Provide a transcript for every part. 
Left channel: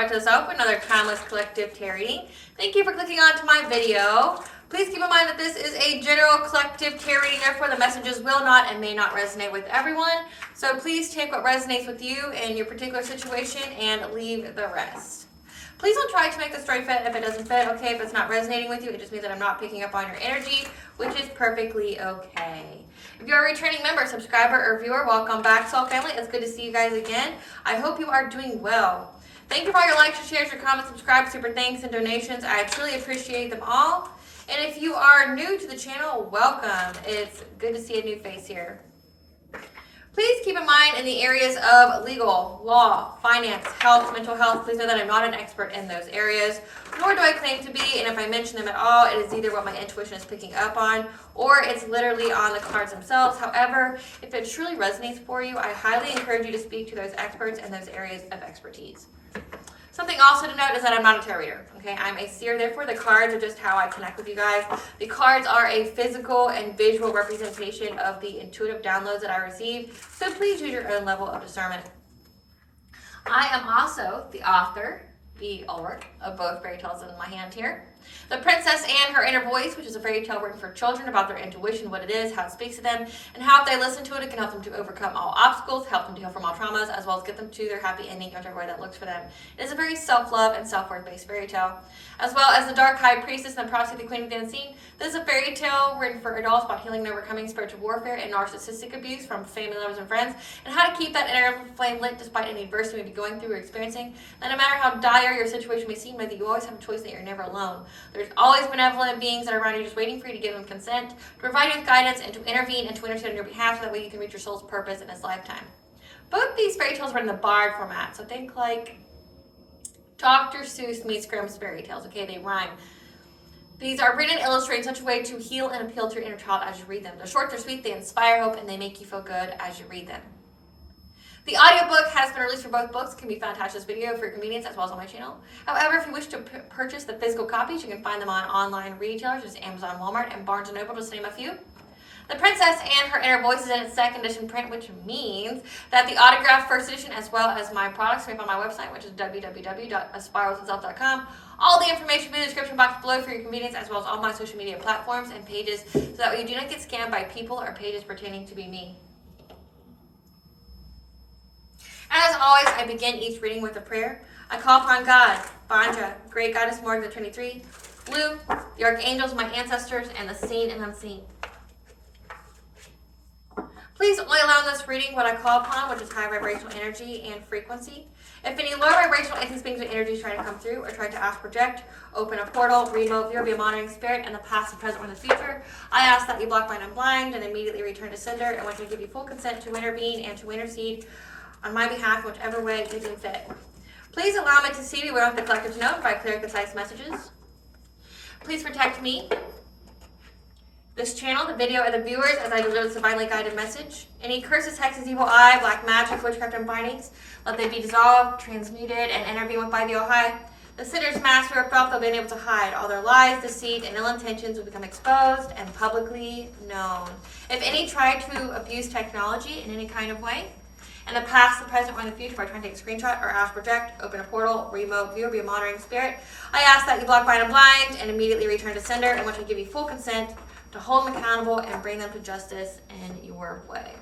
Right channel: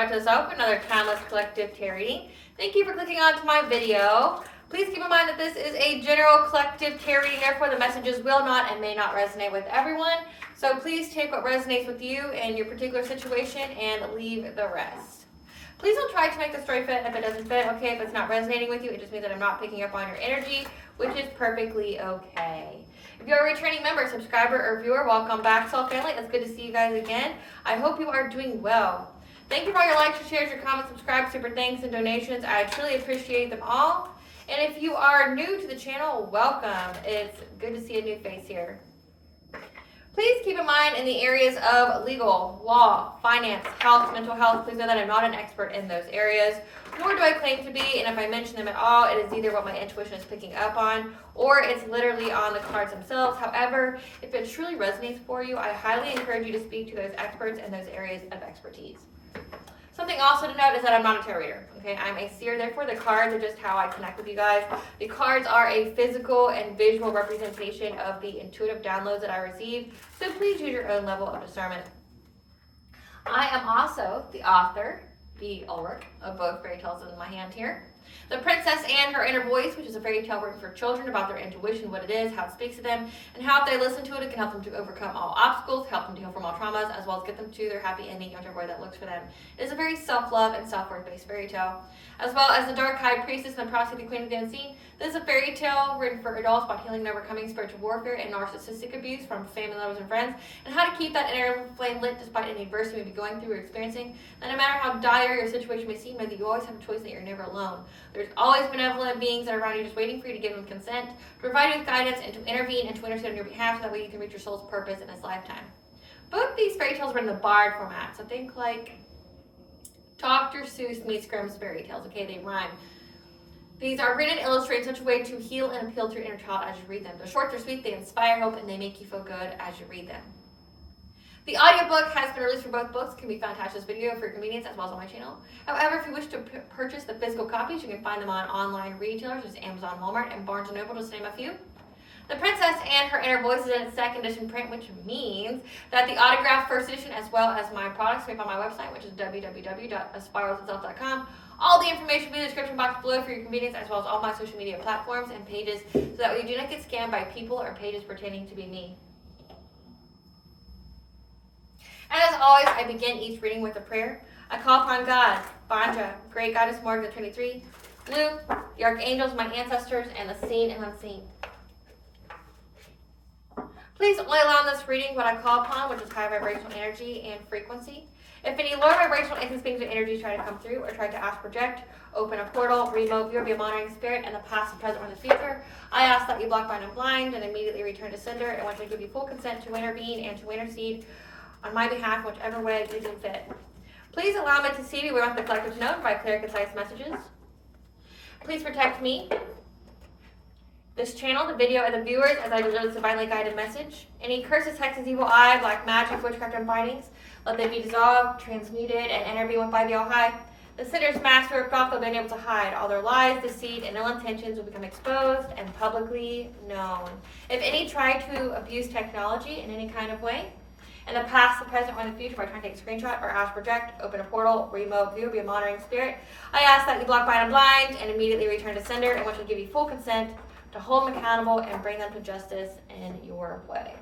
Astrological with another timeless collective tarot reading. Thank you for clicking onto my video. Please keep in mind that this is a general collective tarot reading, therefore the messages will not and may not resonate with everyone. So please take what resonates with you in your particular situation and leave the rest. Please don't try to make the story fit if it doesn't fit, okay? If it's not resonating with you, it just means that I'm not picking up on your energy, which is perfectly okay. If you're a returning member, subscriber, or viewer, welcome back, Soul Family. It's good to see you guys again. I hope you are doing well. Thank you for all your likes, your shares, your comments, subscribes, super thanks, and donations. I truly appreciate them all. And if you are new to the channel, welcome. It's good to see a new face here. Please keep in mind in the areas of legal, law, finance, health, mental health, please know that I'm not an expert in those areas, nor do I claim to be, and if I mention them at all, it is either what my intuition is picking up on, or it's literally on the cards themselves. However, if it truly resonates for you, I highly encourage you to speak to those experts in those areas of expertise. Something also to note is that I'm not a tarot reader, okay? I'm a seer, therefore the cards are just how I connect with you guys. The cards are a physical and visual representation of the intuitive downloads that I receive, so please use your own level of discernment. I am also the author, the Ulrich, of both fairy tales in my hand here. The Princess and Her Inner Voice, which is a fairy tale written for children about their intuition, what it is, how it speaks to them, and how if they listen to it, it can help them to overcome all obstacles, help them to heal from all traumas, as well as get them to their happy ending, whichever way that looks for them. It is a very self-love and self-worth based fairy tale. As well as The Dark High Priestess and the Prophecy of the Queen of the Unseen. This is a fairy tale written for adults about healing and overcoming spiritual warfare and narcissistic abuse from family members and friends, and how to keep that inner flame lit despite any adversity you may be going through or experiencing. And no matter how dire your situation may seem, that you always have a choice, that you're never alone. There's always benevolent beings that are around you just waiting for you to give them consent, to provide you with guidance, and to intervene and to intercede on your behalf so that way you can reach your soul's purpose in this lifetime. Both these fairy tales were in the Bard format, so think like Dr. Seuss meets Grimm's fairy tales, okay? They rhyme. These are written and illustrated in such a way to heal and appeal to your inner child as you read them. They're short, they're sweet, they inspire hope, and they make you feel good as you read them. The audiobook has been released for both books. It can be found attached to this video for your convenience as well as on my channel. However, if you wish to purchase the physical copies, you can find them on online retailers, such as Amazon, Walmart, and Barnes & Noble, just to name a few. The Princess and Her Inner Voice is in its second edition print, which means that the autographed first edition, as well as my products, can be found on my website, which is www.aspiraltotheself.com. All the information will be in the description box below for your convenience, as well as all my social media platforms and pages, so that way you do not get scammed by people or pages pretending to be me. And as always, I begin each reading with a prayer. I call upon God, Banja, Great Goddess Morgan the Trinity, Blue, the Archangels, my ancestors, and the seen and unseen. Please only allow in this reading what I call upon, which is high vibrational energy and frequency. If any low vibrational entities, beings, or energies try to come through or try to ask, project, open a portal, remote view, be a monitoring spirit, in the past, the present, or the future, I ask that you block, bind, and blind, and immediately return to sender, and once I give you full consent to intervene and to intercede on my behalf, whichever way you deem fit. Please allow me to see me. We want the collective to know by clear, concise messages. Please protect me, this channel, the video, and the viewers as I deliver this divinely guided message. Any curses, hexes, evil eye, black magic, witchcraft, and bindings, let they be dissolved, transmuted, and intervened with by the All-High. The sinner's master or felt they'll be able to hide. All their lies, deceit, and ill intentions will become exposed and publicly known. If any try to abuse technology in any kind of way, in the past, the present, or in the future, by trying to take a screenshot or ask, project, open a portal, remote view, be a monitoring spirit, I ask that you block, bind, and blind, and immediately return to sender, and which will give you full consent to hold them accountable and bring them to justice in your way.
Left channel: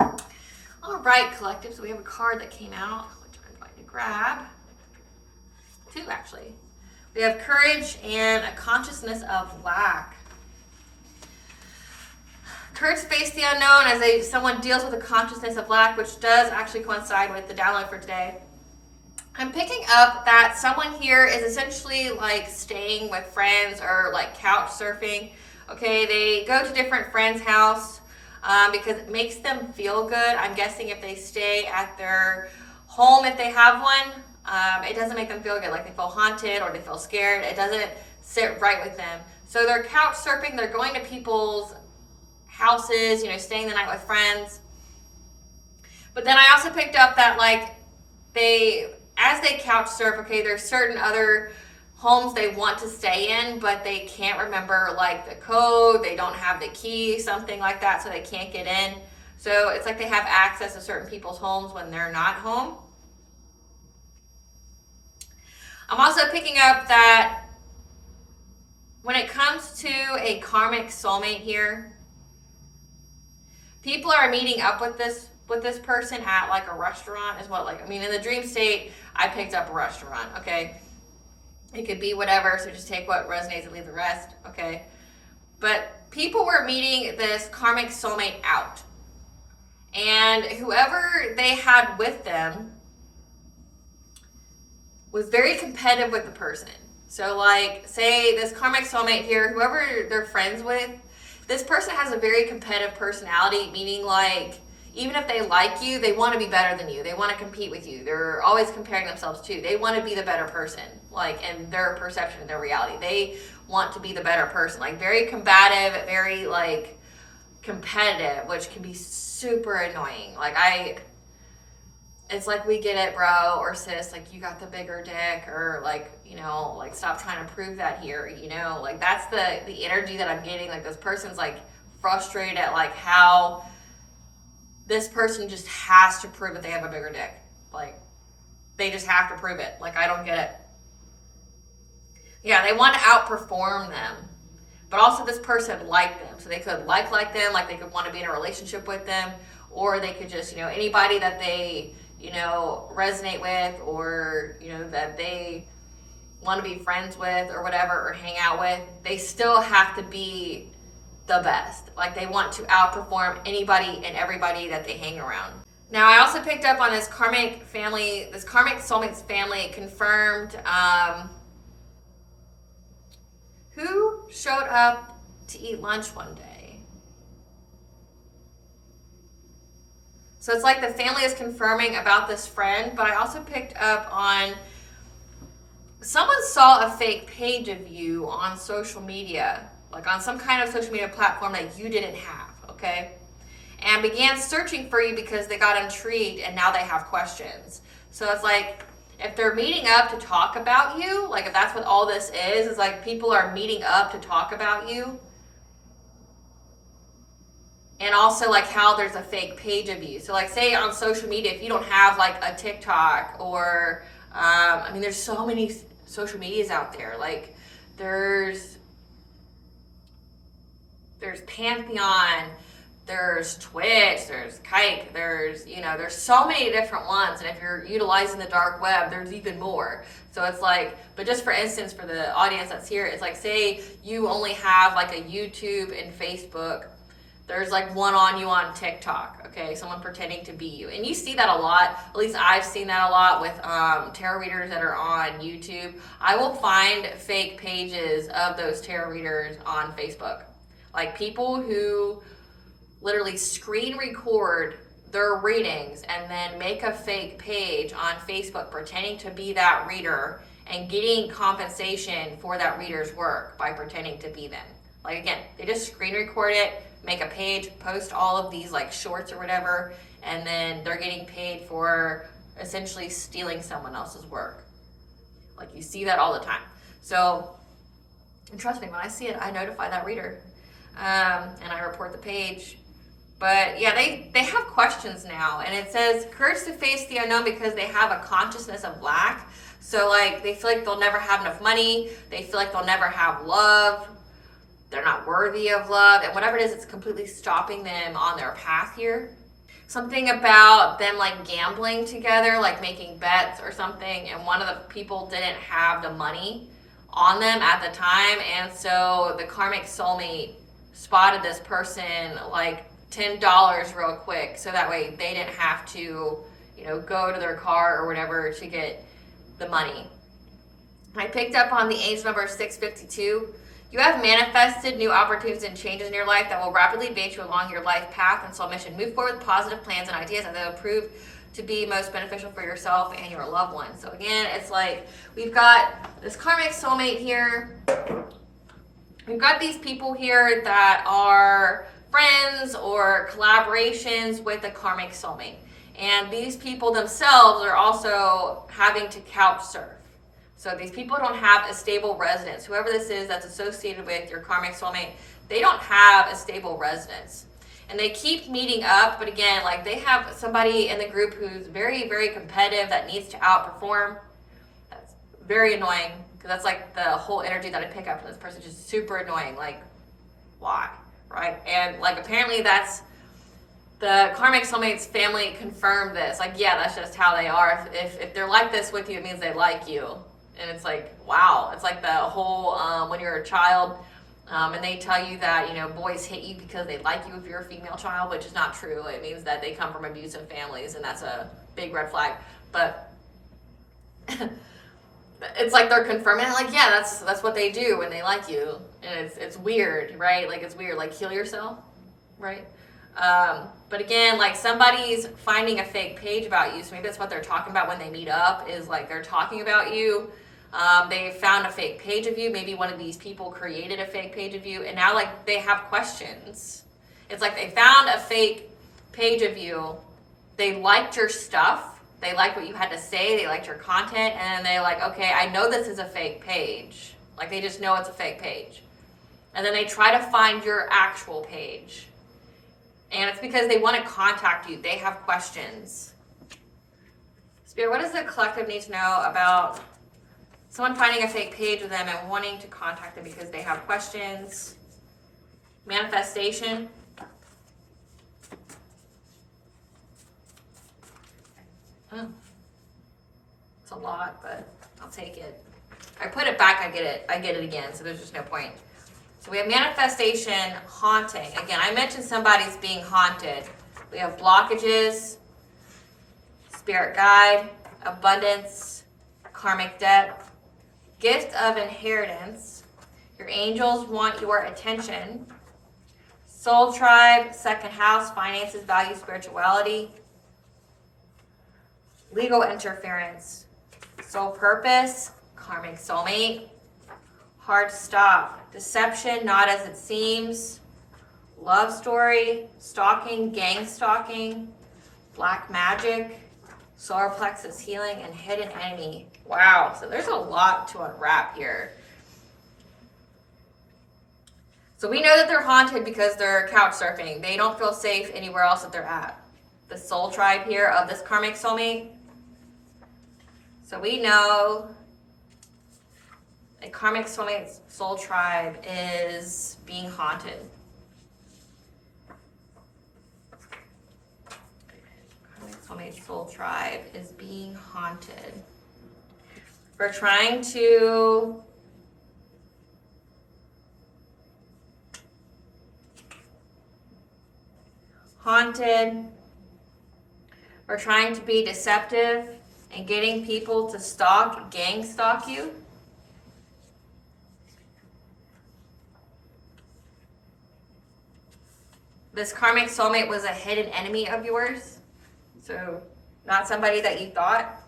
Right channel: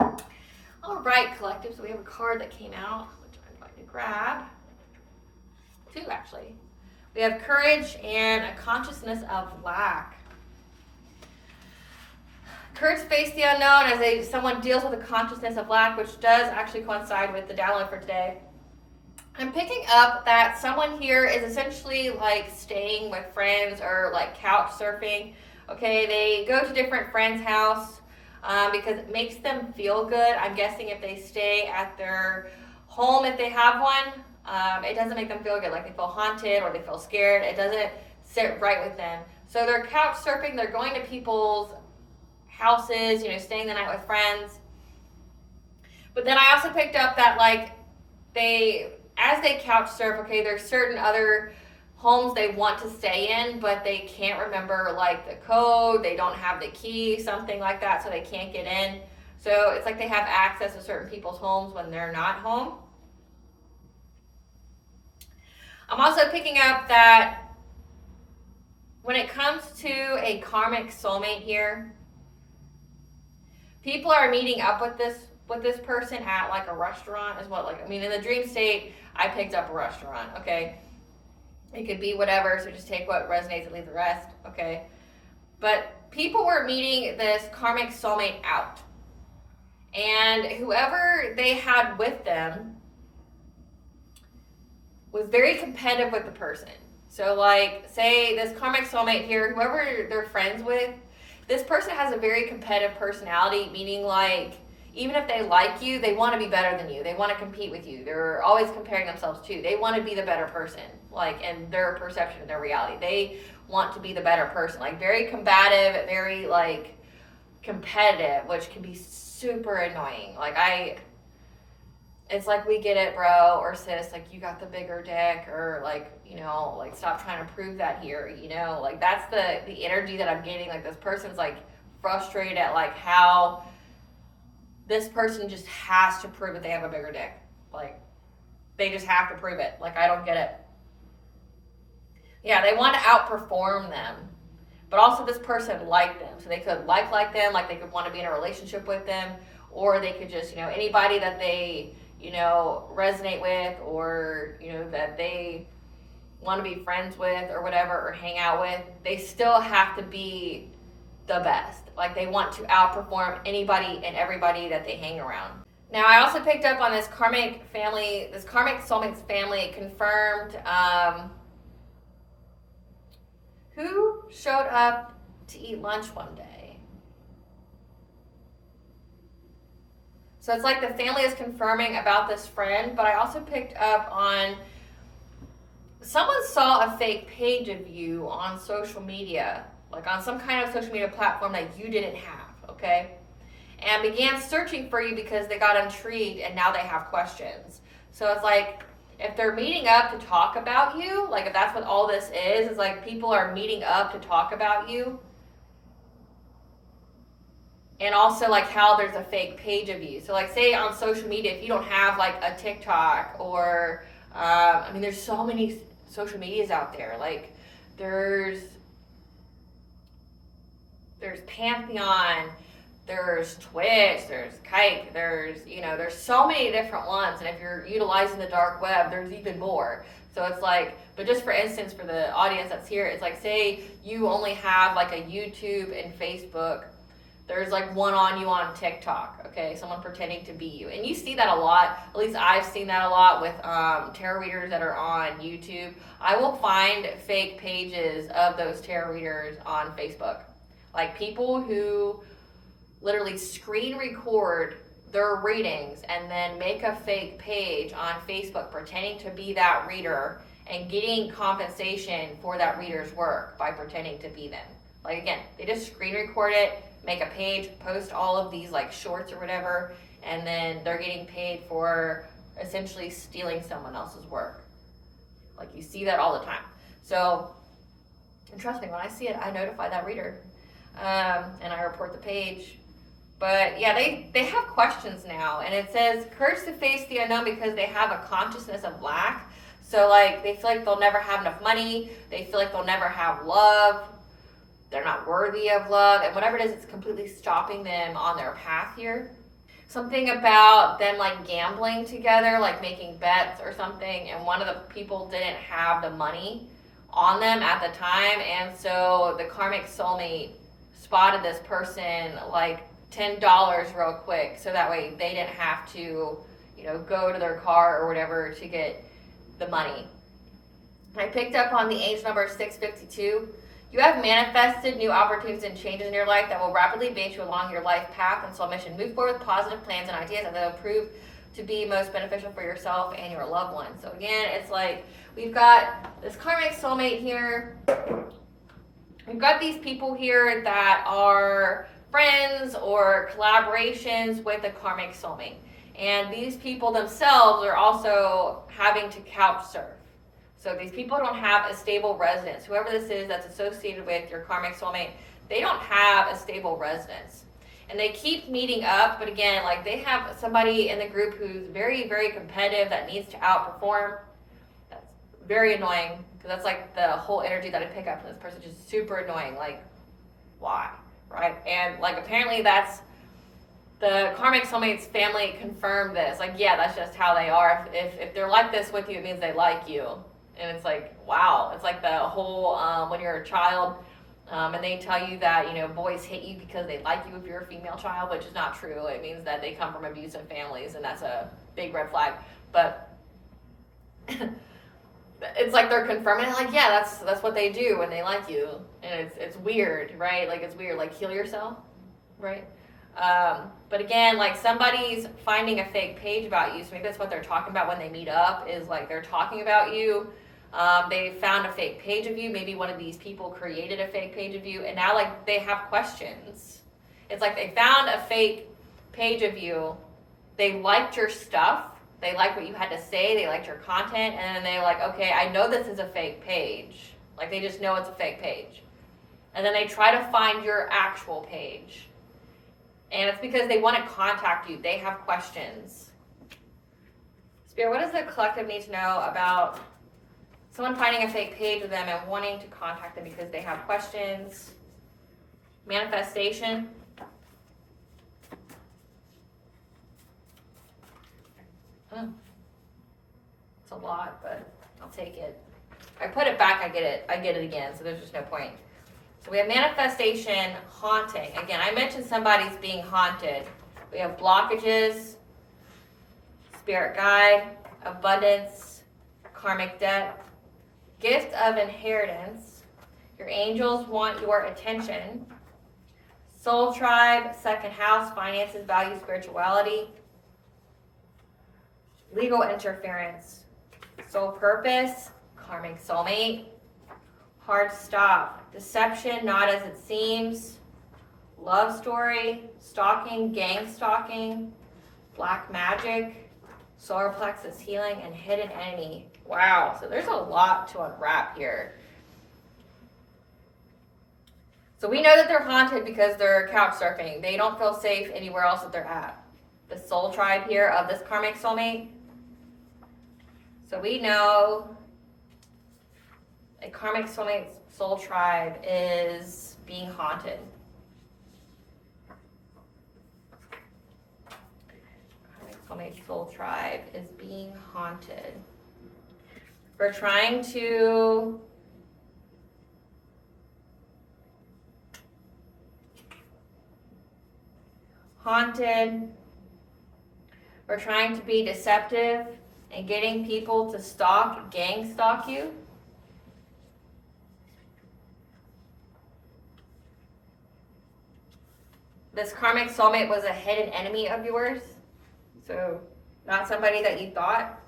All right, collective, so we have a card that came out, which I'm going to grab. Two, actually. We have Courage and a Consciousness of Lack. Courage to face the unknown as someone deals with a consciousness of lack, which does actually coincide with the download for today. I'm picking up that someone here is essentially like staying with friends or like couch surfing. Okay, they go to different friends' house because it makes them feel good. I'm guessing if they stay at their home, if they have one, it doesn't make them feel good. Like they feel haunted or they feel scared. It doesn't sit right with them. So they're couch surfing. They're going to people's houses, you know, staying the night with friends. But then I also picked up that like as they couch surf, okay, there's certain other homes they want to stay in, but they can't remember like the code, they don't have the key, something like that, so they can't get in. So it's like they have access to certain people's homes when they're not home. I'm also picking up that when it comes to a karmic soulmate here, people are meeting up with this person at like a restaurant is what, like, I mean, in the dream state, I picked up a restaurant, okay? It could be whatever, so just take what resonates and leave the rest, okay? But people were meeting this karmic soulmate out. And whoever they had with them was very competitive with the person. So like, say this karmic soulmate here, whoever they're friends with, this person has a very competitive personality, meaning like, even if they like you, they want to be better than you. They want to compete with you. They're always comparing themselves to you. They want to be the better person, like in their perception of their reality. They want to be the better person, like very combative, very like competitive, which can be super annoying. Like it's like, we get it, bro, or sis, like you got the bigger dick, or like, you know, like stop trying to prove that here, you know, like that's the energy that I'm getting. Like this person's like frustrated at like how this person just has to prove that they have a bigger dick. Like they just have to prove it. Like I don't get it. Yeah, they want to outperform them, but also this person liked them, so they could like them, like they could want to be in a relationship with them, or they could just, you know, anybody that they, you know, resonate with, or, you know, that they want to be friends with or whatever, or hang out with, they still have to be the best. Like they want to outperform anybody and everybody that they hang around. Now I also picked up on this karmic family, this karmic soulmates family. It confirmed who showed up to eat lunch one day. So it's like the family is confirming about this friend, but I also picked up on someone saw a fake page of you on social media, like on some kind of social media platform that you didn't have, okay? And began searching for you because they got intrigued and now they have questions. So it's like, if they're meeting up to talk about you, like if that's what all this is like people are meeting up to talk about you. And also like how there's a fake page of you. So like say on social media, if you don't have like a TikTok or, I mean, there's so many social medias out there. Like there's Pantheon, there's Twitch, there's Kike, there's, you know, there's so many different ones. And if you're utilizing the dark web, there's even more. So it's like, but just for instance, for the audience that's here, it's like, say you only have like a YouTube and Facebook, there's like one on you on TikTok, okay? Someone pretending to be you. And you see that a lot, at least I've seen that a lot with tarot readers that are on YouTube. I will find fake pages of those tarot readers on Facebook. Like people who literally screen record their readings and then make a fake page on Facebook pretending to be that reader and getting compensation for that reader's work by pretending to be them. Like again, they just screen record it, make a page, post all of these like shorts or whatever, and then they're getting paid for essentially stealing someone else's work. Like you see that all the time. So, and trust me, when I see it, I notify that reader and I report the page. But yeah, they have questions now, and it says courage to face the unknown because they have a consciousness of lack. So like they feel like they'll never have enough money, they feel like they'll never have love, they're not worthy of love, and whatever it is, it's completely stopping them on their path here. Something about them like gambling together, like making bets or something, and one of the people didn't have the money on them at the time, and so the karmic soulmate spotted this person like $10 real quick, so that way they didn't have to, you know, go to their car or whatever to get the money. I picked up on the age number 652. You have manifested new opportunities and changes in your life that will rapidly advance you along your life path and soul mission. Move forward with positive plans and ideas that will prove to be most beneficial for yourself and your loved ones. So again, it's like we've got this karmic soulmate here. We've got these people here that are friends or collaborations with a karmic soulmate. And these people themselves are also having to couch surf. So these people don't have a stable residence. Whoever this is that's associated with your karmic soulmate, they don't have a stable residence. And they keep meeting up, but again, like they have somebody in the group who's very, very competitive that needs to outperform. That's very annoying, because that's like the whole energy that I pick up from this person, just super annoying. Like, why, right? And like apparently that's the Karmic Soulmates family confirmed this. Like, yeah, that's just how they are. If they're like this with you, it means they like you. And it's like, wow. It's like the whole when you're a child. And they tell you that, you know, boys hit you because they like you if you're a female child, which is not true. It means that they come from abusive families, and that's a big red flag. But it's like they're confirming, like, yeah, that's what they do when they like you. And it's weird, right? Like, it's weird. Like, heal yourself, right? But again, like, somebody's finding a fake page about you. So maybe that's what they're talking about when they meet up, is like they're talking about you. They found a fake page of you. Maybe one of these people created a fake page of you, and now like they have questions. It's like they found a fake page of you. They liked your stuff. They liked what you had to say. They liked your content, and then they're like, okay, I know this is a fake page. Like, they just know it's a fake page. And then they try to find your actual page. And it's because they want to contact you. They have questions. Spirit, what does the collective need to know about someone finding a fake page of them and wanting to contact them because they have questions? Manifestation. Oh. It's a lot, but I'll take it. I put it back, I get it again, so there's just no point. So we have manifestation, haunting. Again, I mentioned somebody's being haunted. We have blockages, spirit guide, abundance, karmic debt, gift of inheritance. Your angels want your attention. Soul tribe, second house, finances, value, spirituality. Legal interference. Soul purpose, karmic soulmate. Hard stop. Deception, not as it seems. Love story, stalking, gang stalking. Black magic, solar plexus healing, and hidden enemy. Wow, so there's a lot to unwrap here. So we know that they're haunted because they're couch surfing. They don't feel safe anywhere else that they're at. The soul tribe here of this karmic soulmate. So we know a karmic soulmate soul tribe is being haunted. Karmic soulmate soul tribe is being haunted. We're trying to haunted. We're trying to be deceptive and getting people to stalk, gang stalk you. This karmic soulmate was a hidden enemy of yours. So not somebody that you thought.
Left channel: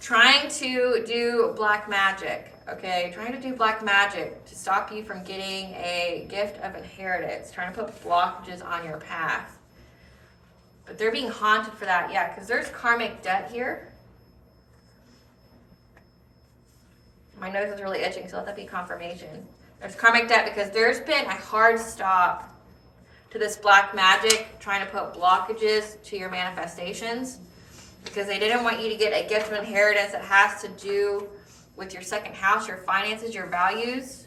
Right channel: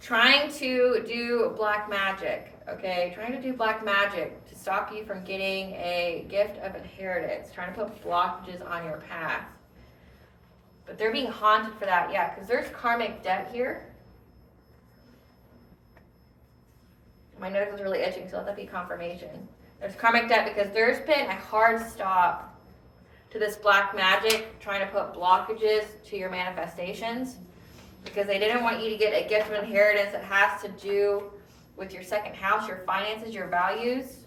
Trying to do black magic, okay? Trying to do black magic to stop you from getting a gift of inheritance. Trying to put blockages on your path. But they're being haunted for that, yeah, because there's karmic debt here. My nose is really itching, so let that be confirmation. There's karmic debt because there's been a hard stop to this black magic, trying to put blockages to your manifestations, because they didn't want you to get a gift of inheritance that has to do with your second house, your finances, your values,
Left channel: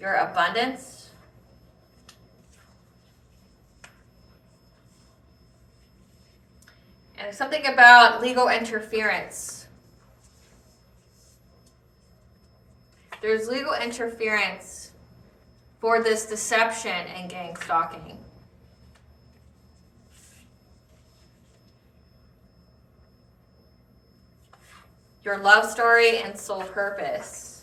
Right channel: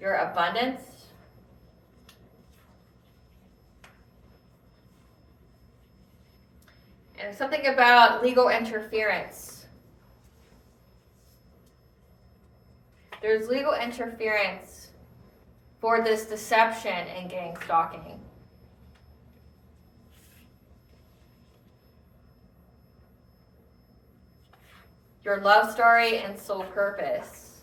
your abundance. And something about legal interference. There's legal interference for this deception and gang stalking. Your love story and soul purpose.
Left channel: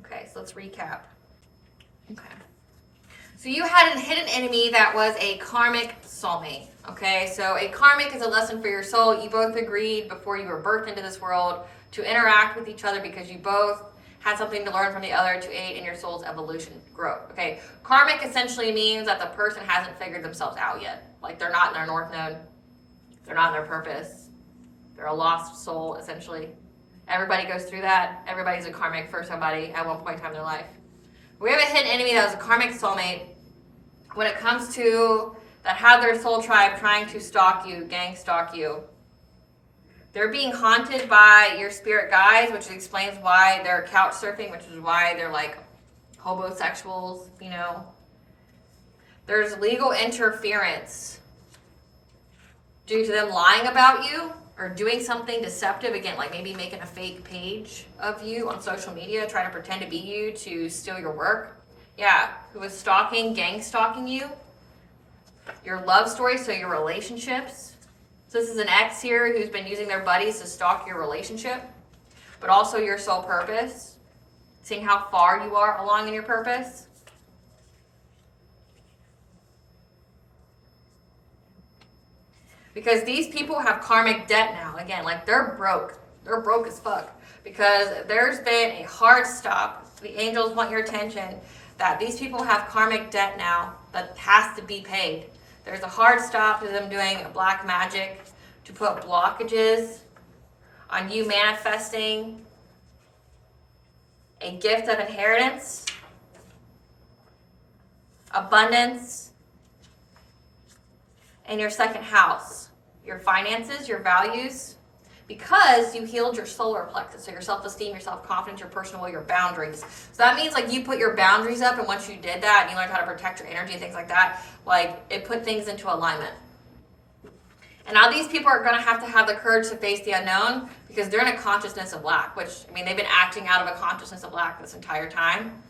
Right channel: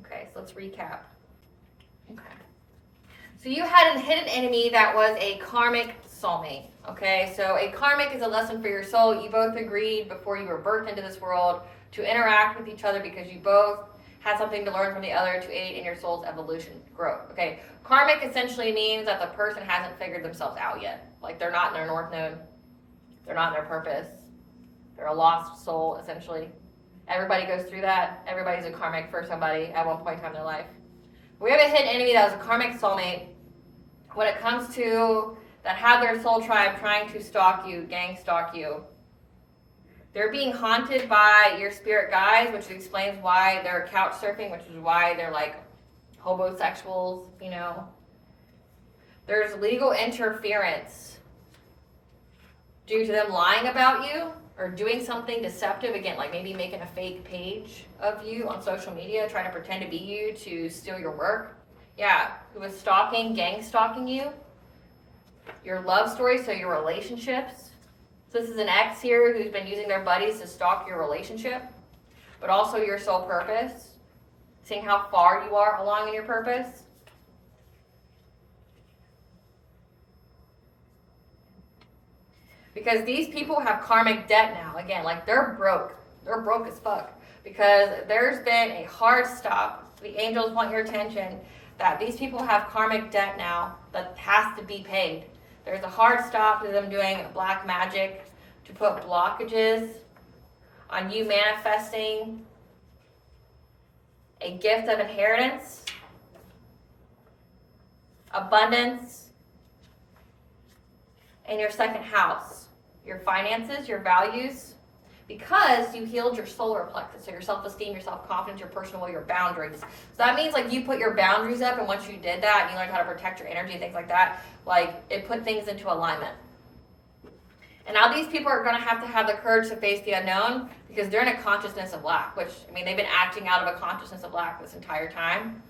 Okay, so let's recap. Okay. So you had a hidden enemy that was a karmic soulmate. Okay, so a karmic is a lesson for your soul. You both agreed before you were birthed into this world to interact with each other because you both had something to learn from the other to aid in your soul's evolution growth. Okay, karmic essentially means that the person hasn't figured themselves out yet. Like, they're not in their north node. They're not in their purpose. They're a lost soul, essentially. Everybody goes through that. Everybody's a karmic for somebody at one point in time in their life. We have a hidden enemy that was a karmic soulmate. When it comes to that have their soul tribe trying to stalk you, gang stalk you. They're being haunted by your spirit guides, which explains why they're couch surfing, which is why they're like homosexuals, you know. There's legal interference due to them lying about you or doing something deceptive, again, like maybe making a fake page of you on social media, trying to pretend to be you to steal your work. Yeah, who is stalking, gang stalking you. Your love story, so your relationships. So this is an ex here who's been using their buddies to stalk your relationship, but also your soul purpose, seeing how far you are along in your purpose. Because these people have karmic debt now. Again, like they're broke. They're broke as fuck. Because there's been a hard stop. The angels want your attention that these people have karmic debt now that has to be paid. There's a hard stop to them doing black magic to put blockages on you manifesting a gift of inheritance, abundance, in your second house, your finances, your values, because you healed your solar plexus, so your self-esteem, your self-confidence, your personal will, your boundaries. So that means like you put your boundaries up, and once you did that and you learned how to protect your energy and things like that, like it put things into alignment. And now these people are going to have the courage to face the unknown because they're in a consciousness of lack, which, I mean, they've been acting out of a consciousness of lack this entire time,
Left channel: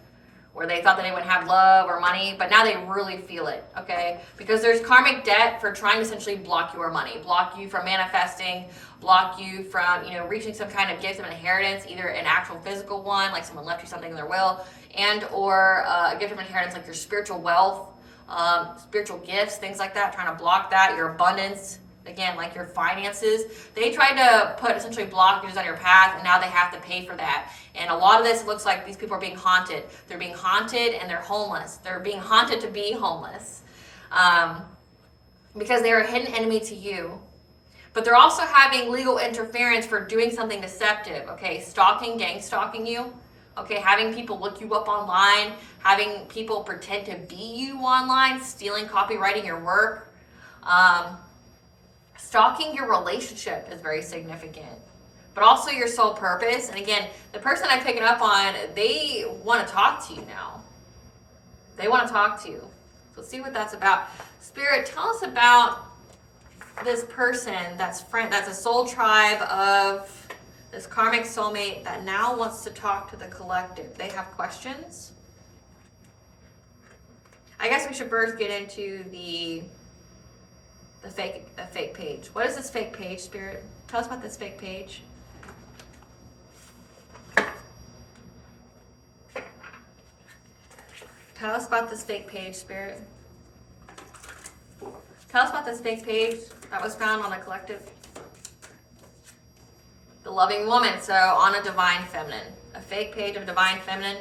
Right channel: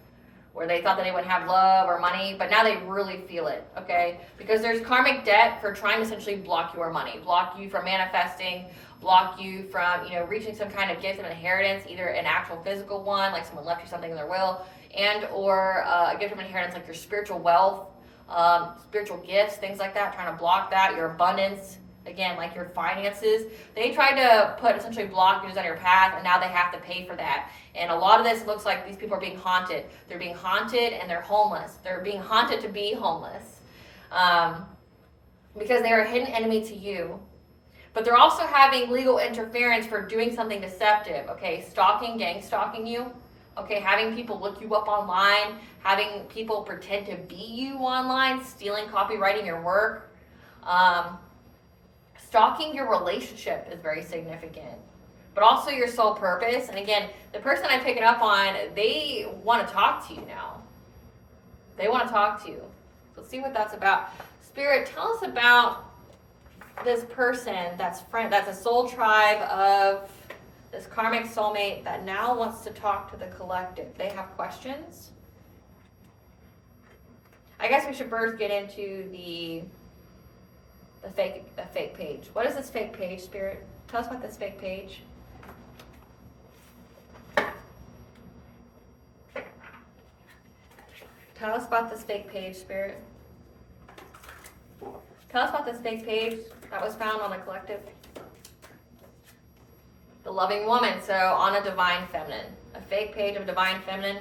where they thought that they wouldn't have love or money, but now they really feel it, okay? Because there's karmic debt for trying to essentially block your money, block you from manifesting, block you from, you know, reaching some kind of gift of inheritance, either an actual physical one, like someone left you something in their will, and or a gift of inheritance like your spiritual wealth, spiritual gifts, things like that, trying to block that, your abundance, again, like your finances. They tried to put essentially blockages on your path, and now they have to pay for that. And a lot of this looks like these people are being haunted. They're being haunted and they're homeless. They're being haunted to be homeless because they are a hidden enemy to you. But they're also having legal interference for doing something deceptive, okay? Stalking, gang stalking you, okay? Having people look you up online, having people pretend to be you online, stealing, copywriting your work. Stalking your relationship is very significant, but also your soul purpose. And again, the person I'm picking up on, they want to talk to you now. They want to talk to you. So let's see what that's about. Spirit, tell us about this person that's a soul tribe of this karmic soulmate that now wants to talk to the collective. They have questions. I guess we should first get into the fake page. What is this fake page, Spirit? Tell us about this fake page. Tell us about this fake page, Spirit. Tell us about this fake page that was found on the collective. The loving woman, so on a divine feminine. A fake page of divine feminine.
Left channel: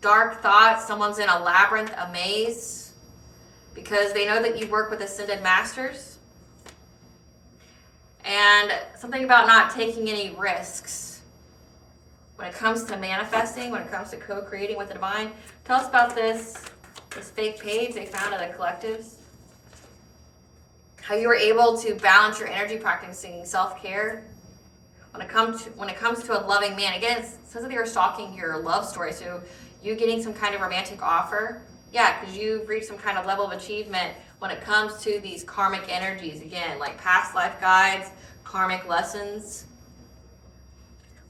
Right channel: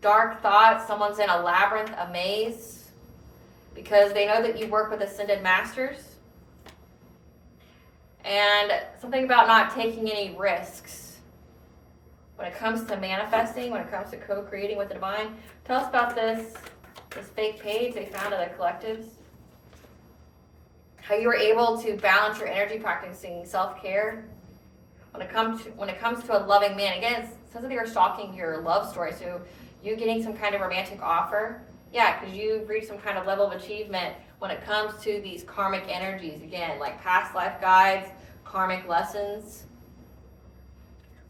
Dark thoughts, someone's in a labyrinth, a maze, because they know that you work with ascended masters. And something about not taking any risks when it comes to manifesting, when it comes to co-creating with the divine. Tell us about this fake page they found at the collectives. How you were able to balance your energy practicing self-care when it comes to a loving man. Again, it says that they were stalking your love story, so you getting some kind of romantic offer. Yeah, because you've reached some kind of level of achievement when it comes to these karmic energies. Again, like past life guides, karmic lessons.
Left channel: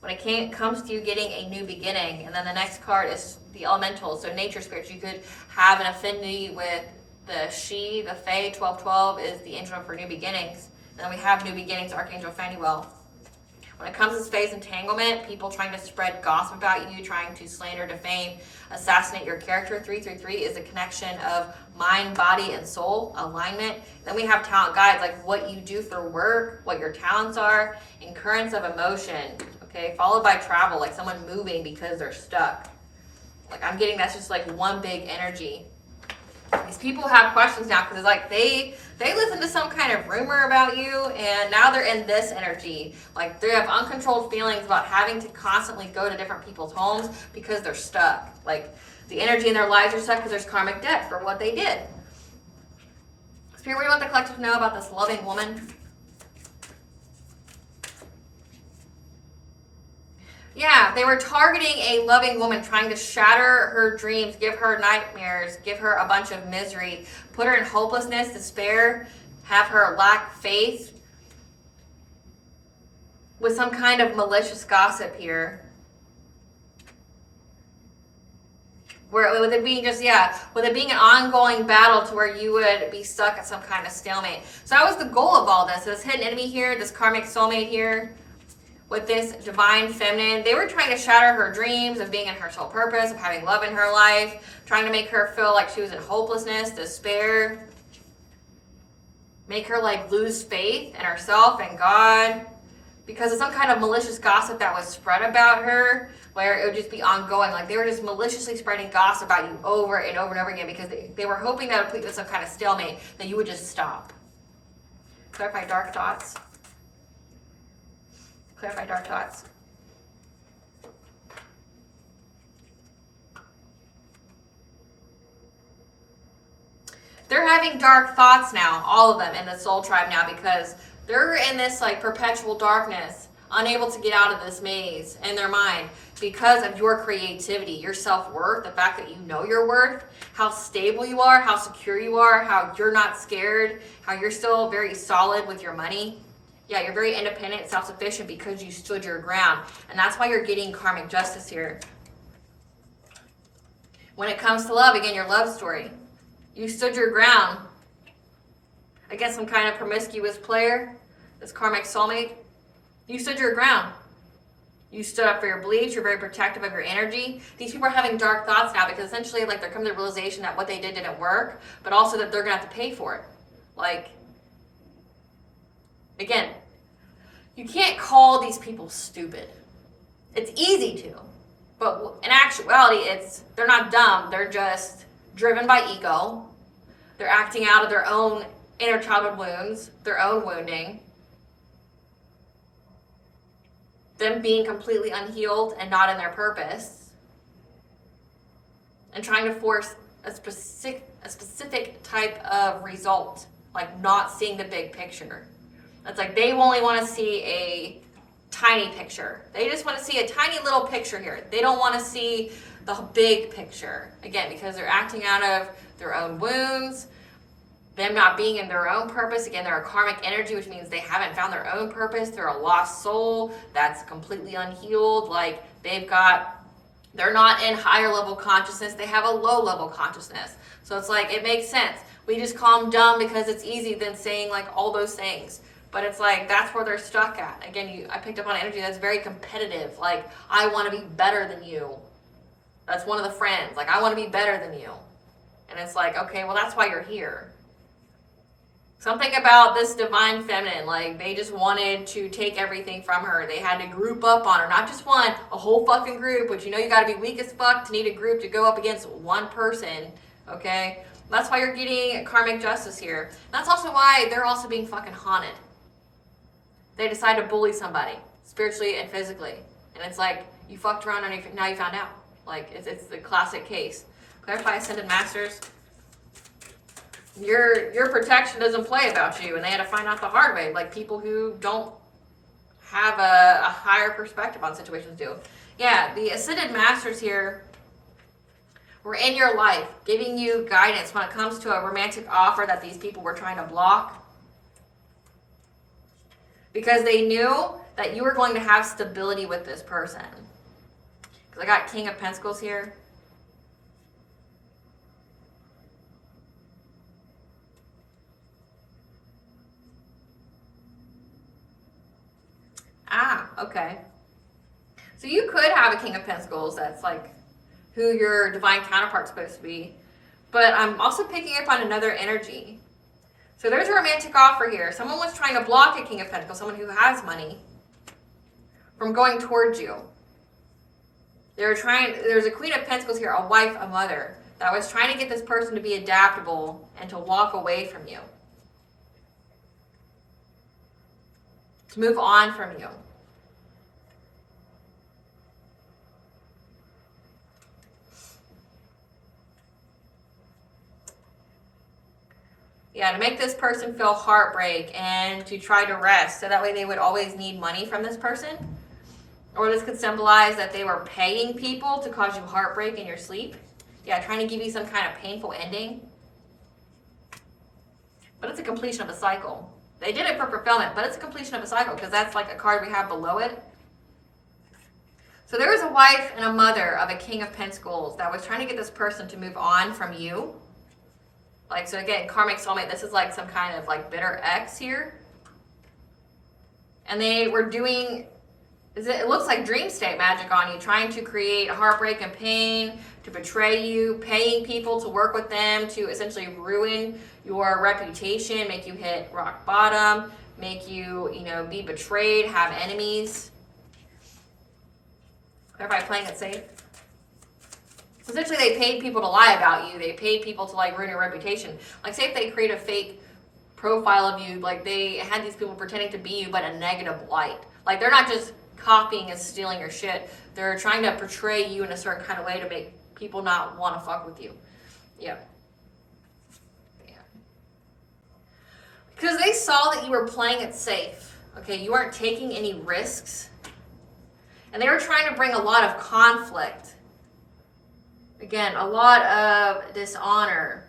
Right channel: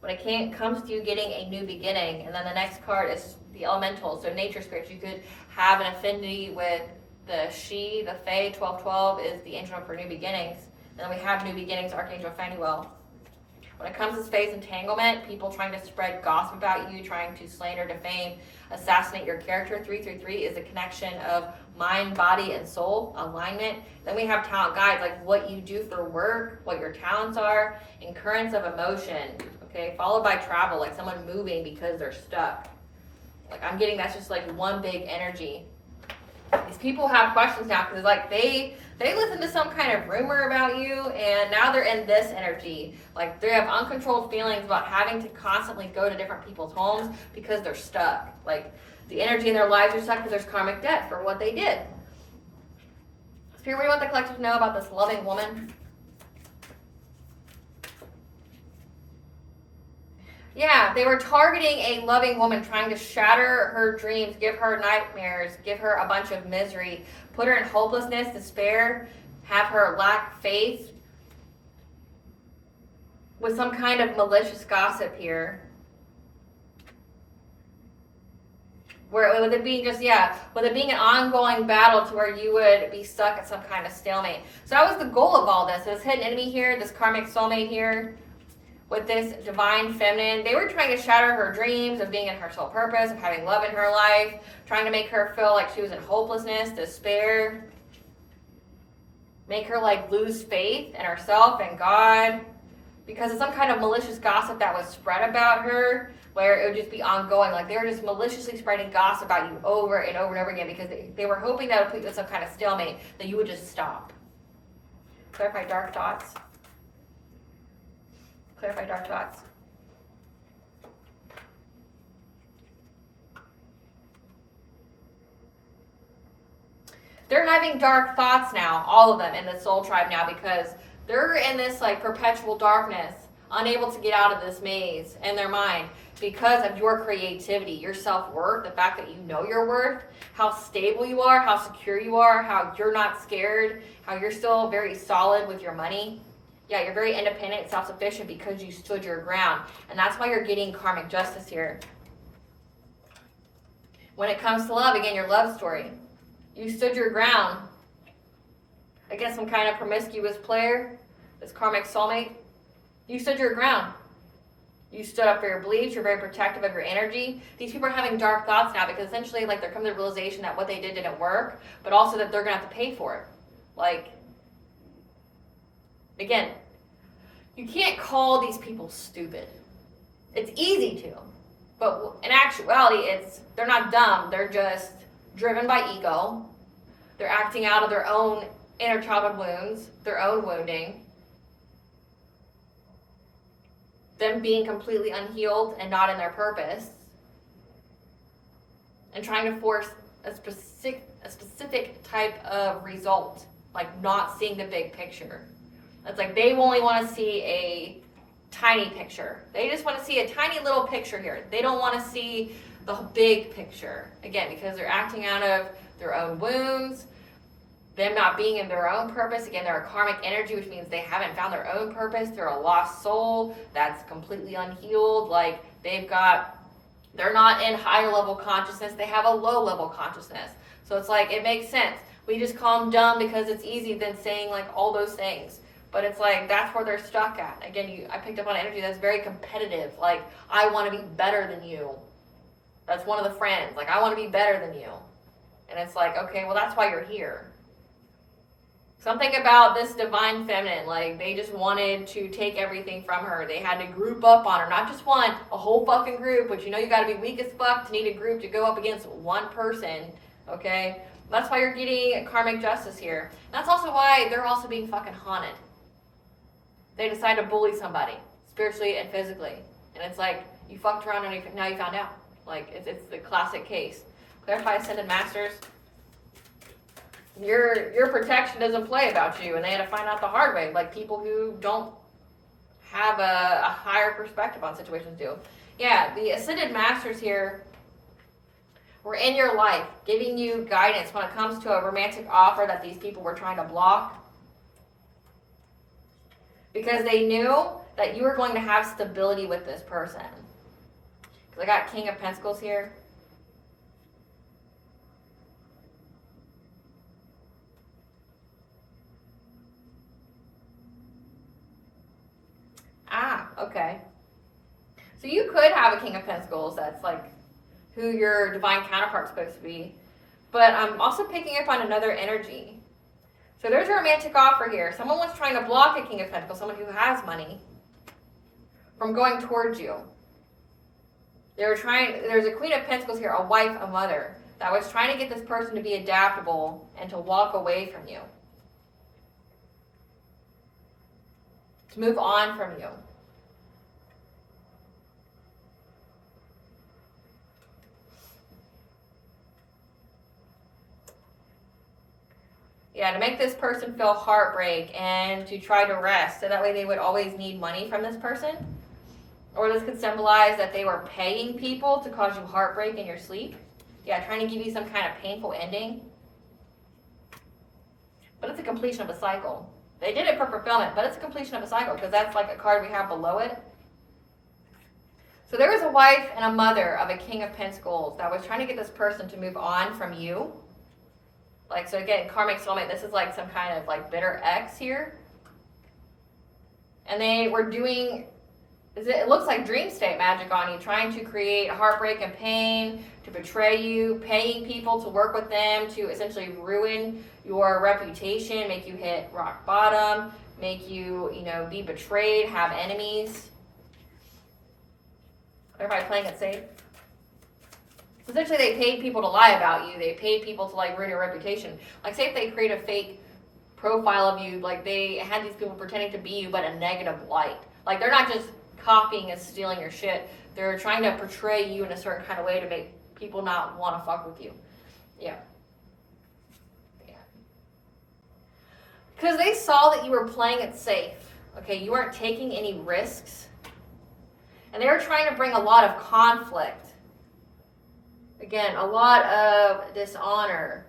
When it comes to you getting a new beginning. And then the next card is the elementals, so nature spirits. You could have an affinity with the she, the fae. 1212 is the angel for new beginnings. And then we have new beginnings, Archangel Phanuel. When it comes to space entanglement, people trying to spread gossip about you, trying to slander, defame, assassinate your character. 333 is the connection of mind, body, and soul, alignment. Then we have talent guides, like what you do for work, what your talents are, and currents of emotion, okay? Followed by travel, like someone moving because they're stuck. Like I'm getting that's just like one big energy. These people have questions now because it's like they listen to some kind of rumor about you, and now they're in this energy. Like they have uncontrolled feelings about having to constantly go to different people's homes because they're stuck. Like the energy in their lives are stuck because there's karmic debt for what they did. Here, we want the collective to know about this loving woman. Yeah, they were targeting a loving woman, trying to shatter her dreams, give her nightmares, give her a bunch of misery, put her in hopelessness, despair, have her lack faith with some kind of malicious gossip here. Where with it being just, with it being an ongoing battle to where you would be stuck at some kind of stalemate. So that was the goal of all this. This hidden enemy here, this karmic soulmate here, with this divine feminine, they were trying to shatter her dreams of being in her sole purpose, of having love in her life, trying to make her feel like she was in hopelessness, despair, make her like lose faith in herself and God, because of some kind of malicious gossip that was spread about her, where it would just be ongoing. Like they were just maliciously spreading gossip about you over and over and over again, because they were hoping that it would put you in some kind of stalemate, that you would just stop. Clarify dark thoughts. Clarify dark thoughts. They're having dark thoughts now, all of them in the soul tribe now, because they're in this like perpetual darkness, unable to get out of this maze in their mind because of your creativity, your self-worth, the fact that you know your worth, how stable you are, how secure you are, how you're not scared, how you're still very solid with your money. Yeah, you're very independent, self-sufficient because you stood your ground. And that's why you're getting karmic justice here. When it comes to love, again, your love story. You stood your ground against some kind of promiscuous player, this karmic soulmate. You stood your ground. You stood up for your beliefs. You're very protective of your energy. These people are having dark thoughts now because essentially like they're coming to the realization that what they did didn't work, but also that they're going to have to pay for it. Like, again, you can't call these people stupid. It's easy to, but in actuality, they're not dumb. They're just driven by ego. They're acting out of their own inner childhood wounds, their own wounding, them being completely unhealed and not in their purpose, and trying to force a specific type of result, like not seeing the big picture. It's like they only want to see a tiny picture. They just want to see a tiny little picture here. They don't want to see the big picture. Again, because they're acting out of their own wounds, them not being in their own purpose. Again, they're a karmic energy, which means they haven't found their own purpose. They're a lost soul that's completely unhealed. Like they're not in higher level consciousness. They have a low level consciousness. So it's like, it makes sense. We just call them dumb because it's easy than saying like all those things. But it's like, that's where they're stuck at. Again, I picked up on energy that's very competitive. Like, I want to be better than you. That's one of the friends. Like, I want to be better than you. And it's like, okay, well, that's why you're here. Something about this divine feminine, like, they just wanted to take everything from her. They had to group up on her. Not just one, a whole fucking group, which you know you got to be weak as fuck to need a group to go up against one person, okay? That's why you're getting karmic justice here. That's also why they're also being fucking haunted. They decide to bully somebody, spiritually and physically. And it's like, you fucked around and now you found out. Like, it's the classic case. Clarify Ascended Masters. Your protection doesn't play about you, and they had to find out the hard way. Like, people who don't have a higher perspective on situations do. Yeah, the Ascended Masters here were in your life, giving you guidance when it comes to a romantic offer that these people were trying to block. Because they knew that you were going to have stability with this person. Because I got King of Pentacles here. Ah, okay. So you could have a King of Pentacles that's like who your divine counterpart's supposed to be. But I'm also picking up on another energy. So there's a romantic offer here. Someone was trying to block a King of Pentacles, someone who has money, from going towards you. There's a Queen of Pentacles here, a wife, a mother, that was trying to get this person to be adaptable and to walk away from you. To move on from you. Yeah, to make this person feel heartbreak and to try to rest. So that way they would always need money from this person. Or this could symbolize that they were paying people to cause you heartbreak in your sleep. Yeah, trying to give you some kind of painful ending. But it's a completion of a cycle. They did it for fulfillment, but it's a completion of a cycle because that's like a card we have below it. So there was a wife and a mother of a King of Pentacles that was trying to get this person to move on from you. Like, so again, karmic soulmate, this is like some kind of like bitter ex here. And they were doing, it looks like dream state magic on you, trying to create heartbreak and pain, to betray you, paying people to work with them, to essentially ruin your reputation, make you hit rock bottom, make you, be betrayed, have enemies. Everybody playing it safe? Essentially, they paid people to lie about you. They paid people to like ruin your reputation. Like, say if they create a fake profile of you, like they had these people pretending to be you, but a negative light. Like, they're not just copying and stealing your shit. They're trying to portray you in a certain kind of way to make people not want to fuck with you. Yeah. Because they saw that you were playing it safe. Okay, you weren't taking any risks. And they were trying to bring a lot of conflict. Again, a lot of dishonor.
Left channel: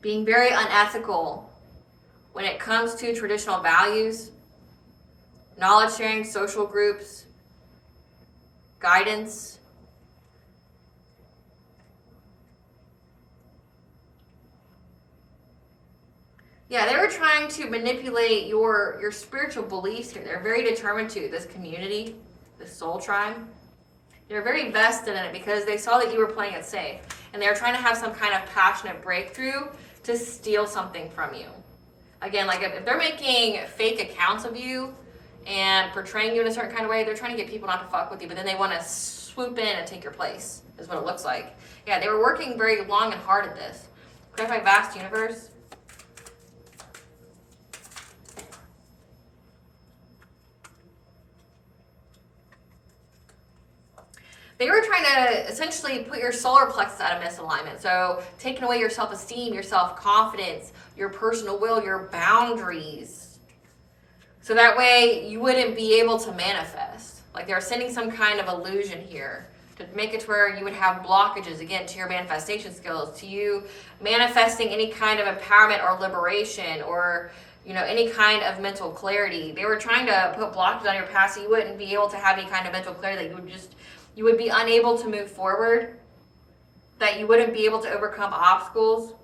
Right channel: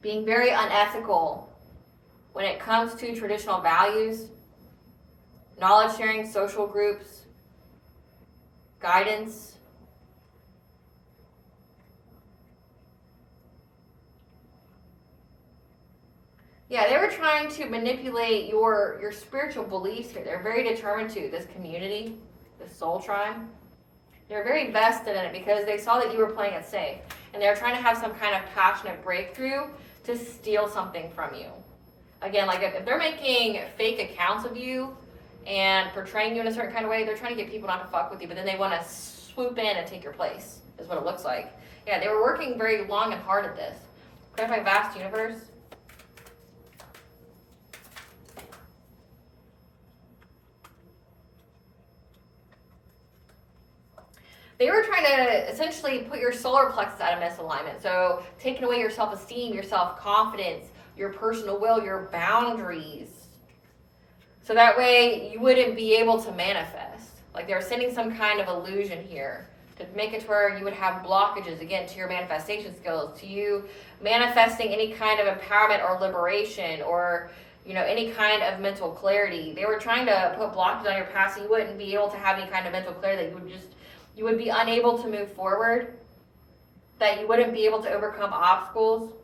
Being very unethical when it comes to traditional values, knowledge sharing, social groups, guidance. Yeah, they were trying to manipulate your spiritual beliefs here. They're very determined to, this community, this soul tribe. They're very vested in it because they saw that you were playing it safe. And they were trying to have some kind of passionate breakthrough to steal something from you. Again, like if they're making fake accounts of you and portraying you in a certain kind of way, they're trying to get people not to fuck with you, but then they want to swoop in and take your place, is what it looks like. Yeah, they were working very long and hard at this. Clarify vast universe. They were trying to essentially put your solar plexus out of misalignment. So taking away your self-esteem, your self-confidence, your personal will, your boundaries. So that way you wouldn't be able to manifest. Like they were sending some kind of illusion here to make it to where you would have blockages, again, to your manifestation skills, to you manifesting any kind of empowerment or liberation or any kind of mental clarity. They were trying to put blockages on your path so you wouldn't be able to have any kind of mental clarity, that you would be unable to move forward, that you wouldn't be able to overcome obstacles,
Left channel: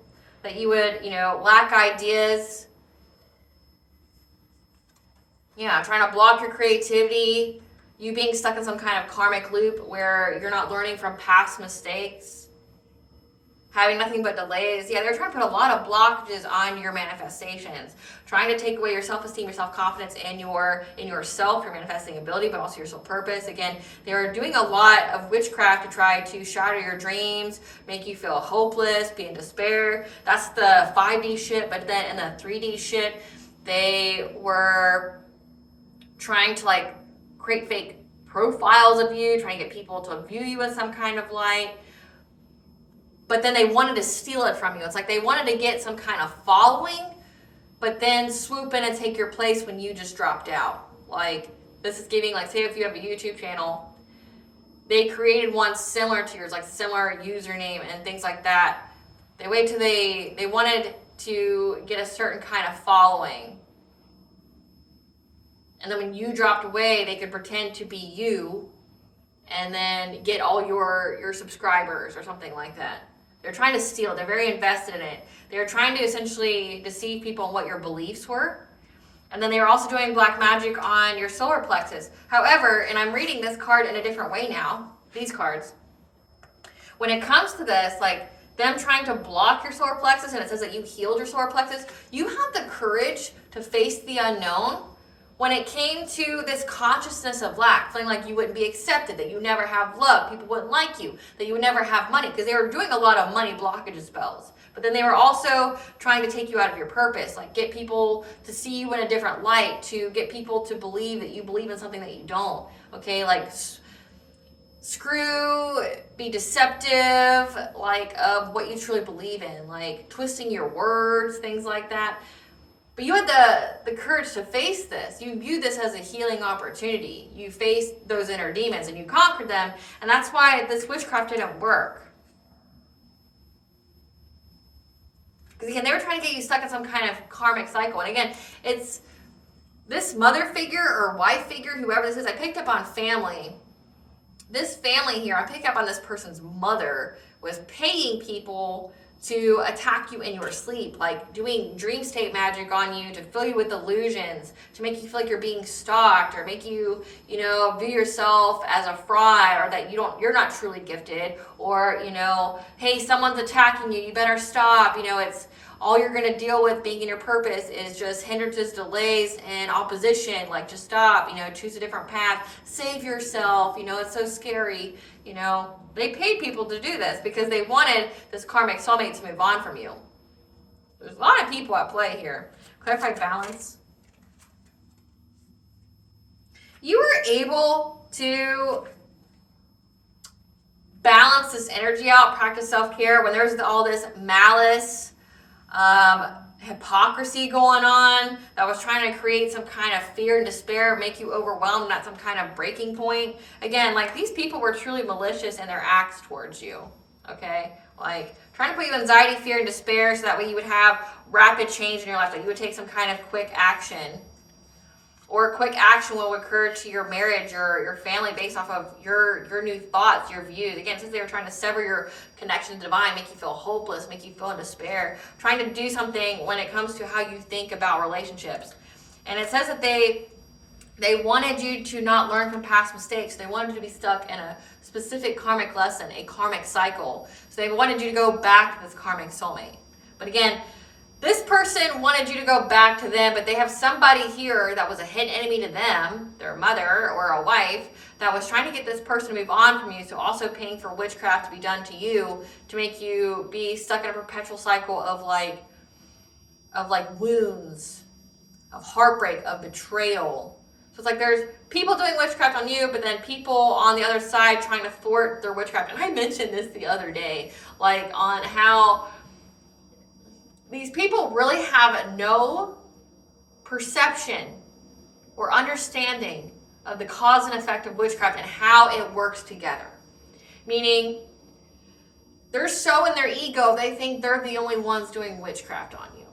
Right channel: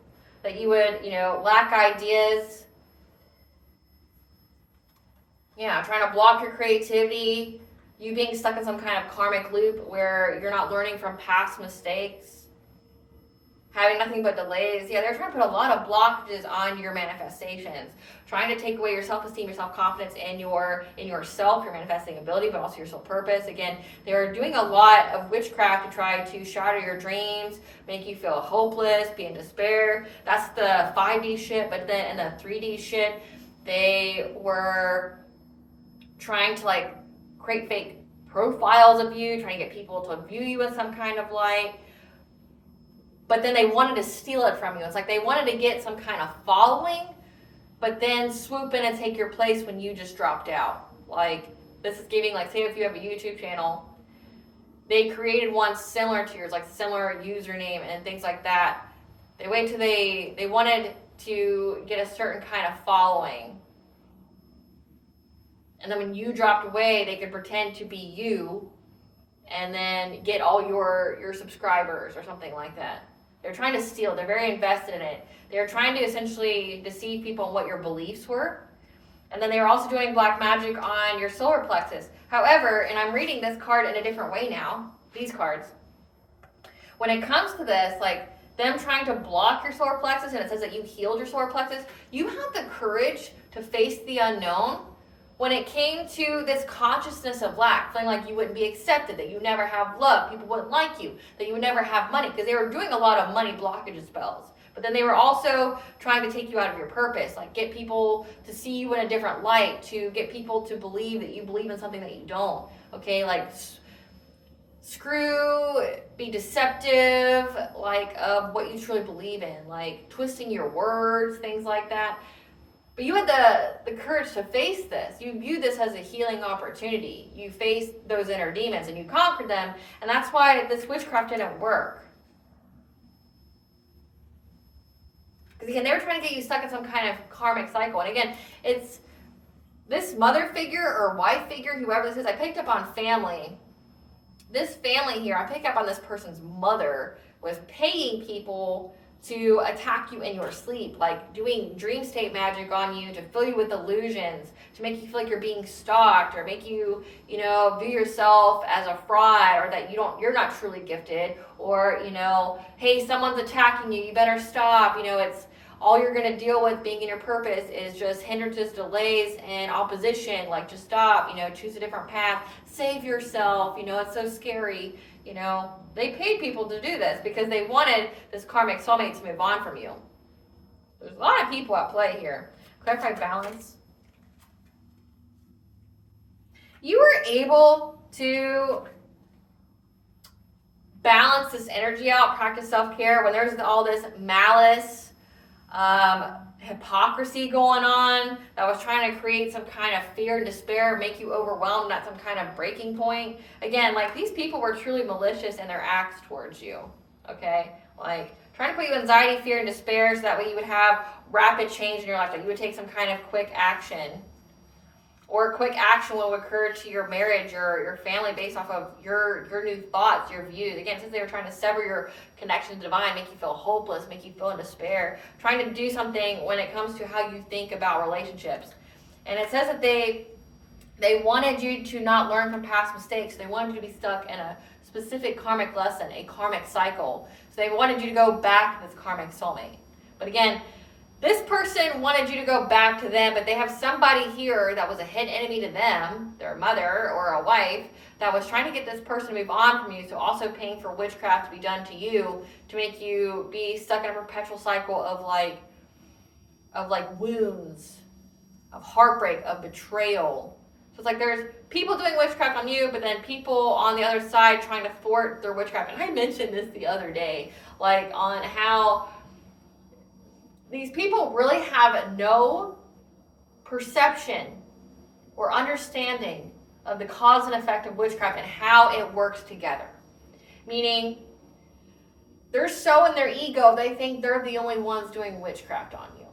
that you would, lack ideas. Yeah, trying to block your creativity, you being stuck in some kind of karmic loop where you're not learning from past mistakes, having nothing but delays. Yeah, they're trying to put a lot of blockages on your manifestations, trying to take away your self-esteem, your self-confidence, in yourself, your manifesting ability, but also your soul purpose. Again, they were doing a lot of witchcraft to try to shatter your dreams, make you feel hopeless, be in despair. That's the 5D shit, but then in the 3D shit, they were trying to create fake profiles of you, trying to get people to view you in some kind of light. But then they wanted to steal it from you. It's like they wanted to get some kind of following, but then swoop in and take your place when you just dropped out. Like, this is giving, say if you have a YouTube channel, they created one similar to yours, similar username and things like that. They waited till they wanted to get a certain kind of following. And then when you dropped away, they could pretend to be you and then get all your subscribers or something like that. They're trying to steal. They're very invested in it. They're trying to essentially deceive people on what your beliefs were. And then they were also doing black magic on your solar plexus. However, and I'm reading this card in a different way now, these cards. When it comes to this, them trying to block your solar plexus, and it says that you healed your solar plexus, you had the courage to face the unknown when it came to this consciousness of lack, feeling like you wouldn't be accepted, that you never have love, people wouldn't like you, that you would never have money, because they were doing a lot of money blockage spells. But then they were also trying to take you out of your purpose, get people to see you in a different light, to get people to believe that you believe in something that you don't, okay? be deceptive, like of what you truly believe in, like twisting your words, things like that. But you had the courage to face this. You viewed this as a healing opportunity. You faced those inner demons and you conquered them, and that's why this witchcraft didn't work. Because again, they were trying to get you stuck in some kind of karmic cycle. And again, it's this mother figure or wife figure, whoever this is. I picked up on family. This family here, I picked up on this person's mother was paying people to attack you in your sleep, like doing dream state magic on you to fill you with illusions, to make you feel like you're being stalked, or make you, view yourself as a fraud, or that you're not truly gifted, or, hey, someone's attacking you, you better stop. It's all you're going to deal with being in your purpose is just hindrances, delays, and opposition. Like, just stop, choose a different path, save yourself, it's so scary, They paid people to do this because they wanted this karmic soulmate to move on from you. There's a lot of people at play here. Clarify balance. You were able to balance this energy out, practice self-care when there's all this malice, hypocrisy going on that was trying to create some kind of fear and despair, make you overwhelmed, not some kind of breaking point. Again, like these people were truly malicious in their acts towards you, okay? Like trying to put you in anxiety, fear, and despair so that way you would have rapid change in your life, that you would take some kind of quick action. Or quick action will occur to your marriage or your family based off of your new thoughts, your views. Again, since they were trying to sever your connection to divine, make you feel hopeless, make you feel in despair, trying to do something when it comes to how you think about relationships. And it says that they wanted you to not learn from past mistakes. They wanted you to be stuck in a specific karmic lesson, a karmic cycle. So they wanted you to go back to this karmic soulmate. But again, this person wanted you to go back to them, but they have somebody here that was a hidden enemy to them, their mother or a wife, that was trying to get this person to move on from you, so also paying for witchcraft to be done to you to make you be stuck in a perpetual cycle of wounds, of heartbreak, of betrayal. So it's like there's people doing witchcraft on you, but then people on the other side trying to thwart their witchcraft. And I mentioned this the other day, like on how these people really have no perception or understanding of the cause and effect of witchcraft and how it works together. Meaning, they're so in their ego, they think they're the only ones doing witchcraft on you.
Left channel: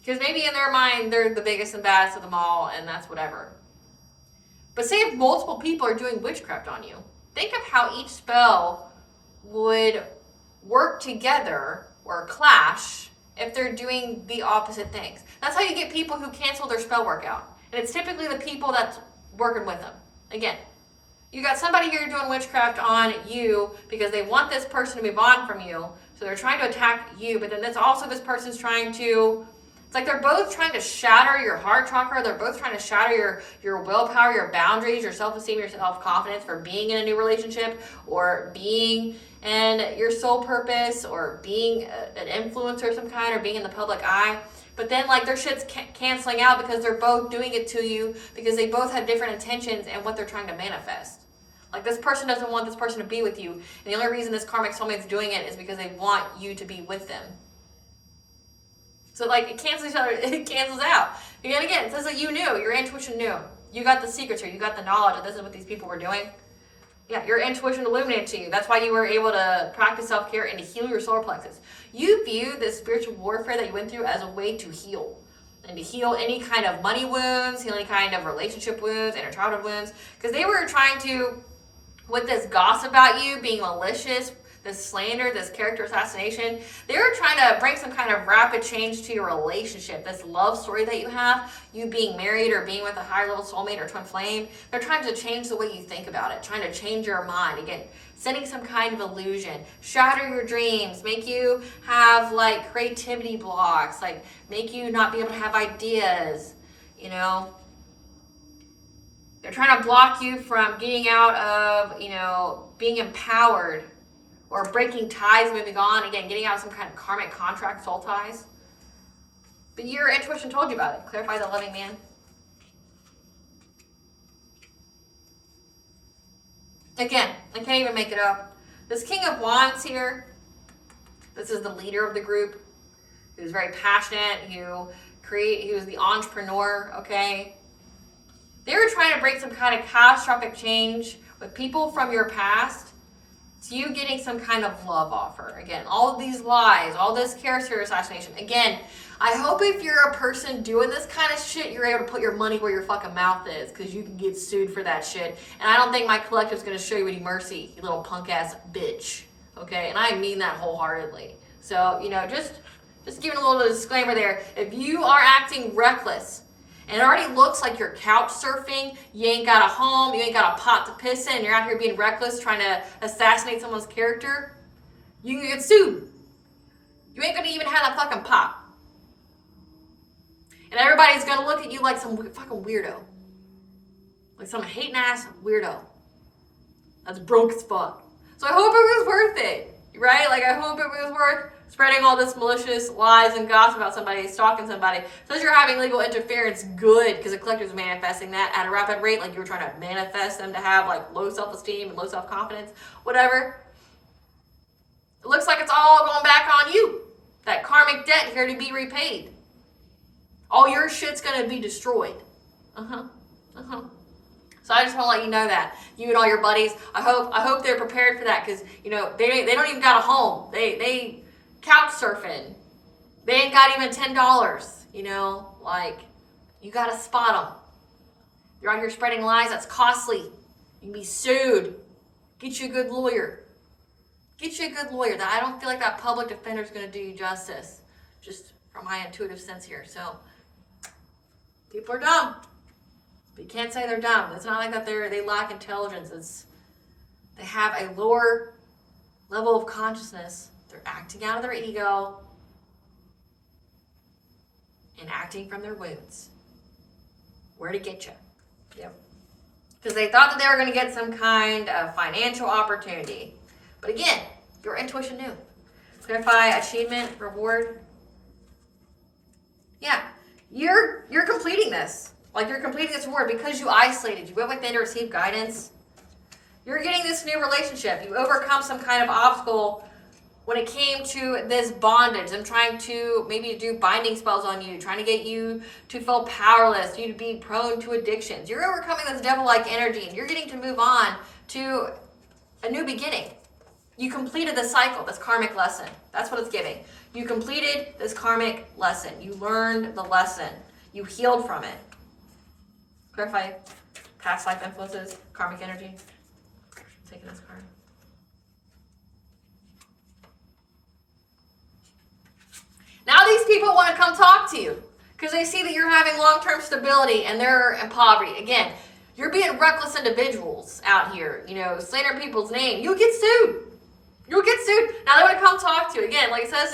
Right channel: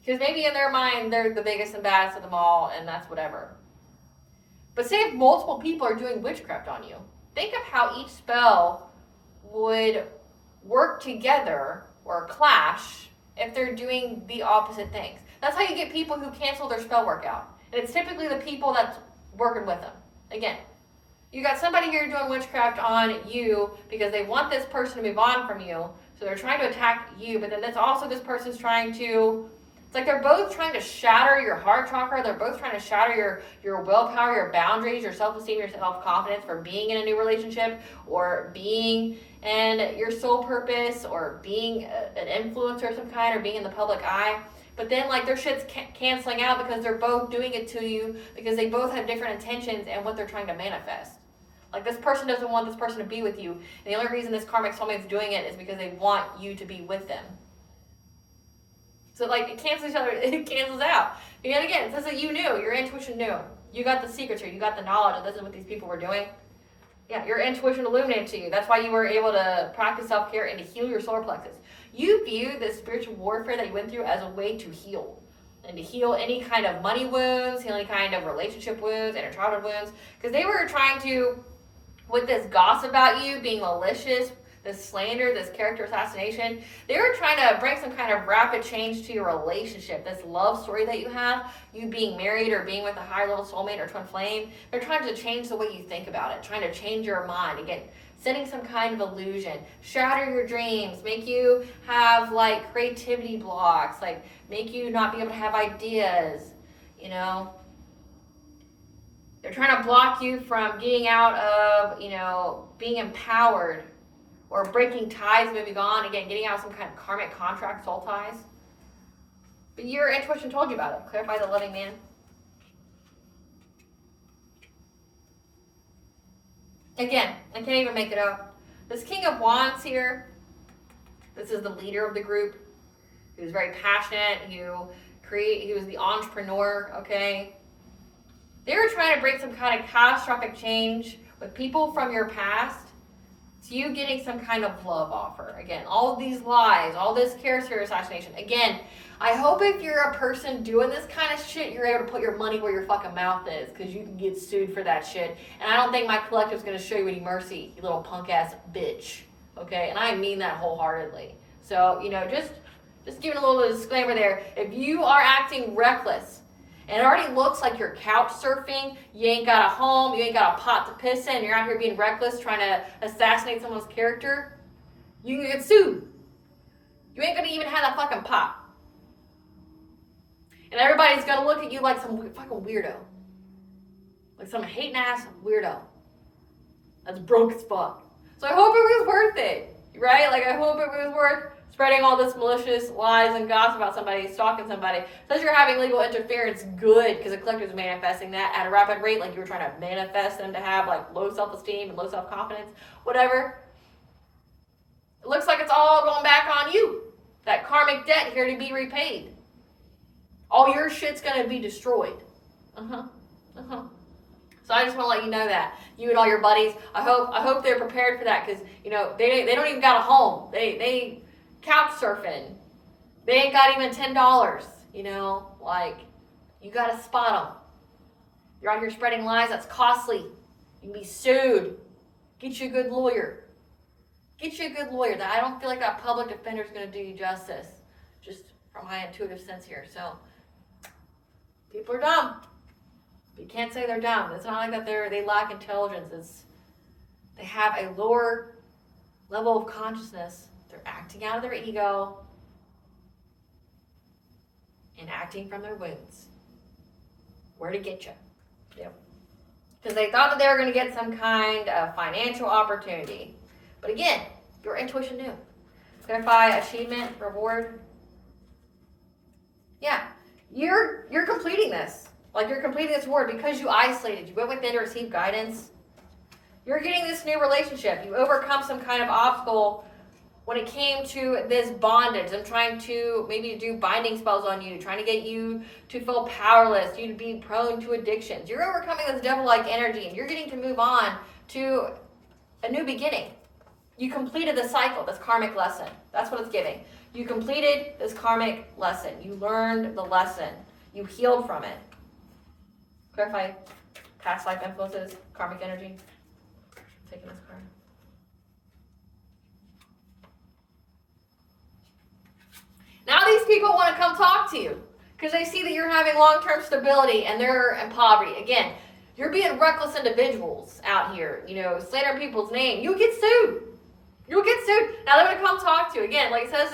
Because maybe in their mind, they're the biggest and baddest of them all, and that's whatever. But say if multiple people are doing witchcraft on you, think of how each spell would work together or clash if they're doing the opposite things. That's how you get people who cancel their spell workout. And it's typically the people that's working with them. Again, you got somebody here doing witchcraft on you because they want this person to move on from you. So they're trying to attack you, but then that's also this person's trying to, it's like they're both trying to shatter your heart chakra. They're both trying to shatter your willpower, your boundaries, your self-esteem, your self-confidence for being in a new relationship, or being in your soul purpose, or being an influencer of some kind, or being in the public eye. But then like their shit's canceling out because they're both doing it to you because they both have different intentions and what they're trying to manifest. Like this person doesn't want this person to be with you. And the only reason this karmic soulmate's doing it is because they want you to be with them. So like it cancels each other, it cancels out. And again, it says that you knew, your intuition knew. You got the secrets here, you got the knowledge that this is what these people were doing. Yeah, your intuition illuminated to you. That's why you were able to practice self-care and to heal your solar plexus. You view this spiritual warfare that you went through as a way to heal. And to heal any kind of money wounds, heal any kind of relationship wounds, inner childhood wounds. Because they were trying to, with this gossip about you, being malicious, this slander, this character assassination, they were trying to bring some kind of rapid change to your relationship. This love story that you have, you being married or being with a higher level soulmate or twin flame, they're trying to change the way you think about it, trying to change your mind. Again, sending some kind of illusion, shatter your dreams, make you have like creativity blocks, like make you not be able to have ideas, you know. They're trying to block you from getting out of, being empowered, or breaking ties, moving on, again, getting out of some kind of karmic contract, soul ties. But your intuition told you about it. Clarify the loving man. Again, I can't even make it up. This King of Wands here, this is the leader of the group. He was very passionate. He was the entrepreneur, okay? They were trying to break some kind of catastrophic change with people from your past to you getting some kind of love offer. Again, all of these lies, all this character assassination. Again, I hope if you're a person doing this kind of shit, you're able to put your money where your fucking mouth is, because you can get sued for that shit. And I don't think my collective's going to show you any mercy, you little punk ass bitch. Okay? And I mean that wholeheartedly. So, just giving a little disclaimer there. If you are acting reckless, and it already looks like you're couch surfing, you ain't got a home, you ain't got a pot to piss in, you're out here being reckless, trying to assassinate someone's character, you can get sued. You ain't gonna even have a fucking pot. And everybody's gonna look at you like some fucking weirdo. Like some hating ass weirdo. That's broke as fuck. So I hope it was worth it, right? Like I hope it was worth spreading all this malicious lies and gossip about somebody, stalking somebody. Says you're having legal interference, good, because the collective's manifesting that at a rapid rate, like you were trying to manifest them to have like low self-esteem and low self-confidence, whatever. It looks like it's all going back on you. That karmic debt here to be repaid. All your shit's gonna be destroyed. So I just want to let you know that. You and all your buddies, I hope they're prepared for that, because they don't even got a home. They couch surfing. They ain't got even $10. Like you gotta spot them. You're out here spreading lies. That's costly. You can be sued. Get you a good lawyer. Get you a good lawyer. That I don't feel like that public defender is gonna do you justice. Just from my intuitive sense here. So people are dumb. But you can't say they're dumb. It's not like that they lack intelligence. They have a lower level of consciousness. They're acting out of their ego and acting from their wounds. Where to get you. Yep. Because they thought that they were going to get some kind of financial opportunity. But again, your intuition knew. Clarify achievement, reward. Yeah, you're completing this. Like you're completing this reward because you isolated. You went within to receive guidance. You're getting this new relationship. You overcome some kind of obstacle when it came to this bondage. I'm trying to maybe do binding spells on you, trying to get you to feel powerless, you to be prone to addictions. You're overcoming this devil-like energy, and you're getting to move on to a new beginning. You completed the cycle, this karmic lesson. That's what it's giving. You completed this karmic lesson. You learned the lesson. You healed from it. Clarify past life influences, karmic energy. I'm taking this card. Now these people want to come talk to you because they see that you're having long-term stability and they're in poverty. Again, you're being reckless individuals out here, slandering people's name. You'll get sued. You'll get sued. Now they want to come talk to you. Again, like it says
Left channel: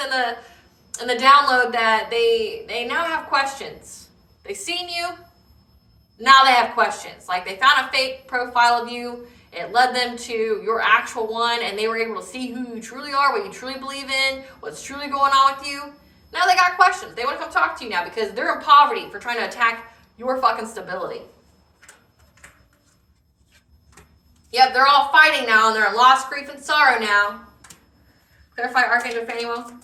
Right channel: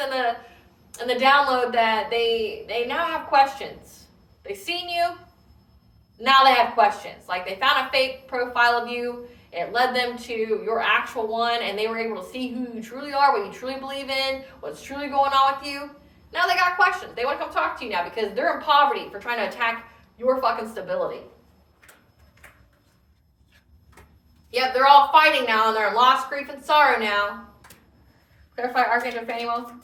in the download that they now have questions. They've seen you. Now they have questions. Like they found a fake profile of you. It led them to your actual one, and they were able to see who you truly are, what you truly believe in, what's truly going on with you. Now they got questions. They want to come talk to you now because they're in poverty for trying to attack your fucking stability. Yep, they're all fighting now, and they're in loss, grief, and sorrow now. Clarify Archangel Phaneum.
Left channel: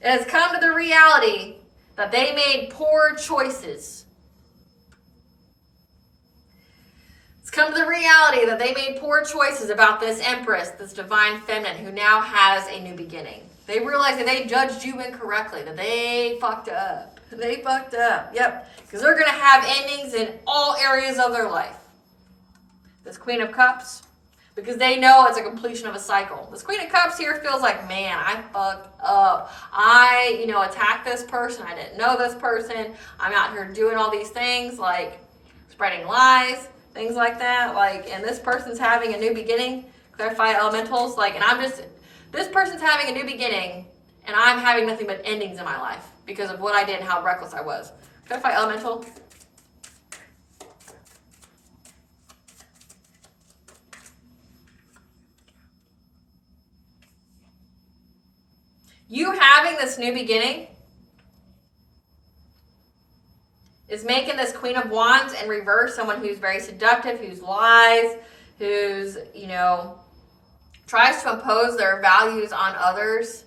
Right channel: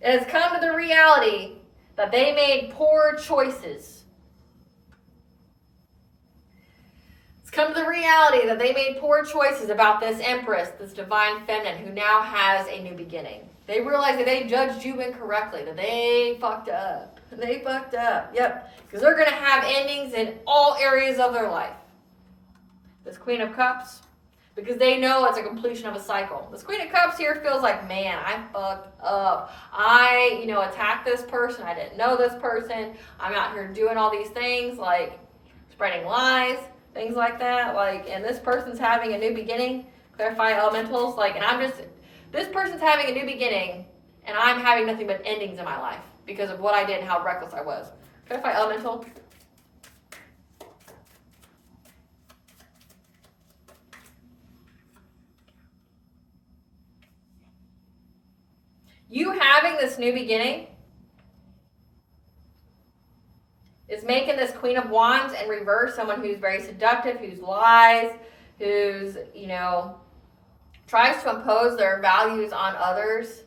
It has come to the reality that they made poor choices. It's come to the reality that they made poor choices about this Empress, this divine feminine, who now has a new beginning. They realized that they judged you incorrectly, that they fucked up. They fucked up, yep. Because they're going to have endings in all areas of their life. This Queen of Cups, because they know it's a completion of a cycle. This Queen of Cups here feels like, man, I fucked up. I, attacked this person. I didn't know this person. I'm out here doing all these things, like spreading lies, things like that. Like, and this person's having a new beginning. Clarify elementals. Like, and this person's having a new beginning, and I'm having nothing but endings in my life because of what I did and how reckless I was. Clarify elemental. You having this new beginning is making this Queen of Wands in reverse, someone who's very seductive, who's lies, who's, you know, tries to impose their values on others,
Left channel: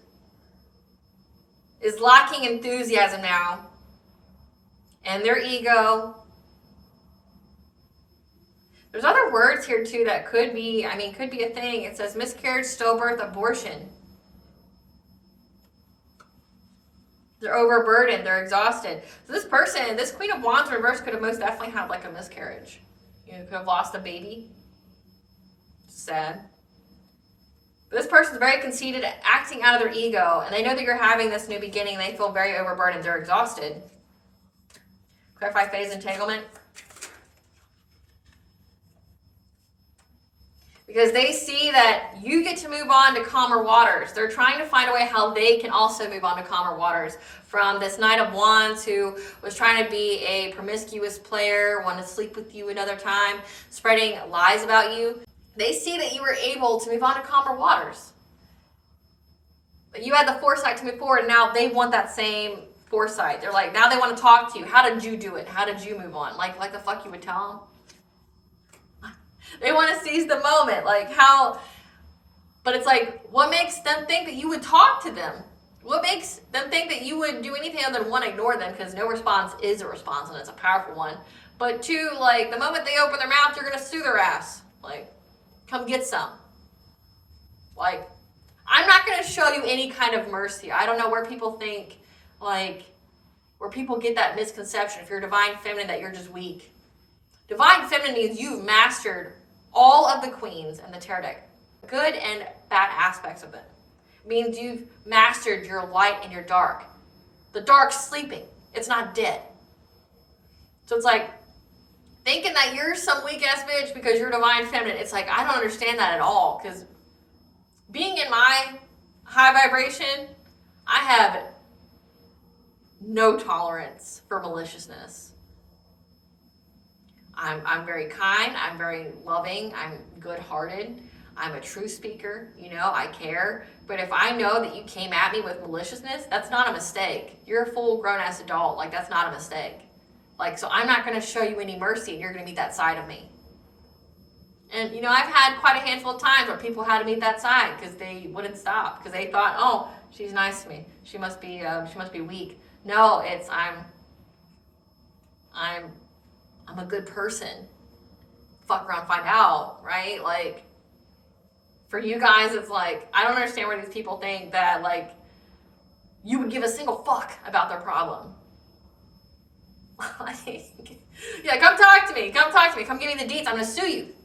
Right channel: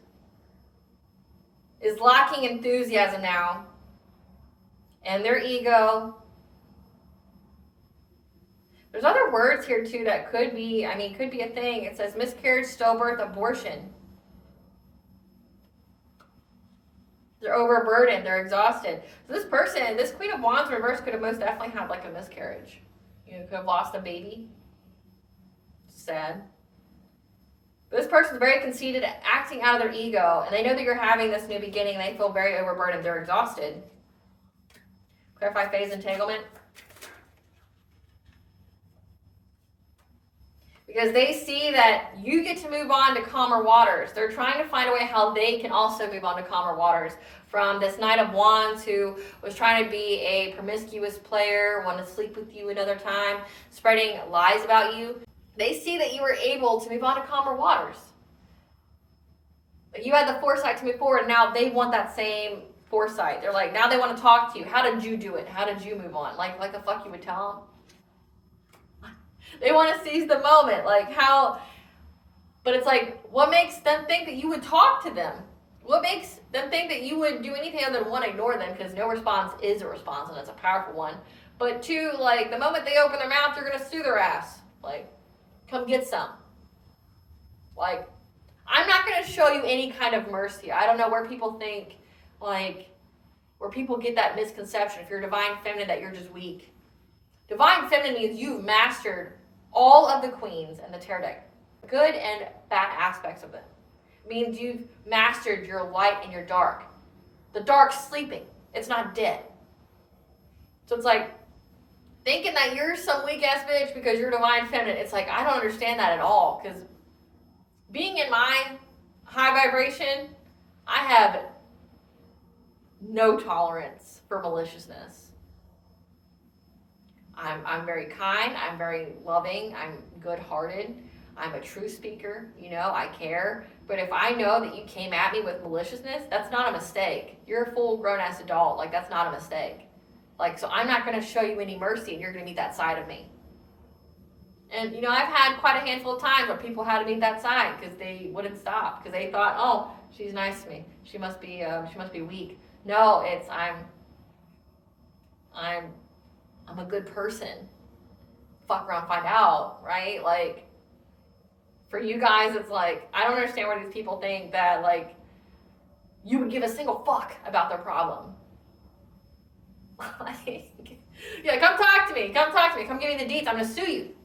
is lacking enthusiasm now, and their ego. There's other words here too that could be, I mean, could be a thing. It says miscarriage, stillbirth, abortion. They're overburdened, they're exhausted. So this person, this Queen of Wands reverse could have most definitely had like a miscarriage. You know, could have lost a baby. Sad. This person's very conceited, acting out of their ego, and they know that you're having this new beginning, and they feel very overburdened. They're exhausted. Clarify phase entanglement. Because they see that you get to move on to calmer waters. They're trying to find a way how they can also move on to calmer waters. From this Knight of Wands who was trying to be a promiscuous player, wanted to sleep with you another time, spreading lies about you. They see that you were able to move on to calmer waters. You had the foresight to move forward, and now they want that same foresight. They're like, now they want to talk to you. How did you do it? How did you move on? Like the fuck you would tell them? They want to seize the moment, like how, but it's like, what makes them think that you would talk to them? What makes them think that you would do anything other than, one, ignore them, because no response is a response, and it's a powerful one. But two, like, the moment they open their mouth, you're going to sue their ass. Like, come get some. Like, I'm not going to show you any kind of mercy. I don't know where people think, like, where people get that misconception, if you're divine feminine, that you're just weak. Divine feminine means you've mastered all of the queens and the tarot deck, good and bad aspects of them. It means you've mastered your light and your dark. The dark's sleeping. It's not dead. So it's like, thinking that you're some weak-ass bitch because you're divine feminine, it's like, I don't understand that at all. Because being in my high vibration, I have no tolerance for maliciousness. I'm very kind, I'm very loving, I'm good-hearted, I'm a true speaker, you know, I care. But if I know that you came at me with maliciousness, that's not a mistake. You're a full grown-ass adult, like, that's not a mistake. Like, so I'm not gonna show you any mercy, and you're gonna meet that side of me. And, you know, I've had quite a handful of times where people had to meet that side because they wouldn't stop, because they thought, oh, she's nice to me, she must be weak. No, it's, I'm a good person. Fuck around, find out, right? Like, for you guys, it's like, I don't understand where these people think that, like, you would give a single fuck about their problem. Like, yeah, come talk to me, come give me the deets, I'm gonna sue you.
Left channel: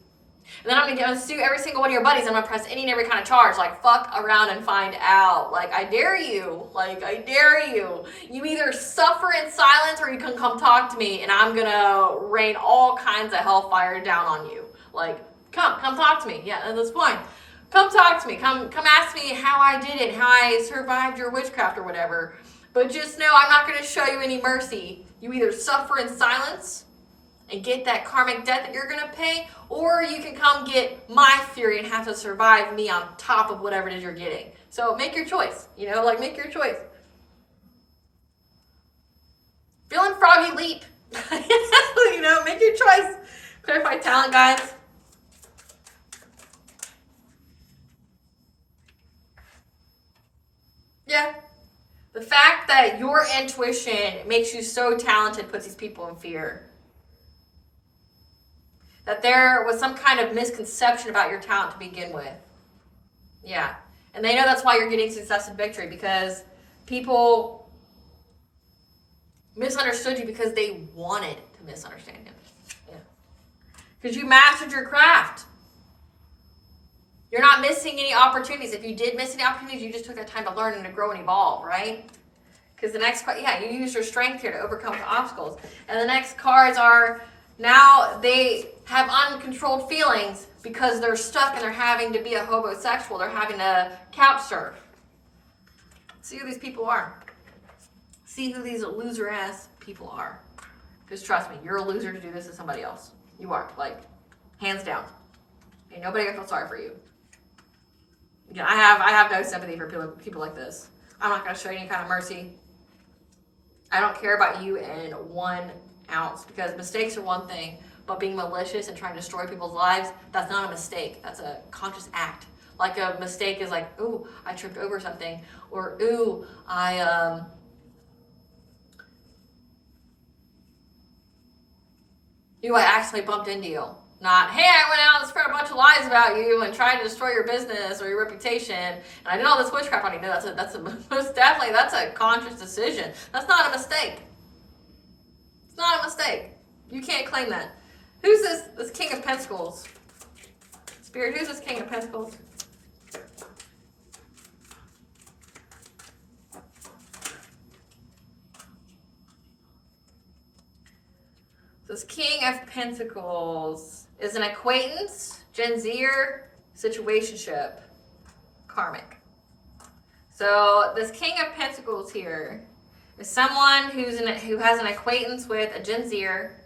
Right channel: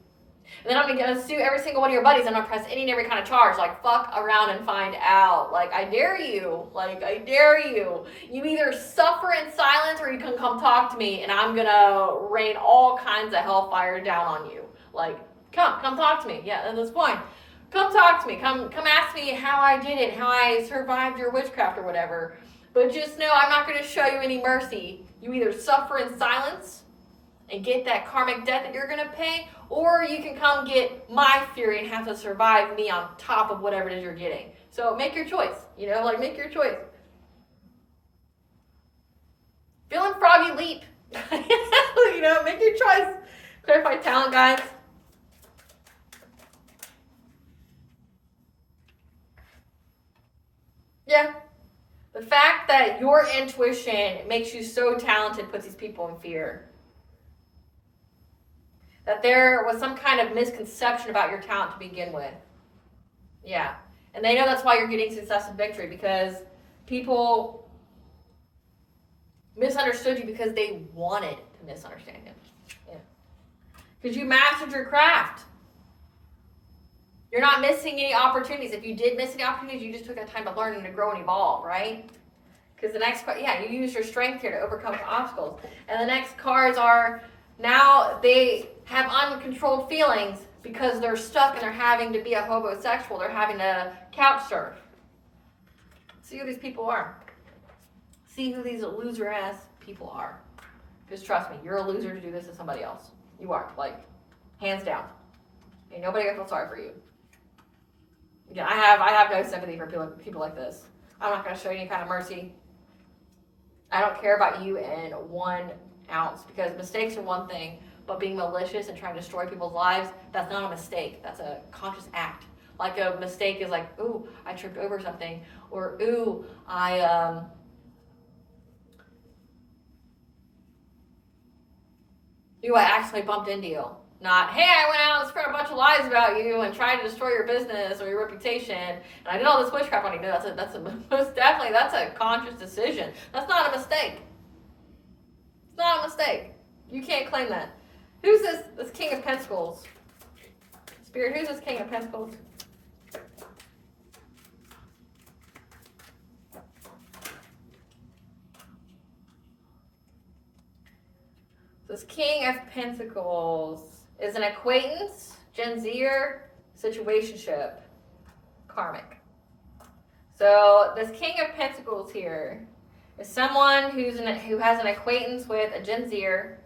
And then I'm gonna sue every single one of your buddies. I'm gonna press any and every kind of charge. Like, fuck around and find out. Like, I dare you. Like, I dare you. You either suffer in silence or you can come talk to me, and I'm gonna rain all kinds of hellfire down on you. Like, come talk to me. Yeah, that's fine. Come talk to me. Come ask me how I did it, how I survived your witchcraft or whatever. But just know I'm not gonna show you any mercy. You either suffer in silence and get that karmic debt that you're gonna pay, or you can come get my fury and have to survive me on top of whatever it is you're getting. So make your choice, you know, like, make your choice. Feeling froggy leap. You know, make your choice. Clarify talent, guys. Yeah. The fact that your intuition makes you so talented puts these people in fear. That there was some kind of misconception about your talent to begin with. Yeah. And they know that's why you're getting success and victory, because people misunderstood you because they wanted to misunderstand you. Yeah. Because you mastered your craft. You're not missing any opportunities. If you did miss any opportunities, you just took that time to learn and to grow and evolve, right? Because the next, yeah, you use your strength here to overcome obstacles. And the next cards are, now they have uncontrolled feelings because they're stuck and they're having to be a homosexual. They're having to couch surf. See who these people are. See who these loser ass people are. Because trust me, you're a loser to do this to somebody else. You are, like, hands down. Ain't nobody gonna feel sorry for you. Again, I have no sympathy for people like this. I'm not gonna show you any kind of mercy. I don't care about you in one ounce, because mistakes are one thing, but being malicious and trying to destroy people's lives, that's not a mistake. That's a conscious act. Like a mistake is like, ooh, I tripped over something, or ooh, I accidentally bumped into you. Not, hey, I went out and spread a bunch of lies about you and tried to destroy your business or your reputation, and I did all this witchcraft on you. No, that's most definitely, that's a conscious decision. That's not a mistake. It's not a mistake. You can't claim that. Who's this King of Pentacles? Spirit, who's this King of Pentacles? This King of Pentacles is an acquaintance, Gen Zer, situationship, karmic. So this King of Pentacles here is someone who has an acquaintance with a Gen Zer,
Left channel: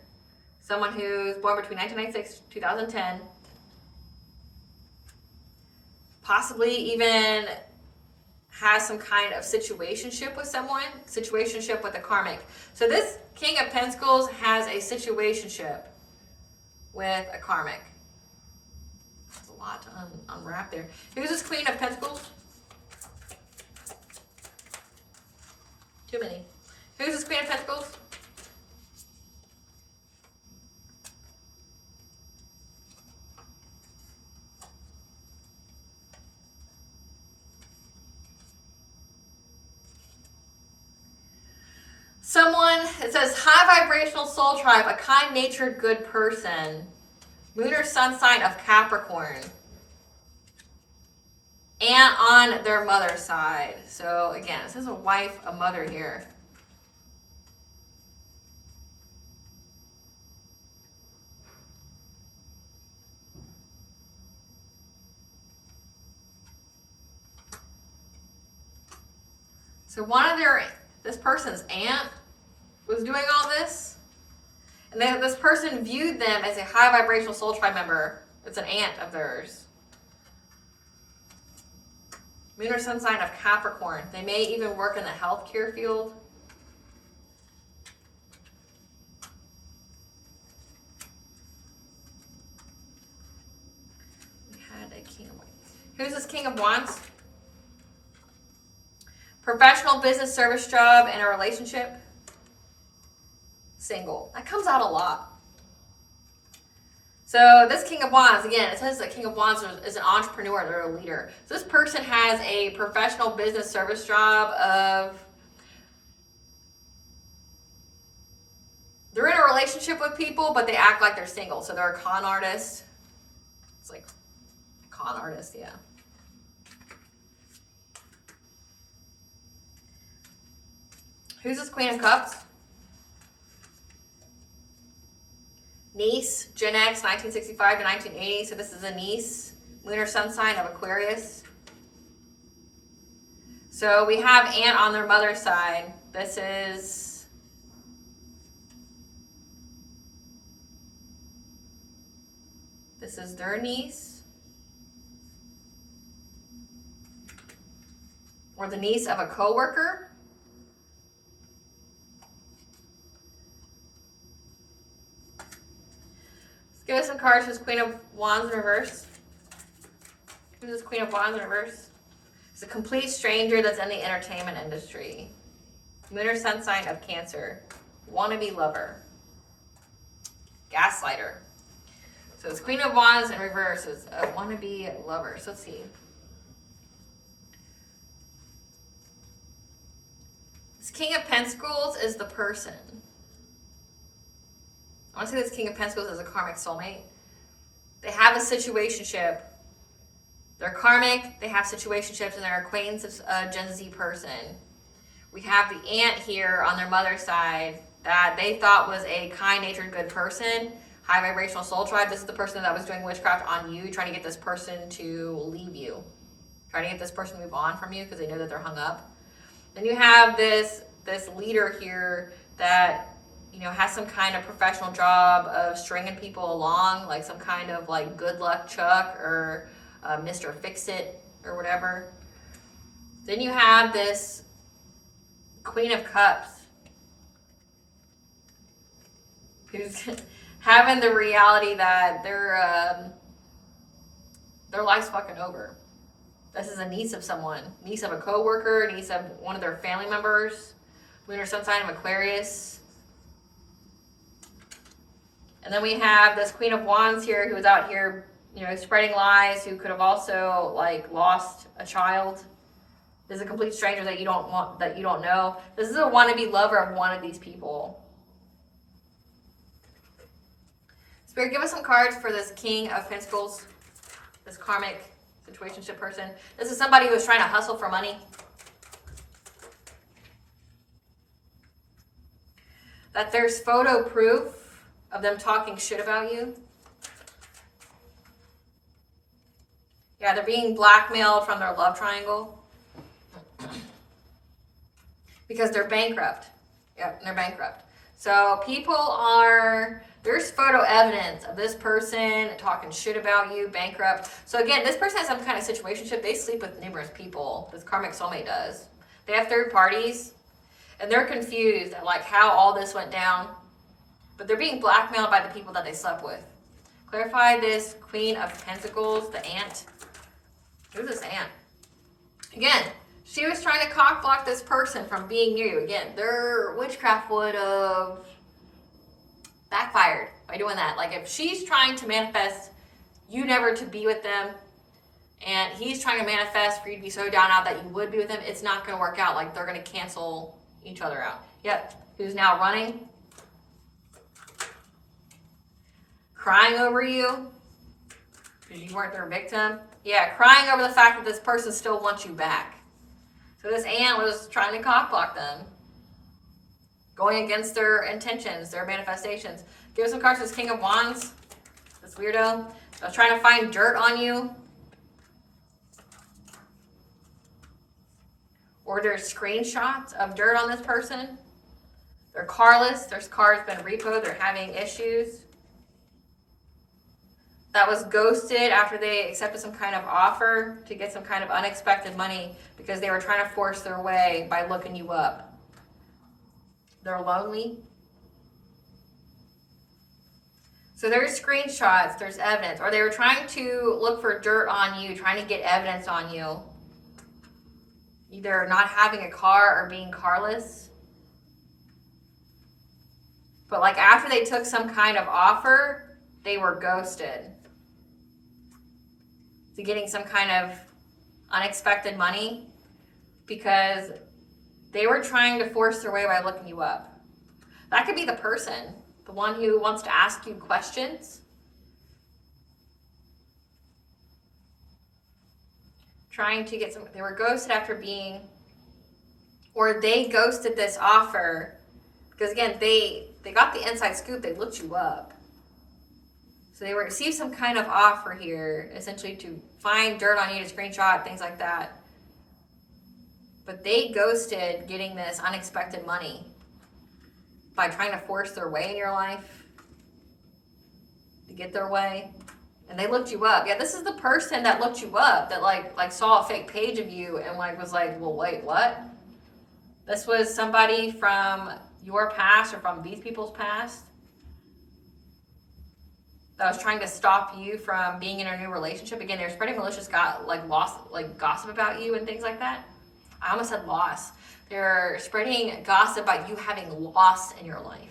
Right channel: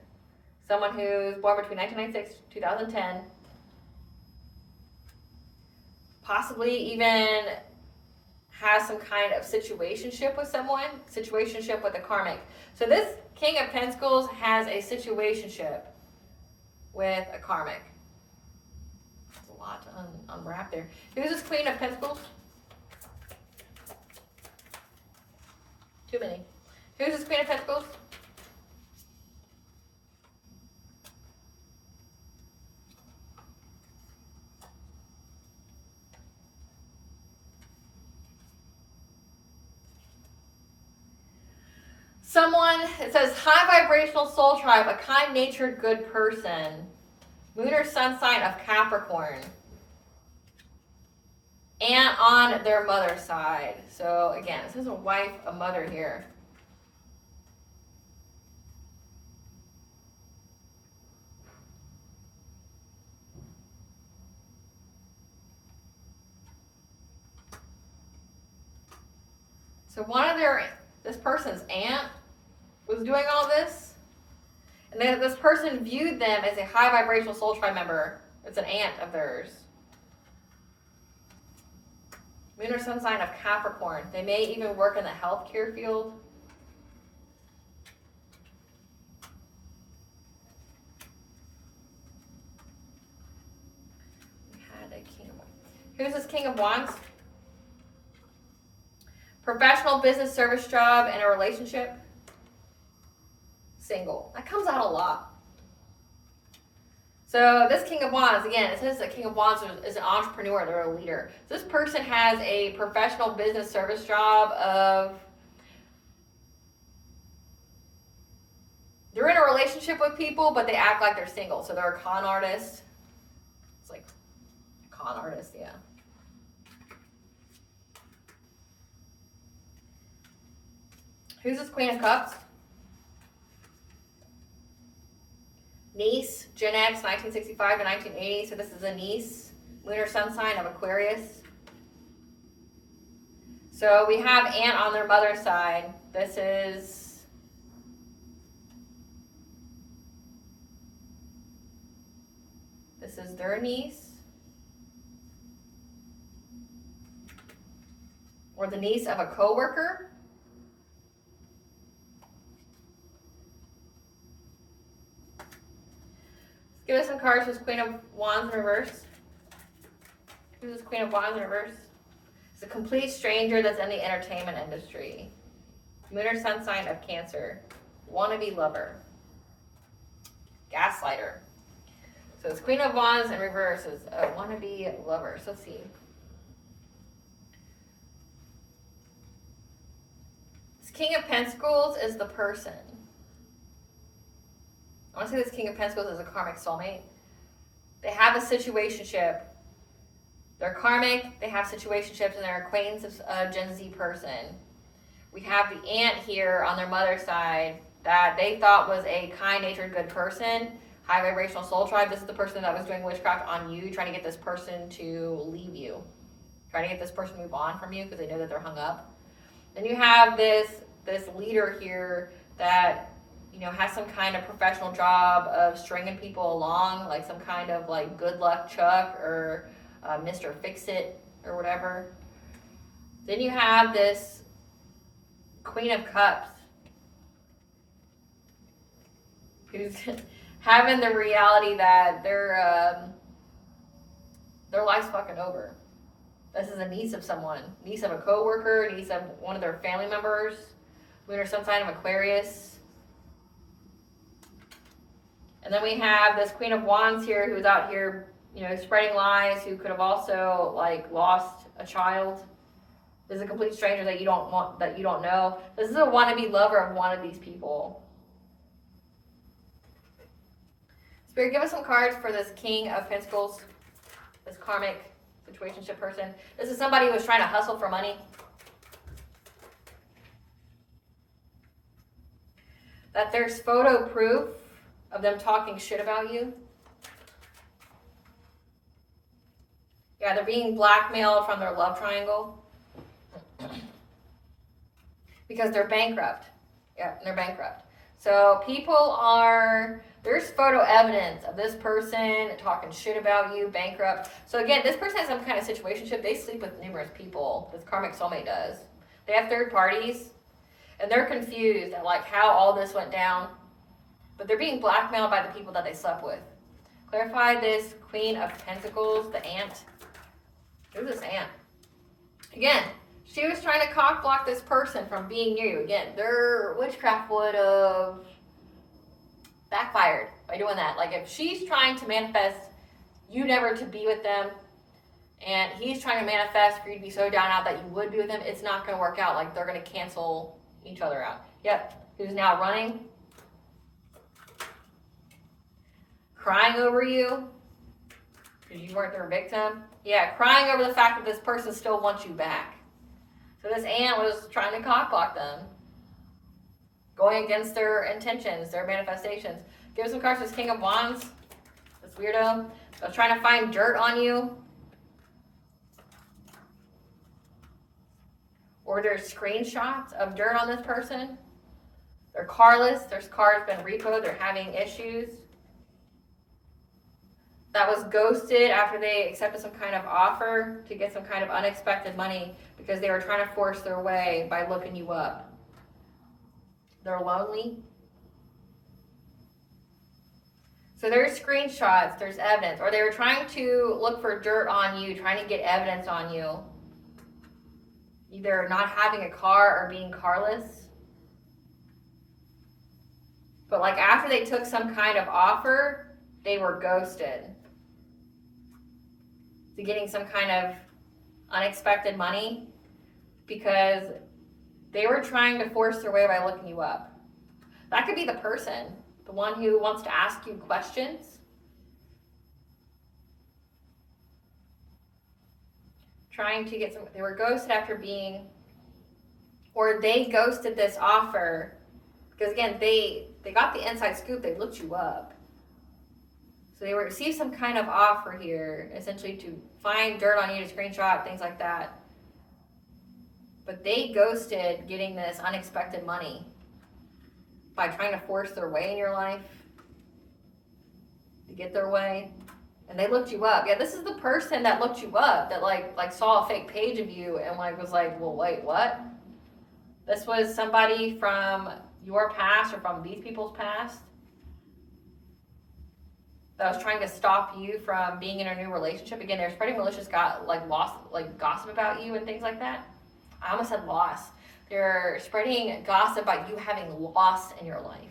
someone who's born between 1996 and 2010, possibly even has some kind of situationship with someone, situationship with a karmic. So this King of Pentacles has a situationship with a karmic. There's a lot to unwrap there. Who's this Queen of Pentacles? Too many. Who's this Queen of Pentacles? Someone, it says high vibrational soul tribe, a kind-natured good person. Moon or sun sign of Capricorn. And on their mother's side. So again, it says a wife, a mother here. So this person's aunt was doing all this. And this person viewed them as a high vibrational soul tribe member. It's an aunt of theirs. Moon or sun sign of Capricorn. They may even work in the healthcare field. We had a King of Wands. Who's this King of Wands? Professional business service job and a relationship. Single. That comes out a lot. So this King of Wands, again, it says that King of Wands is an entrepreneur, they're a leader. So this person has a professional business service job they're in a relationship with people, but they act like they're single. So they're a con artist. It's like a con artist, yeah. Who's this Queen of Cups? Niece, Gen X, 1965 to 1980. So this is a niece. Lunar sun sign of Aquarius. So we have aunt on their mother's side. This is their niece. Or the niece of a coworker. Give us some cards for this Queen of Wands in reverse. Who's this Queen of Wands in reverse? It's a complete stranger that's in the entertainment industry. Moon or sun sign of Cancer. Wannabe lover. Gaslighter. So it's Queen of Wands in reverse is a wannabe lover. So let's see. This King of Pentacles is the person. I want to say this King of Pentacles is a karmic soulmate. They have a situationship. They're karmic, they have situationships, and they're acquaintance of a Gen Z person. We have the aunt here on their mother's side that they thought was a kind-natured good person, high vibrational soul tribe. This is the person that was doing witchcraft on you, trying to get this person to leave you, trying to get this person to move on from you because they know that they're hung up. Then you have this leader here that has some kind of professional job of stringing people along, like some kind of like good luck Chuck or Mr. Fix-It or whatever. Then you have this Queen of Cups. who's having the reality that their life's fucking over. This is a niece of someone, niece of a coworker, niece of one of their family members, lunar sun sign of Aquarius. And then we have this Queen of Wands here who's out here, you know, spreading lies, who could have also like lost a child. This is a complete stranger that you don't want, that you don't know. This is a wannabe lover of one of these people. Spirit, give us some cards for this King of Pentacles, this karmic situationship person. This is somebody who was trying to hustle for money. That there's photo proof of them talking shit about you. Yeah, they're being blackmailed from their love triangle. Because they're bankrupt. Yeah, they're bankrupt. So people are, there's photo evidence of this person talking shit about you, bankrupt. So again, this person has some kind of situationship. They sleep with numerous people. This karmic soulmate does. They have third parties. And they're confused at like how all this went down. But they're being blackmailed by the people that they slept with. Clarify this Queen of Pentacles, the ant. Who's this ant? Again, she was trying to cock block this person from being near you. Again, their witchcraft would have backfired by doing that. Like if she's trying to manifest you never to be with them, and he's trying to manifest for you to be so down out that you would be with him, it's not going to work out. Like they're going to cancel each other out. Yep. Who's now running? Crying over you because you weren't their victim. Yeah, crying over the fact that this person still wants you back. So this ant was trying to cock block them, going against their intentions, their manifestations. Give us some cards for this King of Wands, this weirdo. I was trying to find dirt on you. Or there's screenshots of dirt on this person. They're carless. Their car's been repoed. They're having issues. That was ghosted after they accepted some kind of offer to get some kind of unexpected money because they were trying to force their way by looking you up. They're lonely. So there's screenshots, there's evidence, or they were trying to look for dirt on you, trying to get evidence on you. Either not having a car or being carless. But like after they took some kind of offer, they were ghosted. To getting some kind of unexpected money because they were trying to force their way by looking you up. That could be the person, the one who wants to ask you questions. Trying to get some, they were ghosted after being, or they ghosted this offer because again, they got the inside scoop, they looked you up. So they received some kind of offer here, essentially to find dirt on you, to screenshot, things like that. But they ghosted getting this unexpected money by trying to force their way in your life, to get their way. And they looked you up. Yeah, this is the person that looked you up, that like saw a fake page of you and like was like, well, wait, what? This was somebody from your past or from these people's past that was trying to stop you from being in a new relationship. Again, they're spreading malicious gossip about you and things like that. I almost said loss. They're spreading gossip about you having loss in your life.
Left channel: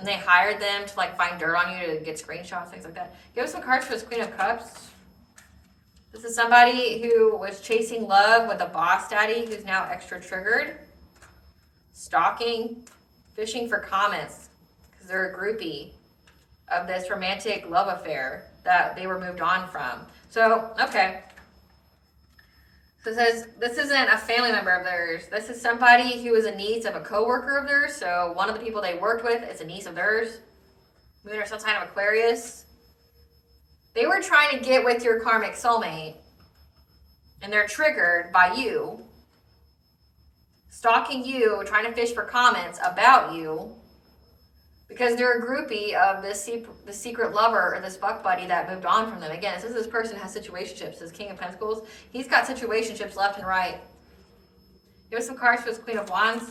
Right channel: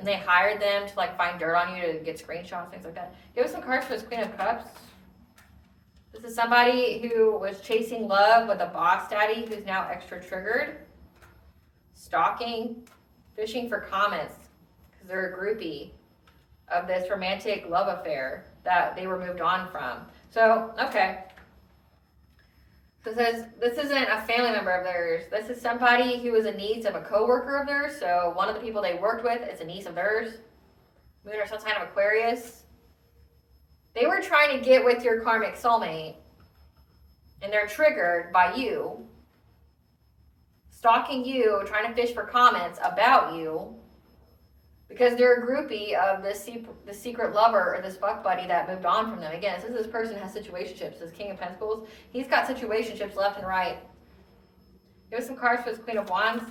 And they hired them to like find dirt on you to get screenshots, things like that. Give us some cards for this Queen of Cups. This is somebody who was chasing love with a boss daddy who's now extra triggered. Stalking. Fishing for comments because they're a groupie of this romantic love affair that they were moved on from. So, okay. So it says this isn't a family member of theirs. This is somebody who is a niece of a coworker of theirs. So one of the people they worked with is a niece of theirs. Moon or some sign of Aquarius. They were trying to get with your karmic soulmate and they're triggered by you. Stalking you, trying to fish for comments about you because they're a groupie of this secret lover or this fuck buddy that moved on from them. Again, this person has situationships. This King of Pentacles, he's got situationships left and right. Give us some cards for this Queen of Wands.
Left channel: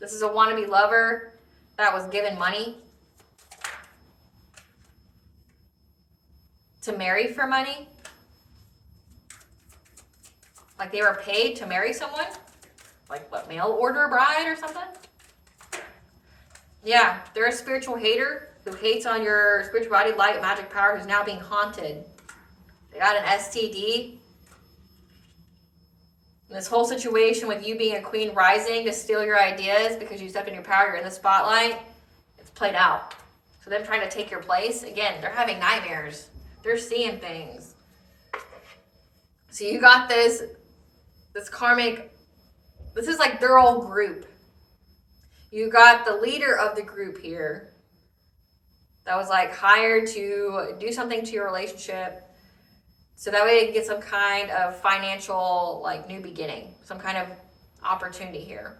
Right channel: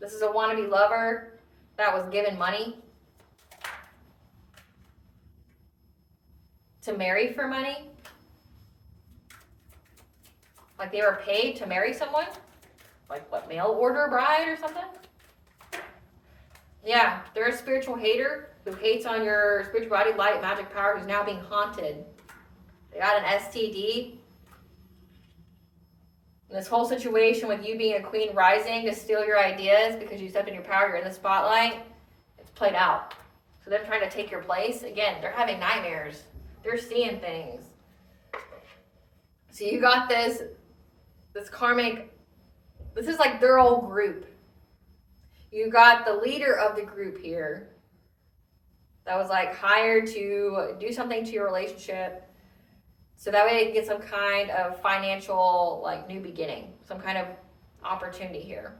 This is a wannabe lover that was given money to marry for money. Like they were paid to marry someone. Like what, mail order bride or something? Yeah, they're a spiritual hater who hates on your spirituality, light, magic power, who's now being haunted. They got an STD. And this whole situation with you being a queen rising to steal your ideas because you stepped in your power, you're in the spotlight, it's played out. So them trying to take your place, again, they're having nightmares. They're seeing things. So you got this karmic, this is like their old group. You got the leader of the group here that was like hired to do something to your relationship so that way they can get some kind of financial like new beginning, some kind of opportunity here.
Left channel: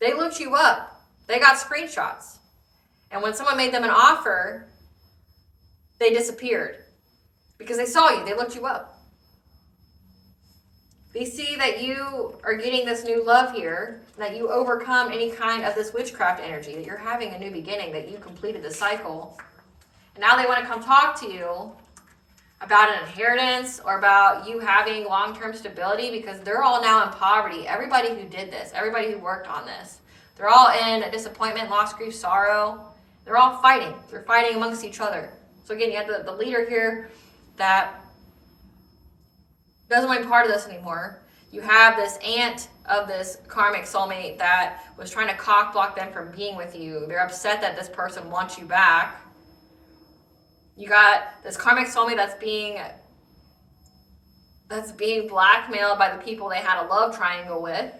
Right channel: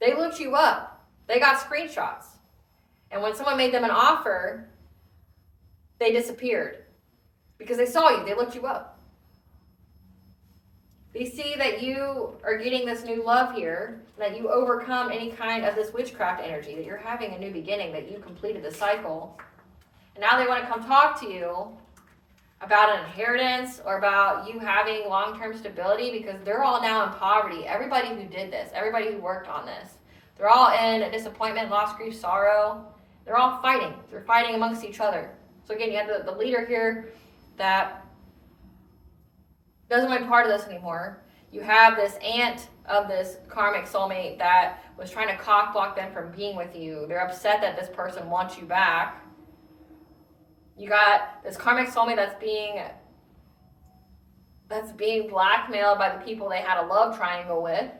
They looked you up. They got screenshots. And when someone made them an offer, they disappeared because they saw you. They looked you up. They see that you are getting this new love here, that you overcome any kind of this witchcraft energy, that you're having a new beginning, that you completed the cycle. And now they want to come talk to you about an inheritance or about you having long-term stability because they're all now in poverty. Everybody who did this, everybody who worked on this, they're all in disappointment, loss, grief, sorrow. They're all fighting. They're fighting amongst each other. So again, you have the leader here that doesn't want to be part of this anymore. You have this aunt of this karmic soulmate that was trying to cock block them from being with you. They're upset that this person wants you back. You got this karmic soulmate that's being blackmailed by the people they had a love triangle with,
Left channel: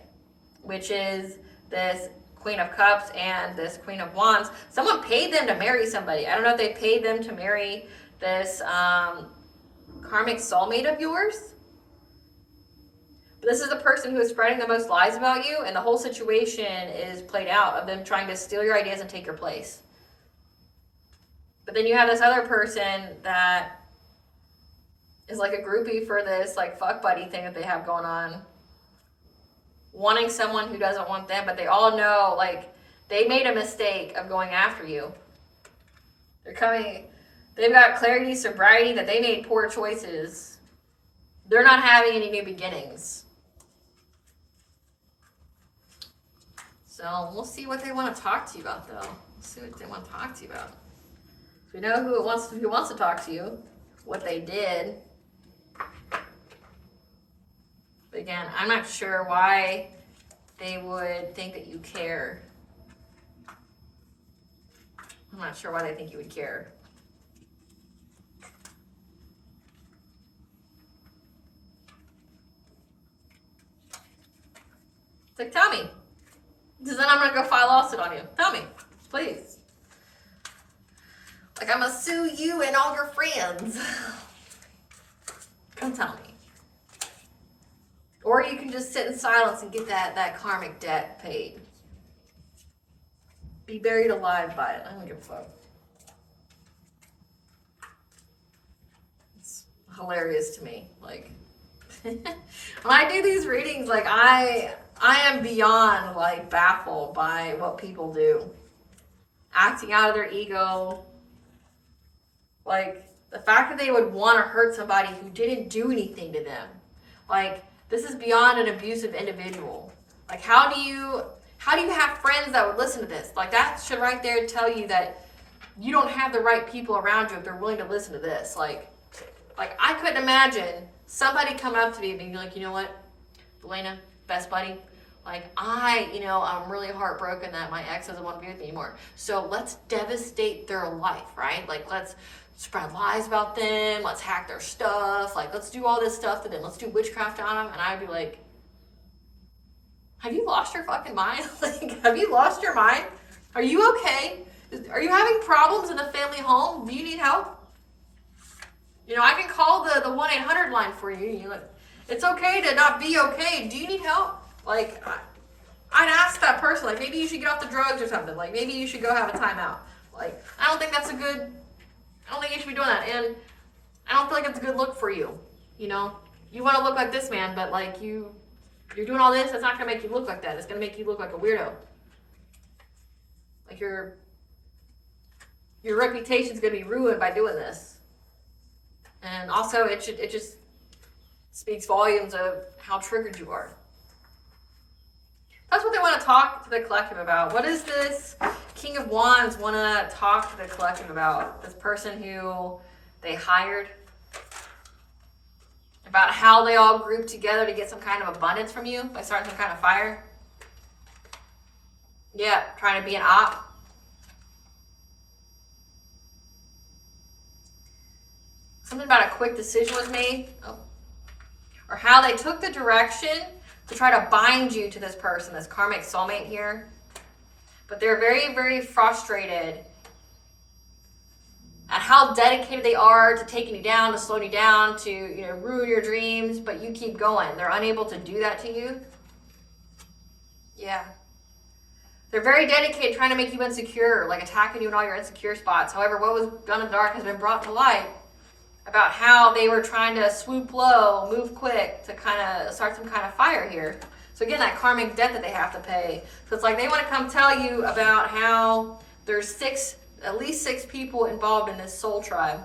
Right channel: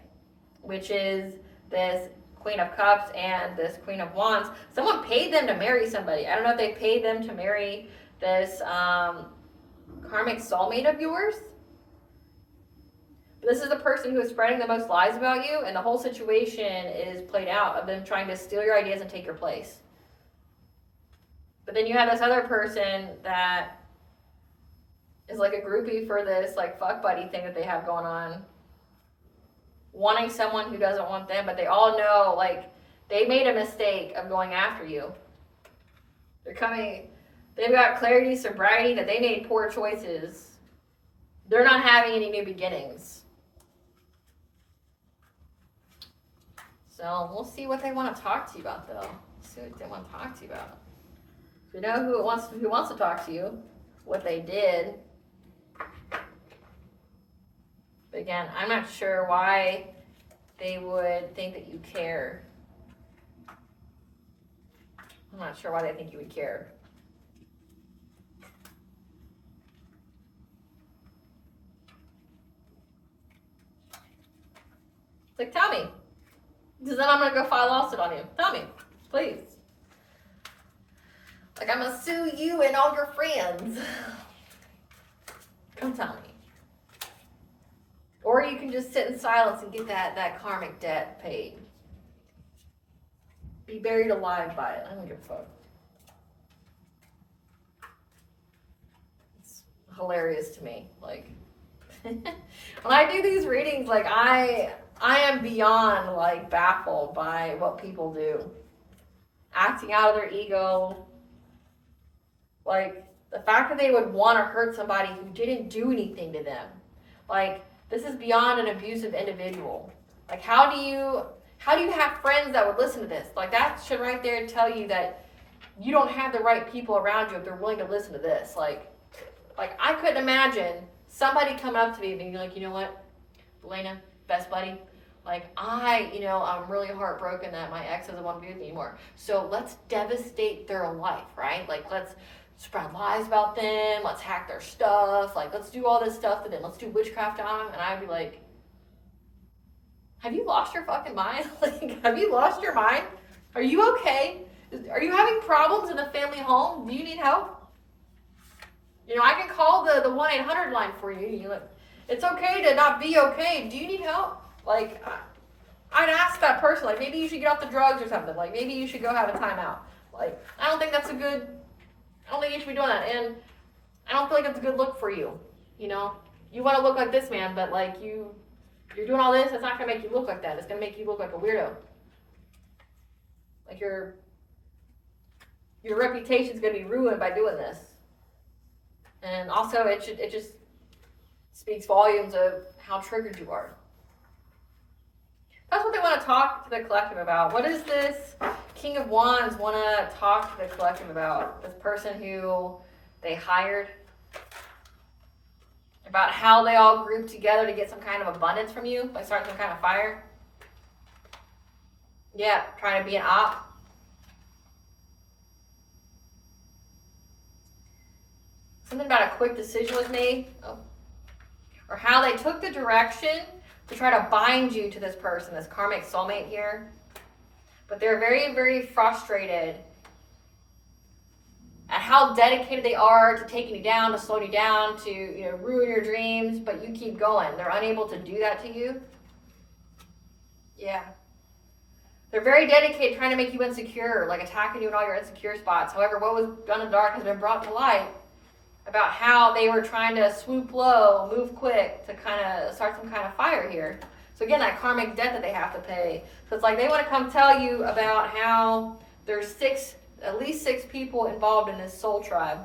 which is this Queen of Cups and this Queen of Wands. Someone paid them to marry somebody. I don't know if they paid them to marry this karmic soulmate of yours. But this is the person who is spreading the most lies about you, and the whole situation is played out of them trying to steal your ideas and take your place. But then you have this other person that is like a groupie for this like fuck buddy thing that they have going on. Wanting someone who doesn't want them, but they all know like they made a mistake of going after you. They've got clarity, sobriety, that they made poor choices. They're not having any new beginnings. So we'll see what they want to talk to you about though. We'll see what they want to talk to you about. We know who wants to talk to you, what they did. But again, I'm not sure why they would think that you care. I'm not sure why they think you would care. It's like, tell me. Because then I'm going to go file a lawsuit on you. Tell me, please. Like, I'm going to sue you and all your friends. Come tell me. Or you can just sit in silence and get that karmic debt paid. Be buried alive by it. I don't give a fuck. It's hilarious to me. Like, when I do these readings, like, I am beyond, like, baffled by what people do. Acting out of their ego. Like, the fact that they would want to hurt somebody who didn't do anything to them. Like, this is beyond an abusive individual. Like, how do you have friends that would listen to this? Like, that should right there tell you that you don't have the right people around you if they're willing to listen to this. Like I couldn't imagine somebody come up to me and be like, you know what, Elena, best buddy, like, I'm really heartbroken that my ex doesn't want to be with me anymore. So let's devastate their life, right? Like, let's spread lies about them. Let's hack their stuff. Like, let's do all this stuff to them. Let's do witchcraft on them. And I'd be like, have you lost your fucking mind? Like, have you lost your mind? Are you okay? Are you having problems in the family home? Do you need help? I can call the 1-800 line for you. It's okay to not be okay. Do you need help? Like, I'd ask that person, like, maybe you should get off the drugs or something. Like, maybe you should go have a timeout. Like, I don't think you should be doing that. And I don't feel like it's a good look for you. You want to look like this man, but, like, you You're doing all this, it's not going to make you look like that. It's going to make you look like a weirdo. Like your reputation's going to be ruined by doing this. And also, it just speaks volumes of how triggered you are. That's what they want to talk to the collective about. What does this King of Wands want to talk to the collective about? This person who they hired? About how they all grouped together to get some kind of abundance from you by starting some kind of fire? Yeah, trying to be an op. Something about a quick decision was made. Oh. Or how they took the direction to try to bind you to this person, this karmic soulmate here. But they're very, very frustrated at how dedicated they are to taking you down, to slowing you down, to ruin your dreams, but you keep going. They're unable to do that to you. Yeah. They're very dedicated trying to make you insecure, like attacking you in all your insecure spots. However, what was done in the dark has been brought to light about how they were trying to swoop low, move quick to kind of start some kind of fire here. So again, that karmic debt that they have to pay. So it's like they want to come tell you about how there's at least six people involved in this soul tribe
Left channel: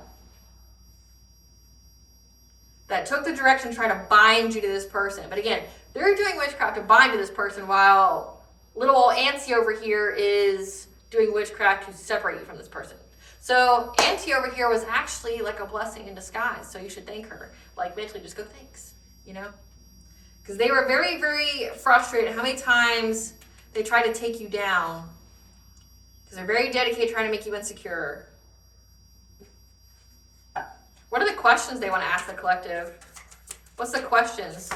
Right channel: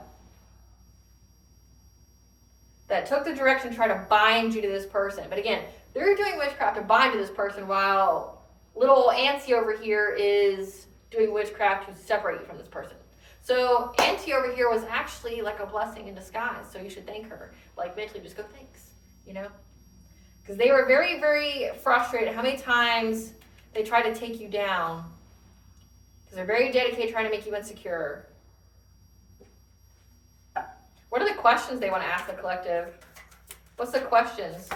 that took the direction to try to bind you to this person. But again, they're doing witchcraft to bind to this person while little old Auntie over here is doing witchcraft to separate you from this person. So Auntie over here was actually like a blessing in disguise. So you should thank her. Like mentally just go thanks, Because they were very, very frustrated how many times they tried to take you down. Because they're very dedicated trying to make you insecure. What are the questions they want to ask the collective? What's the questions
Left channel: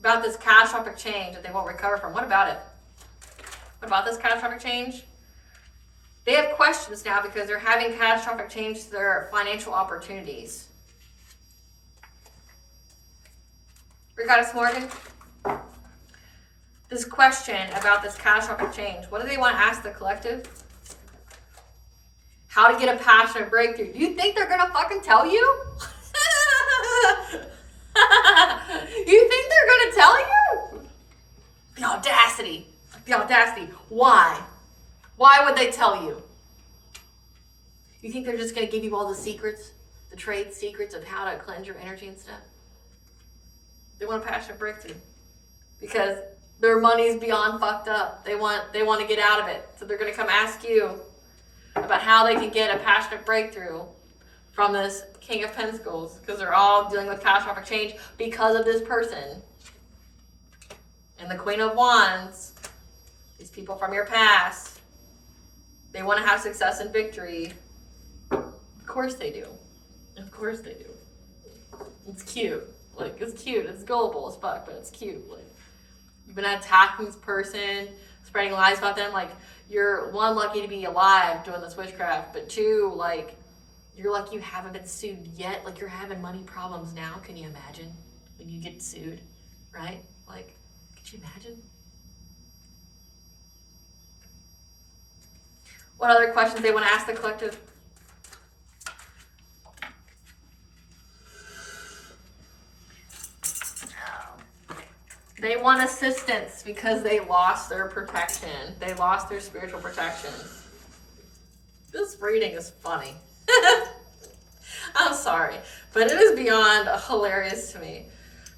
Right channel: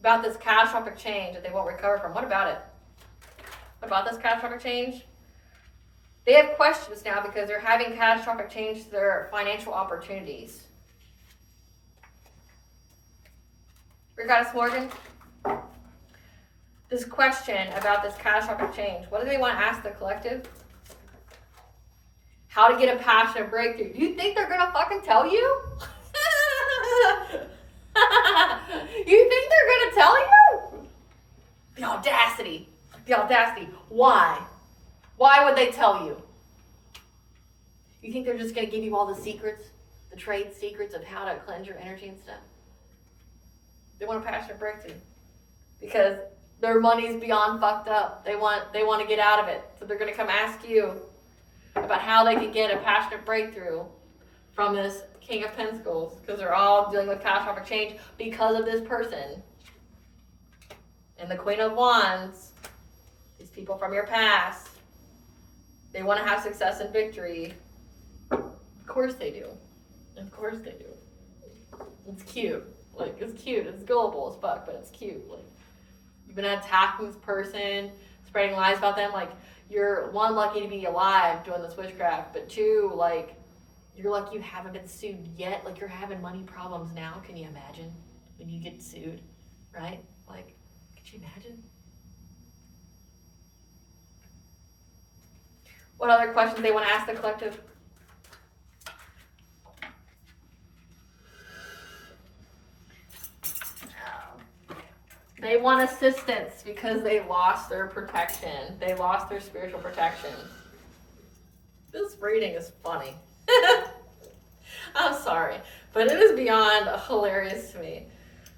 about this catastrophic change that they won't recover from? What about it? What about this catastrophic change? They have questions now because they're having catastrophic change to their financial opportunities. Goddess Morgan, this question about this catastrophic change, what do they want to ask the collective? How to get a passionate breakthrough. Do you think they're going to fucking tell you? You think they're going to tell you? The audacity. The audacity. Why? Why would they tell you? You think they're just going to give you all the secrets, the trade secrets of how to cleanse your energy and stuff? They want a passionate breakthrough because their money's beyond fucked up. They want to get out of it. So they're going to come ask you about how they can get a passionate breakthrough from this King of Pentacles because they're all dealing with catastrophic change because of this person. And the Queen of Wands, these people from your past, they want to have success and victory. Of course they do. Of course they do. It's cute. Like, it's cute. It's gullible as fuck, but it's cute. Like, you've been attacking this person, spreading lies about them. Like, you're, one, lucky to be alive doing this witchcraft, but two, like, you're lucky you haven't been sued yet. Like, you're having money problems now. Can you imagine when you get sued, right? Like, could you imagine? What other questions they want to ask the collective? They want assistance because they lost their protection. They lost their spiritual protection. This reading is funny. I'm sorry, but it is beyond hilarious to me.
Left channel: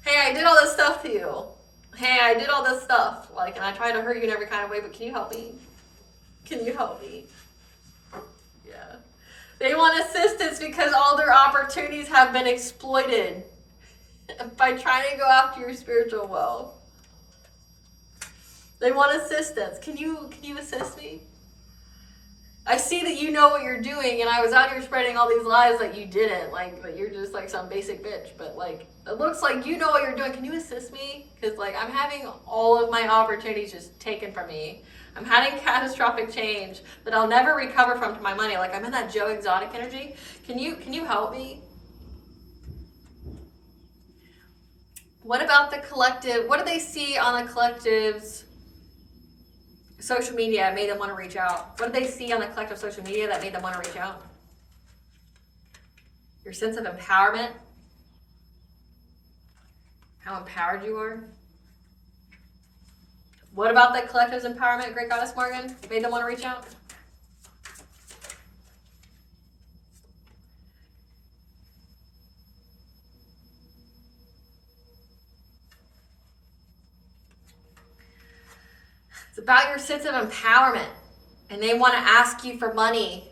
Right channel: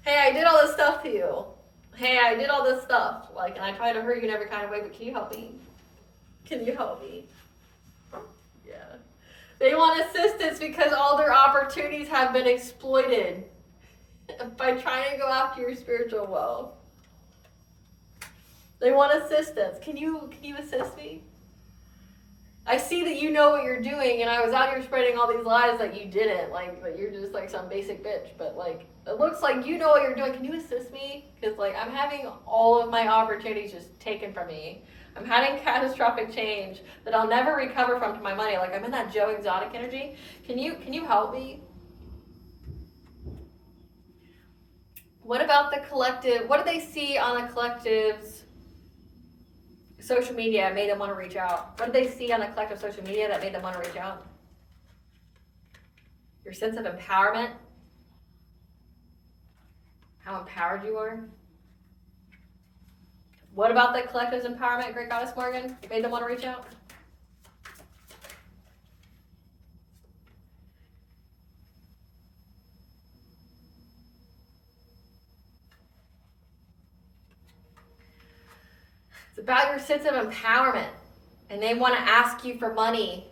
Hey, I did all this stuff to you. Hey, I did all this stuff. Like, and I tried to hurt you in every kind of way, but can you help me? Can you help me? Yeah. They want assistance because all their opportunities have been exploited by trying to go after your spiritual wealth. They want assistance. Can you assist me? I see that you know what you're doing, and I was out here spreading all these lies that you didn't, like, that you're just like some basic bitch, but like, it looks like you know what you're doing. Can you assist me? Because like, I'm having all of my opportunities just taken from me. I'm having catastrophic change that I'll never recover from to my money. Like, I'm in that Joe Exotic energy. Can you help me? What about the collective? What do they see on the collective's social media that made them want to reach out? What did they see on the collective social media that made them want to reach out? Your sense of empowerment. how empowered you are. What about the collective's empowerment, Great Goddess Morgan, made them want to reach out? It's about your sense of empowerment. And they want to ask you for money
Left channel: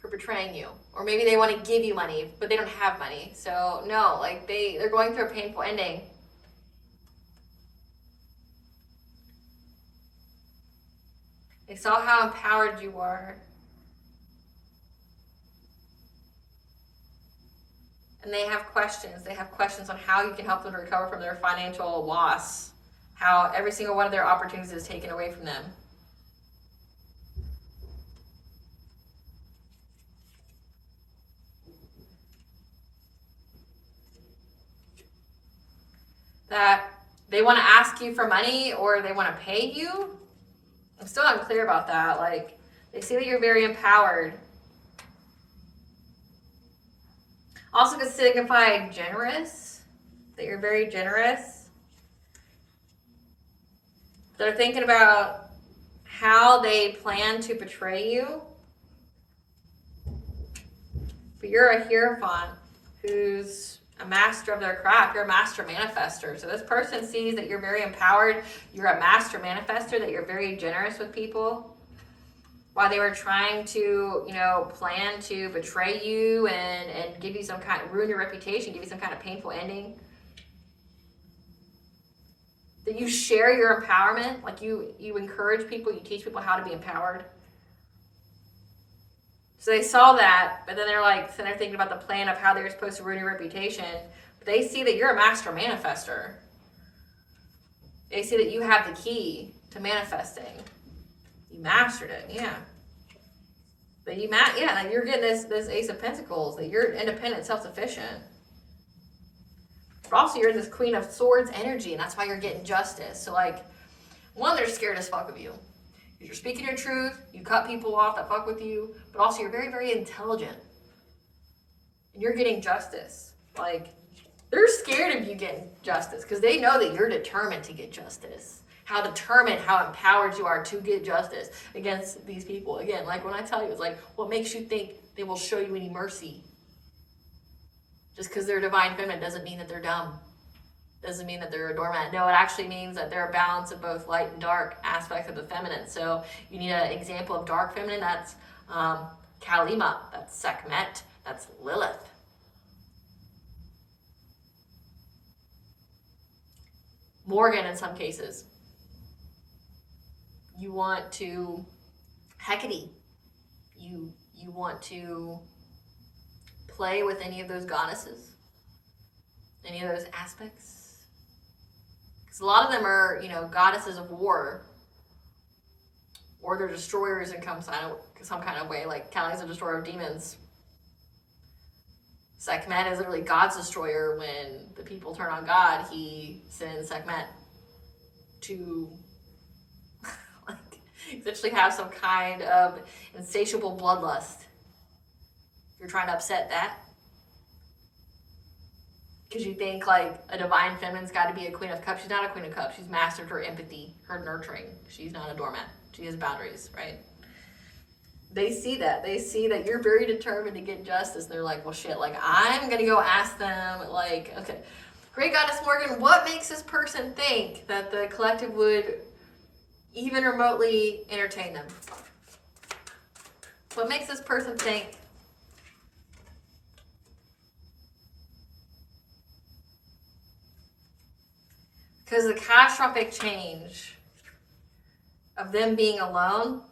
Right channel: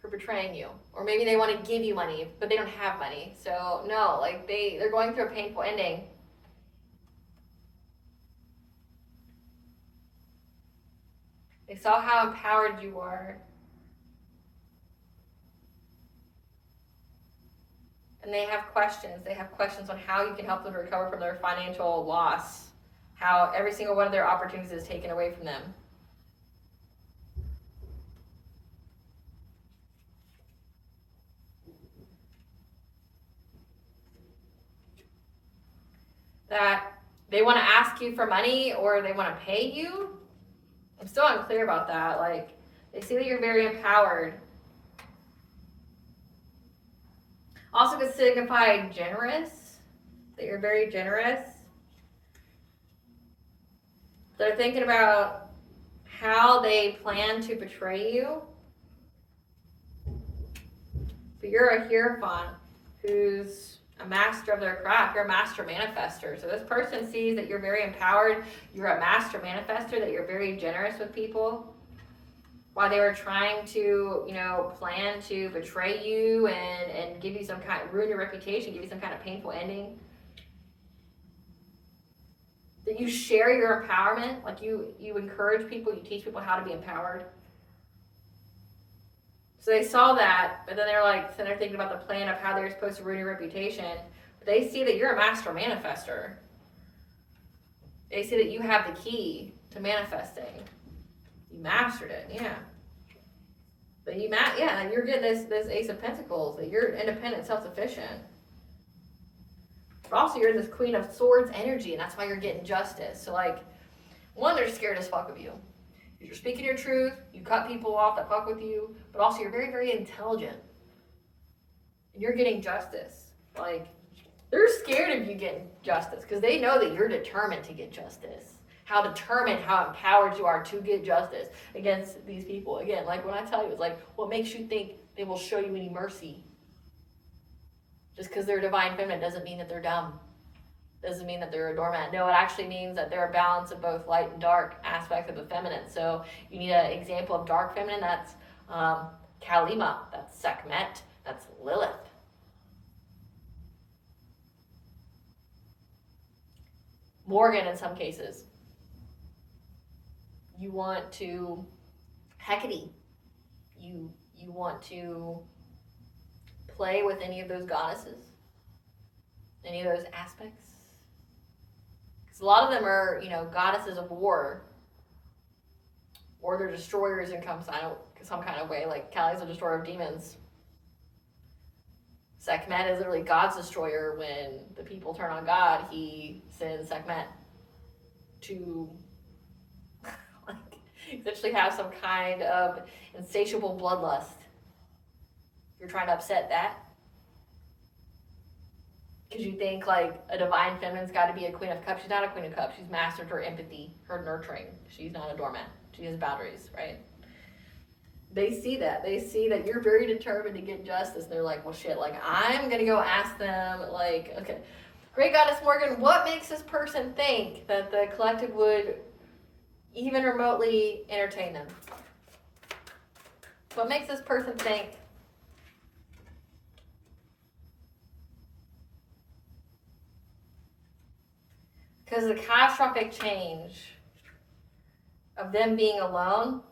for betraying you. Or maybe they want to give you money, but they don't have money. So no, like they're going through a painful ending. They saw how empowered you are. And they have questions. They have questions on how you can help them to recover from their financial loss. How every single one of their opportunities is taken away from them. That they want to ask you for money or they want to pay you. I'm still unclear about that. Like, they see that you're very empowered. Also could signify generous, that you're very generous. They're thinking about how they plan to betray you. But you're a Hierophant who's a master of their craft. You're a master manifester. So this person sees that you're very empowered. You're a master manifester, that you're very generous with people. While they were trying to, plan to betray you and give you some kind of, ruin your reputation, give you some kind of painful ending. That you share your empowerment, like you encourage people, you teach people how to be empowered. So they saw that, but then they're thinking about the plan of how they're supposed to ruin your reputation. But they see that you're a master manifester. They see that you have the key to manifesting. You mastered it, yeah. But you're getting this Ace of Pentacles, that you're independent, self-sufficient. But also you're in this Queen of Swords energy, and that's why you're getting justice. So one, they're scared as fuck of you. You're speaking your truth, you cut people off that fuck with you, but also you're very, very intelligent. And you're getting justice. They're scared of you getting justice because they know that you're determined to get justice. How determined, how empowered you are to get justice against these people. Again, when I tell you, it's what makes you think they will show you any mercy? Just because they're divine feminine doesn't mean that they're dumb. Doesn't mean that they're a doormat. No, it actually means that they're a balance of both light and dark aspects of the feminine. So you need an example of dark feminine. That's Kalima. That's Sekhmet. That's Lilith. Morgan in some cases. You want to Hecate. You want to play with any of those goddesses, any of those aspects. Because a lot of them are, goddesses of war, or they're destroyers in some kind of way. Like Kali's a destroyer of demons. Sekhmet is literally God's destroyer. When the people turn on God, he sends Sekhmet to essentially have some kind of insatiable bloodlust. You're trying to upset that because you think a divine feminine's got to be a Queen of Cups. She's not a Queen of Cups. She's mastered her empathy, her nurturing. She's not a doormat. She has boundaries, right? They see that. They see that you're very determined to get justice. They're like, well, shit, I'm going to go ask them, okay. Great Goddess Morgan, what makes this person think that the collective would even remotely entertain them? What makes this person think? Because the catastrophic change of them being alone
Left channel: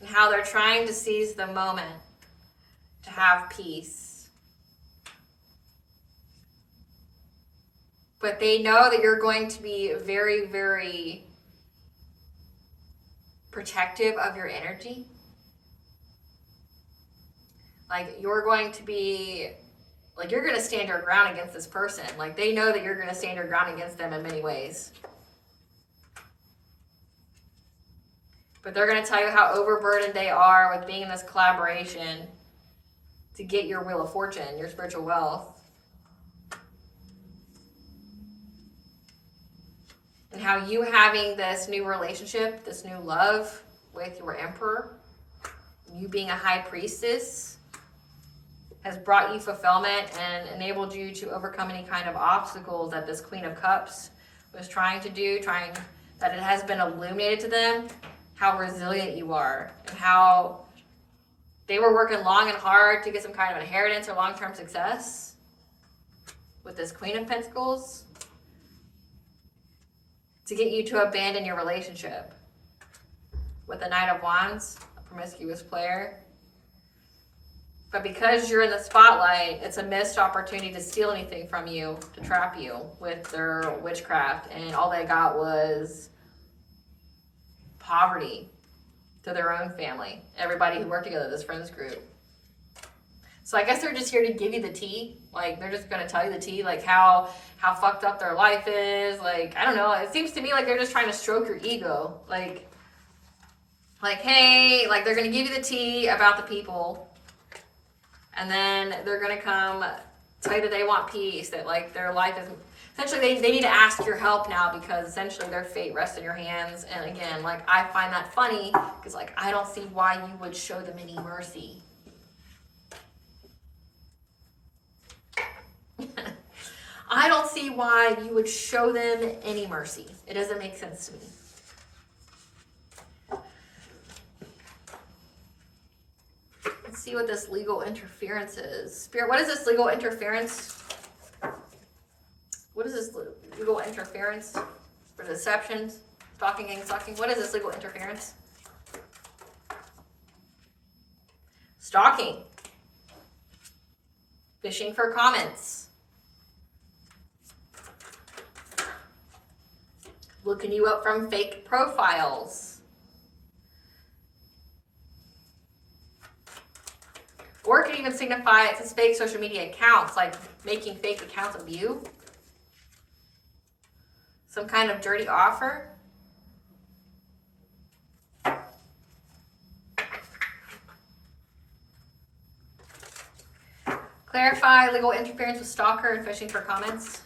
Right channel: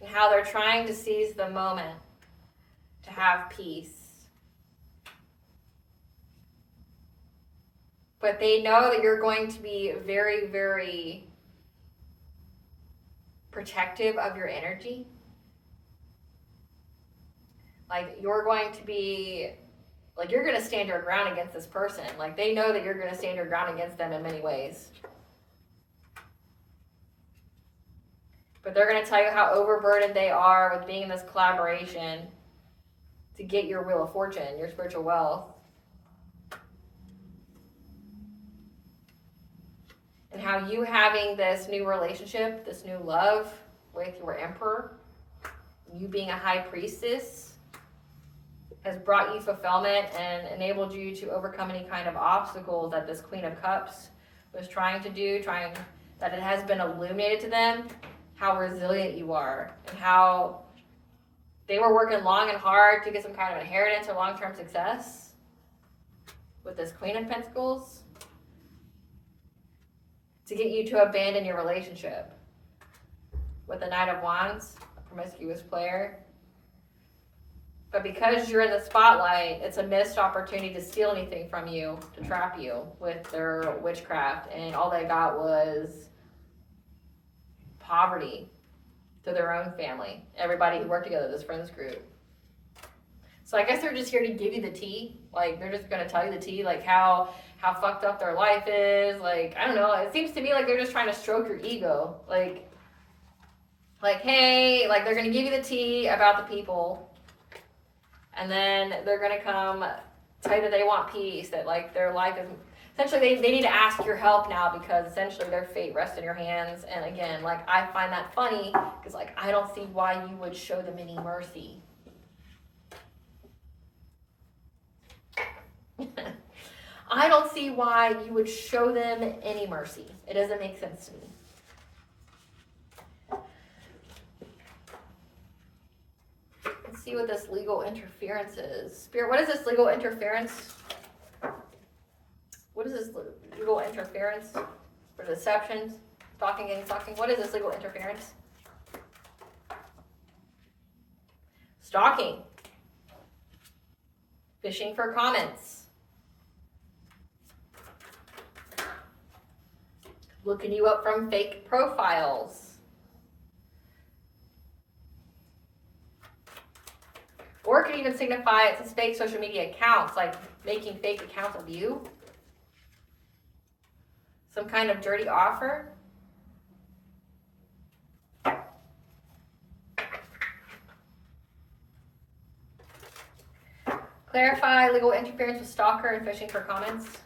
and how they're trying to seize the moment to have peace. But they know that you're going to be very, very protective of your energy. You're going to be, you're going to stand your ground against this person. They know that you're going to stand your ground against them in many ways. But they're going to tell you how overburdened they are with being in this collaboration to get your wheel of fortune, your spiritual wealth. and how you having this new relationship, this new love with your emperor, you being a high priestess, has brought you fulfillment and enabled you to overcome any kind of obstacles that this Queen of Cups was trying to do, that it has been illuminated to them how resilient you are and how they were working long and hard to get some kind of inheritance or long-term success with this Queen of Pentacles to get you to abandon your relationship with the Knight of Wands, a promiscuous player. But because you're in the spotlight, it's a missed opportunity to steal anything from you, to trap you with their witchcraft. And all they got was poverty to their own family. Everybody who worked together, this friends group. So I guess they're just here to give you the tea. Like, they're just going to tell you the tea, like how fucked up their life is. Like, I don't know. It seems to me like they're just trying to stroke your ego. Like hey, like they're going to give you the tea about the people. And then they're going to come tell you that they want peace, that like their life is, essentially they need to ask your help now because essentially their fate rests in your hands. And again, like I find that funny because like I don't see why you would show them any mercy. I don't see why you would show them any mercy. It doesn't make sense to me. Let's see what this legal interference is. Spirit, what is this legal interference? What is this legal interference for deceptions? Stalking, gang stalking. What is this legal interference? Stalking. Fishing for comments. Looking you up from fake profiles. Or it could even signify it's fake social media accounts, like making fake accounts of you. Some kind of dirty offer. Clarify legal interference with stalker and fishing for comments.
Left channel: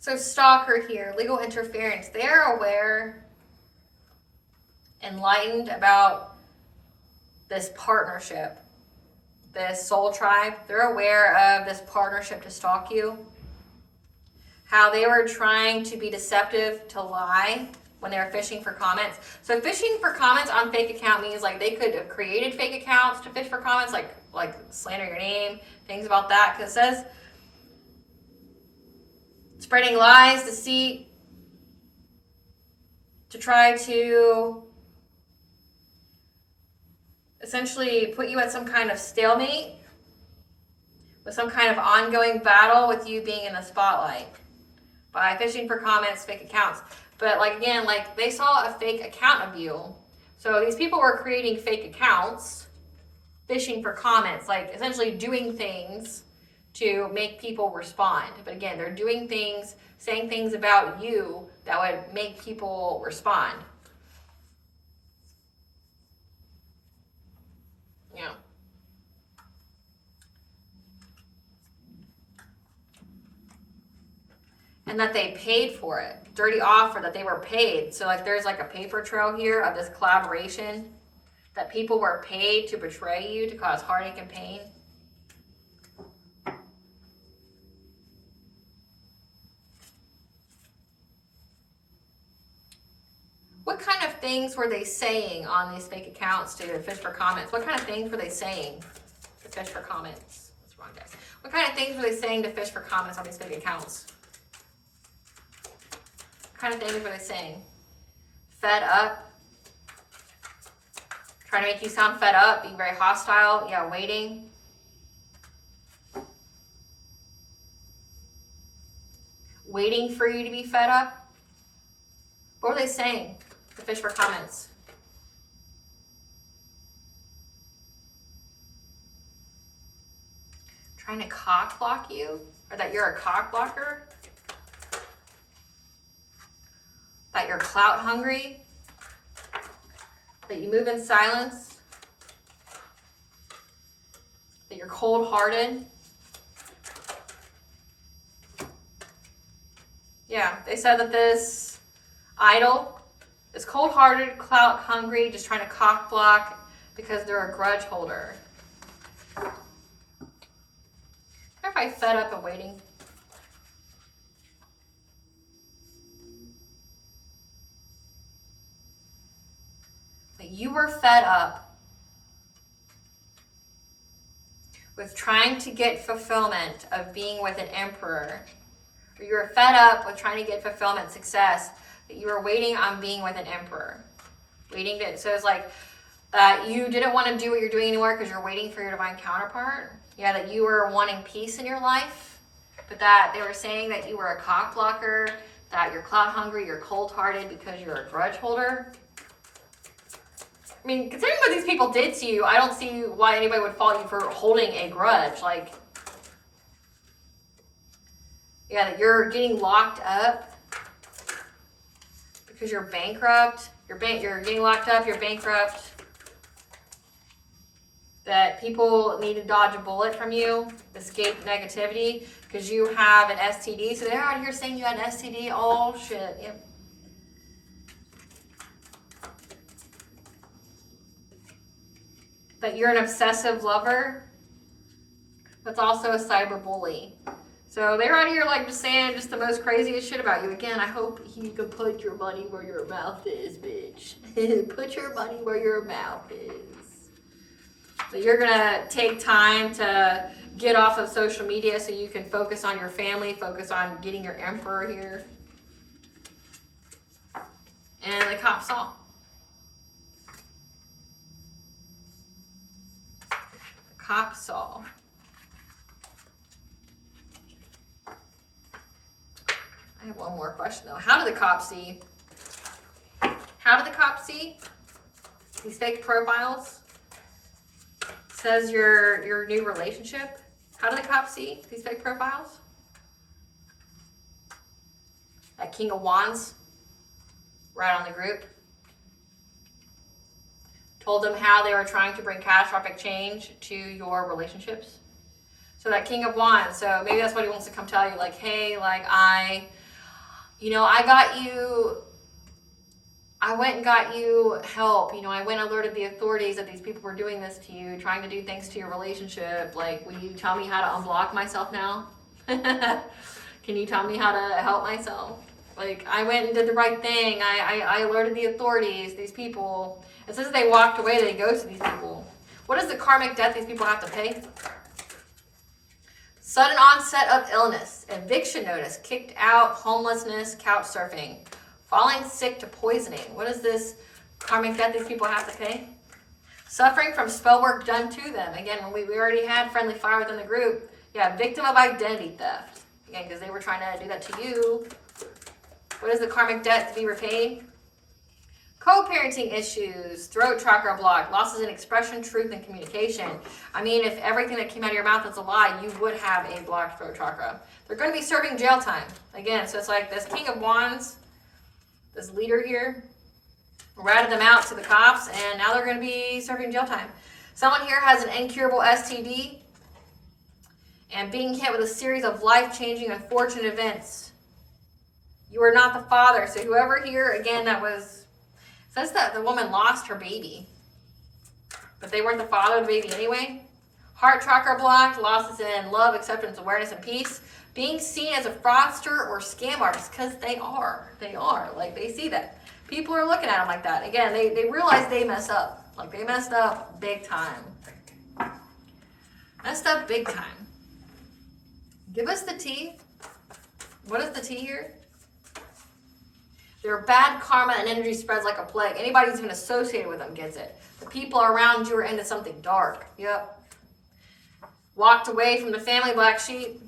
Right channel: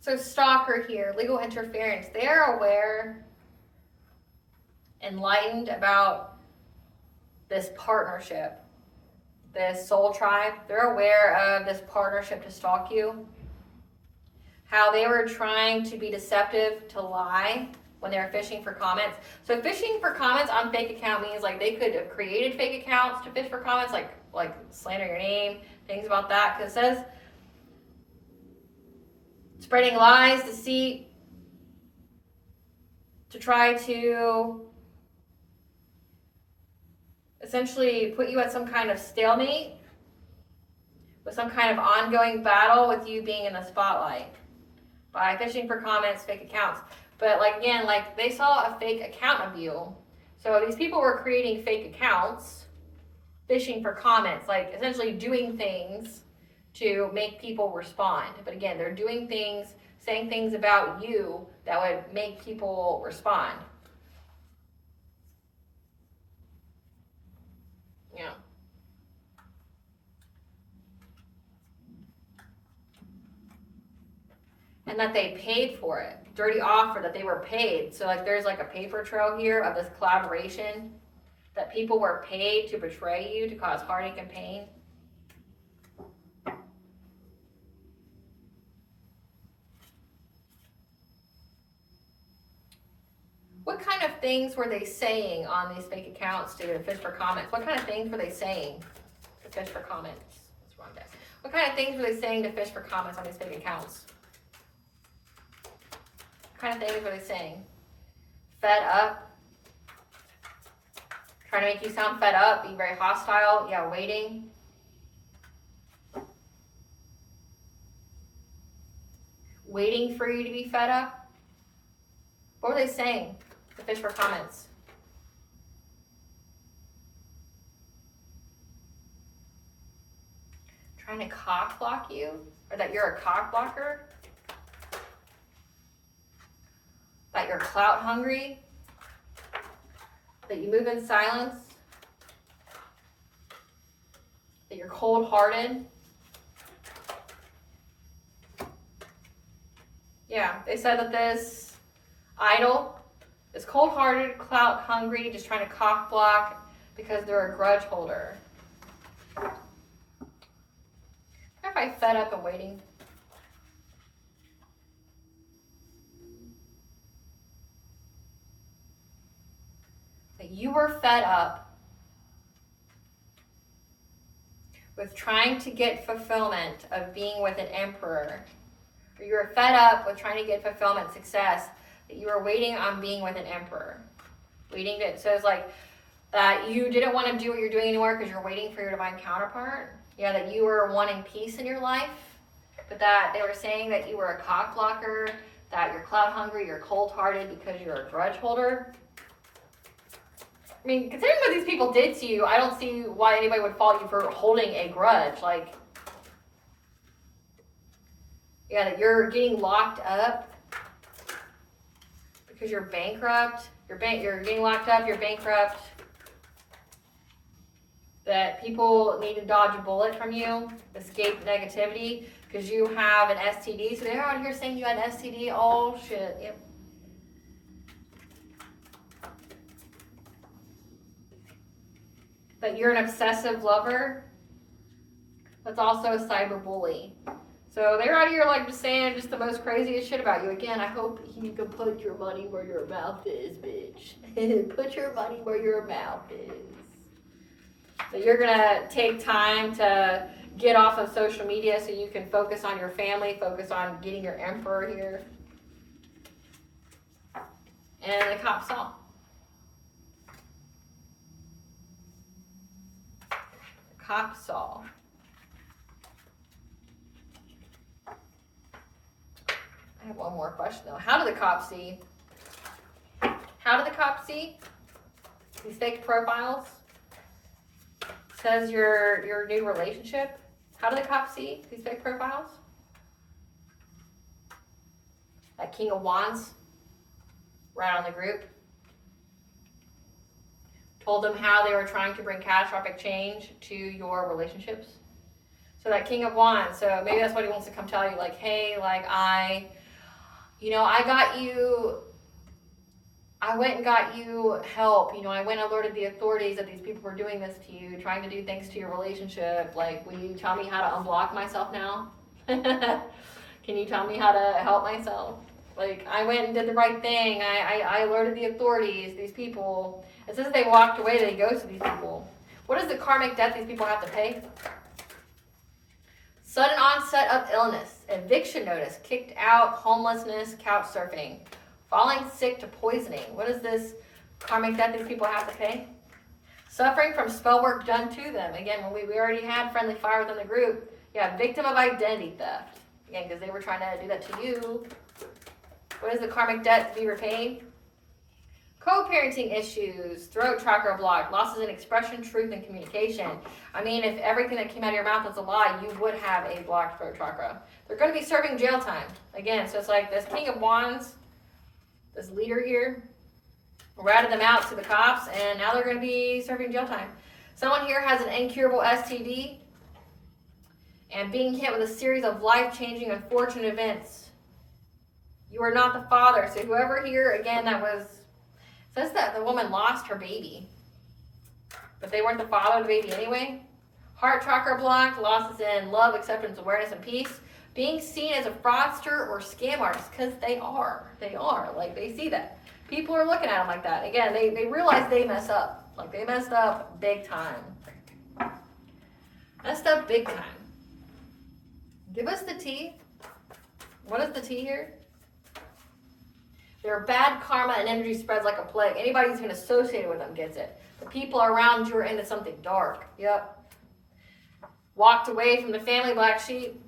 So stalker here, legal interference. They are aware, enlightened about this partnership, this soul tribe. They're aware of this partnership to stalk you. How they were trying to be deceptive, to lie when they were fishing for comments. So fishing for comments on fake account means like they could have created fake accounts to fish for comments, like slander your name, things about that. Because it says spreading lies, deceit, to try to essentially put you at some kind of stalemate with some kind of ongoing battle with you being in the spotlight by fishing for comments, fake accounts. But like again, like they saw a fake account of you. So these people were creating fake accounts, fishing for comments, like essentially doing things to make people respond. But again, they're doing things, saying things about you that would make people respond. Yeah. And that they paid for it. Dirty offer, that they were paid. So like there's like a paper trail here of this collaboration, that people were paid to betray you, to cause heartache and pain. What kind of things were they saying on these fake accounts to fish for comments? What kind of things were they saying to fish for comments? That's wrong, guys. What kind of things were they saying to fish for comments on these fake accounts? What kind of things were they saying? Fed up? Trying to make you sound fed up, being very hostile? Yeah, waiting. Waiting for you to be fed up? What were they saying? To fish for comments. trying to cock block you, or that you're a cock blocker, that you're clout hungry, that you move in silence, that you're cold-hearted. Yeah, they said that this idol is cold-hearted, clout hungry, just trying to cock block because they're a grudge holder. If I fed up and waiting. But you were fed up with trying to get fulfillment of being with an emperor. Or you were fed up with trying to get fulfillment, success, that you were waiting on being with an emperor. Waiting to, so it's like that you didn't want to do what you're doing anymore because you're waiting for your divine counterpart. Yeah, that you were wanting peace in your life, but that they were saying that you were a cock blocker, that you're clout hungry, you're cold-hearted because you're a grudge holder. I mean, considering what these people did to you, I don't see why anybody would fault you for holding a grudge. Like, yeah, that you're getting locked up because you're bankrupt. You're getting locked up, you're bankrupt. That people need to dodge a bullet from you, escape negativity, because you have an STD. So they're out here saying you had an STD. Oh, shit. Yep. That you're an obsessive lover. That's also a cyber bully. So they're out here like just saying just the most craziest shit about you. Again, I hope you can put your money where your mouth is, bitch. Put your money where your mouth is. That you're gonna take time to get off of social media so you can focus on your family, focus on getting your emperor here. And the cop saw. The cop saw. I have one more question though. How did the cop see? How did the cop see these fake profiles? Says your new relationship. How did the cops see these fake profiles? That King of Wands right on the group. Told them how they were trying to bring catastrophic change to your relationships. So that King of Wands, so maybe that's what he wants to come tell you, like, hey, like I got you, I went and got you help. I went and alerted the authorities that these people were doing this to you, trying to do things to your relationship. Like, will you tell me how to unblock myself now? Can you tell me how to help myself? Like, I went and did the right thing. I alerted the authorities, these people. It says they walked away, they ghosted these people. What is the karmic debt these people have to pay? Sudden onset of illness, eviction notice, kicked out, homelessness, couch surfing, falling sick to poisoning. What is this karmic debt these people have to pay? Suffering from spell work done to them. Again, when we already had friendly fire within the group. Yeah, victim of identity theft. Again, because they were trying to do that to you. What is the karmic debt to be repaid? Co-parenting issues, throat chakra block, losses in expression, truth, and communication. I mean, if everything that came out of your mouth is a lie, you would have a blocked throat chakra. They're going to be serving jail time. Again, so it's like this King of Wands, this leader here, ratted them out to the cops, and now they're going to be serving jail time. Someone here has an incurable STD and being hit with a series of life-changing, unfortunate events. You are not the father. So whoever here, again, that was... says that the woman lost her baby, but they weren't the father of the baby anyway. Heart chakra blocked, losses in love, acceptance, awareness, and peace. Being seen as a fraudster or scam artist, because they are. Like, they see that. People are looking at them like that. Again, they realize they mess up. Like, they messed up big time. Messed up big time. Give us the tea. What is the tea here? Their bad karma and energy spreads like a plague. Anybody who's been associated with them gets it. The people around you are into something dark. Yep. Walked away from the family black sheep.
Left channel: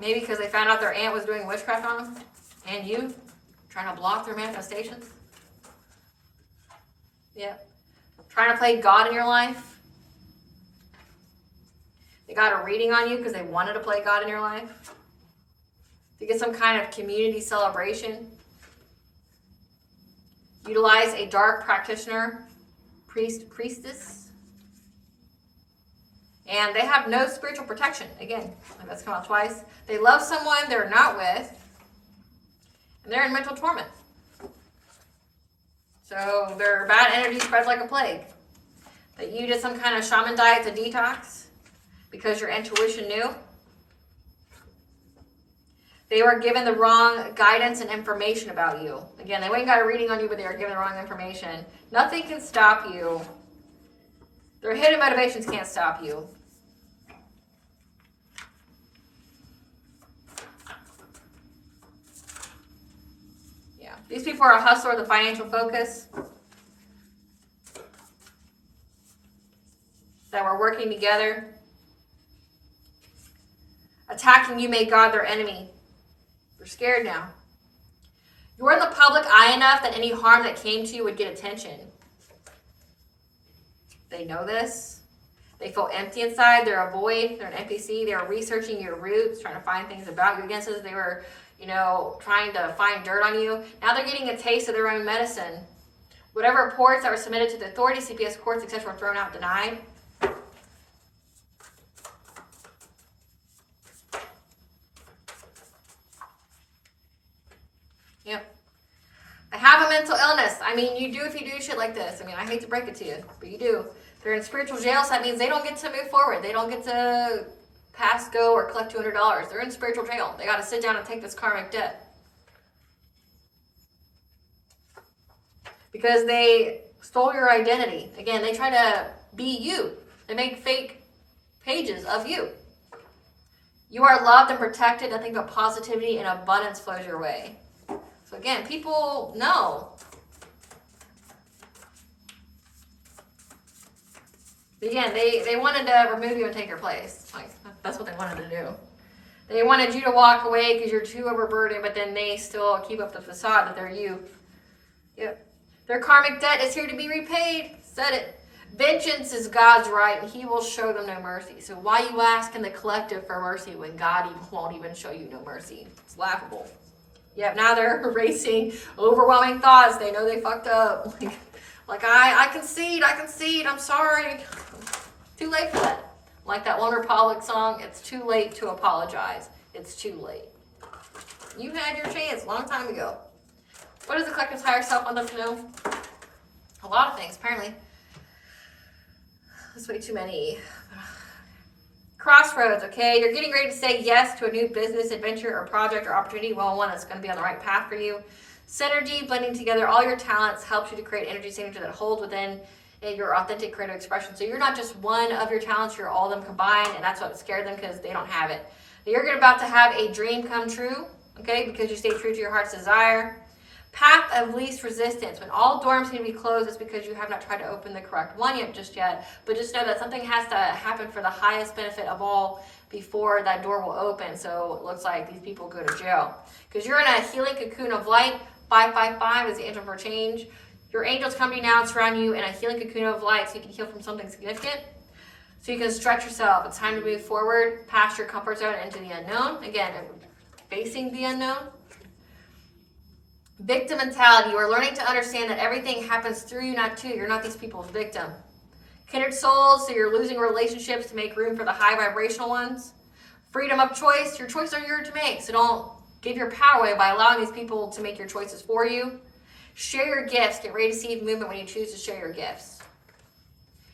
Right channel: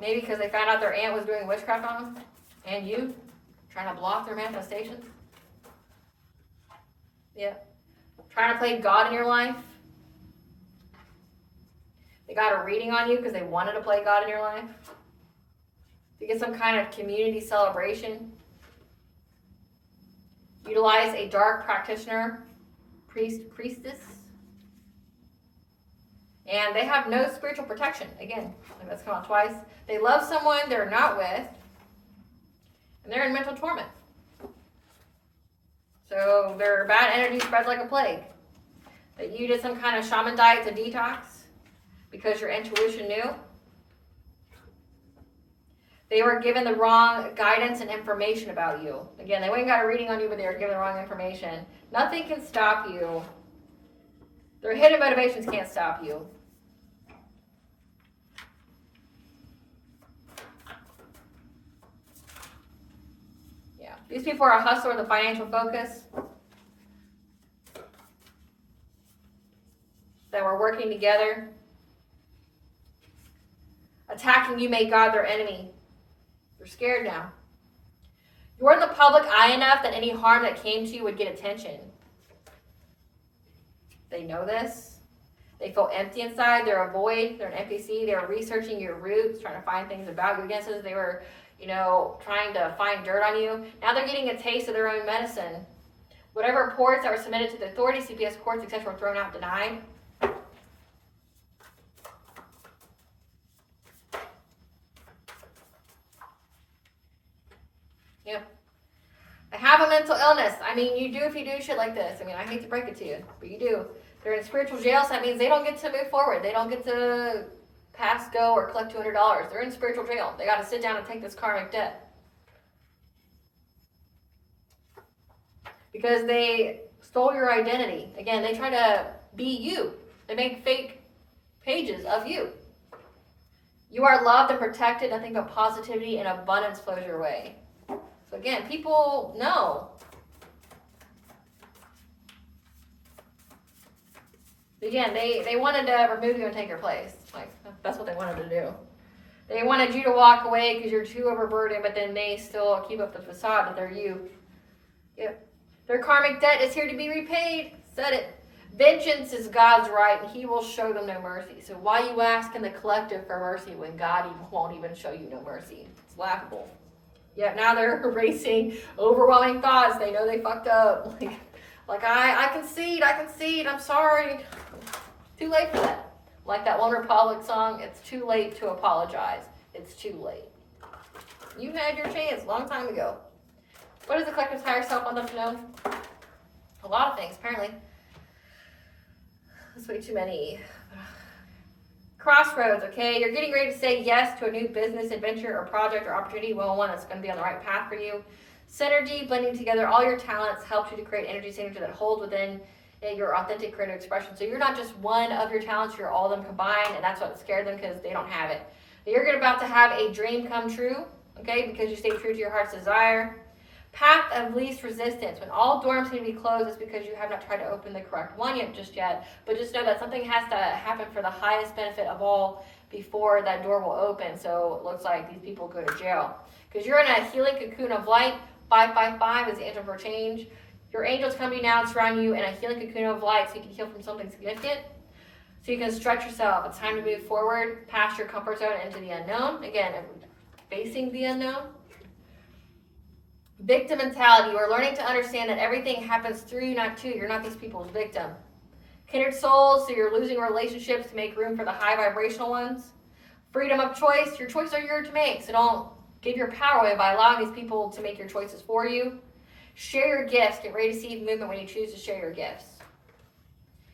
Maybe because they found out their aunt was doing witchcraft on them. And you. Trying to block their manifestations. Yep. Trying to play God in your life. They got a reading on you because they wanted to play God in your life. To get some kind of community celebration. Utilize a dark practitioner, priestess. And they have no spiritual protection. Again, like that's come out twice. They love someone they're not with. And they're in mental torment. So their bad energy spreads like a plague. That you did some kind of shaman diet to detox because your intuition knew. They were given the wrong guidance and information about you. Again, they went and got a reading on you, but they were given the wrong information. Nothing can stop you. Their hidden motivations can't stop you. Yeah, these people are a hustler, the financial focus. That were working together. Attacking you made God their enemy. They're scared now. You're in the public eye enough that any harm that came to you would get attention. They know this. They feel empty inside. They're a void. They're an NPC. They're researching your roots, trying to find things about you. Against this, they were, trying to find dirt on you. Now they're getting a taste of their own medicine. Whatever reports that were submitted to the authorities, CPS courts, etc., were thrown out, denied. Yep. I have a mental illness. I mean, you do if you do shit like this. I mean, I hate to break it to you, but you do. They're in spiritual jail, so that means they don't get to move forward. They don't get to pass go or collect $200. They're in spiritual jail. They got to sit down and take this karmic debt. Because they stole your identity. Again, they try to be you. They make fake pages of you. You are loved and protected. Nothing but positivity and abundance flows your way. So again, people know. Again, they wanted to remove you and take your place. Like, that's what they wanted to do. They wanted you to walk away because you're too overburdened, but then they still keep up the facade that they're you. Yep. Their karmic debt is here to be repaid. Said it. Vengeance is God's right, and he will show them no mercy. So why you ask in the collective for mercy when God won't even show you no mercy? It's laughable. Yep, now they're erasing overwhelming thoughts. They know they fucked up. Like I concede, I'm sorry. Too late for that. Like that One Republic song, it's too late to apologize. It's too late. You had your chance a long time ago. What does the collective's higher self want them to know? A lot of things, apparently. That's way too many. Crossroads, okay? You're getting ready to say yes to a new business, adventure, or project, or opportunity. Well, one that's going to be on the right path for you. Synergy, blending together all your talents, helps you to create energy signature that holds within your authentic creative expression. So you're not just one of your talents, you're all of them combined, and that's what scared them because they don't have it. You're about to have a dream come true, okay? Because you stay true to your heart's desire. Path of least resistance. When all doors seem to be closed, it's because you have not tried to open the correct one yet. But just know that something has to happen for the highest benefit of all before that door will open. So it looks like these people go to jail. Because you're in a healing cocoon of light. 555 is the angel for change. Your angels come to you now and surround you in a healing cocoon of light so you can heal from something significant. So you can stretch yourself. It's time to move forward past your comfort zone into the unknown. Again, facing the unknown. Victim mentality. You are learning to understand that everything happens through you, not to you. You're not these people's victim. Kindred souls, so you're losing relationships to make room for the high vibrational ones. Freedom of choice. Your choices are yours to make, so don't give your power away by allowing these people to make your choices for you. Share your gifts. Get ready to see movement when you choose to share your gifts.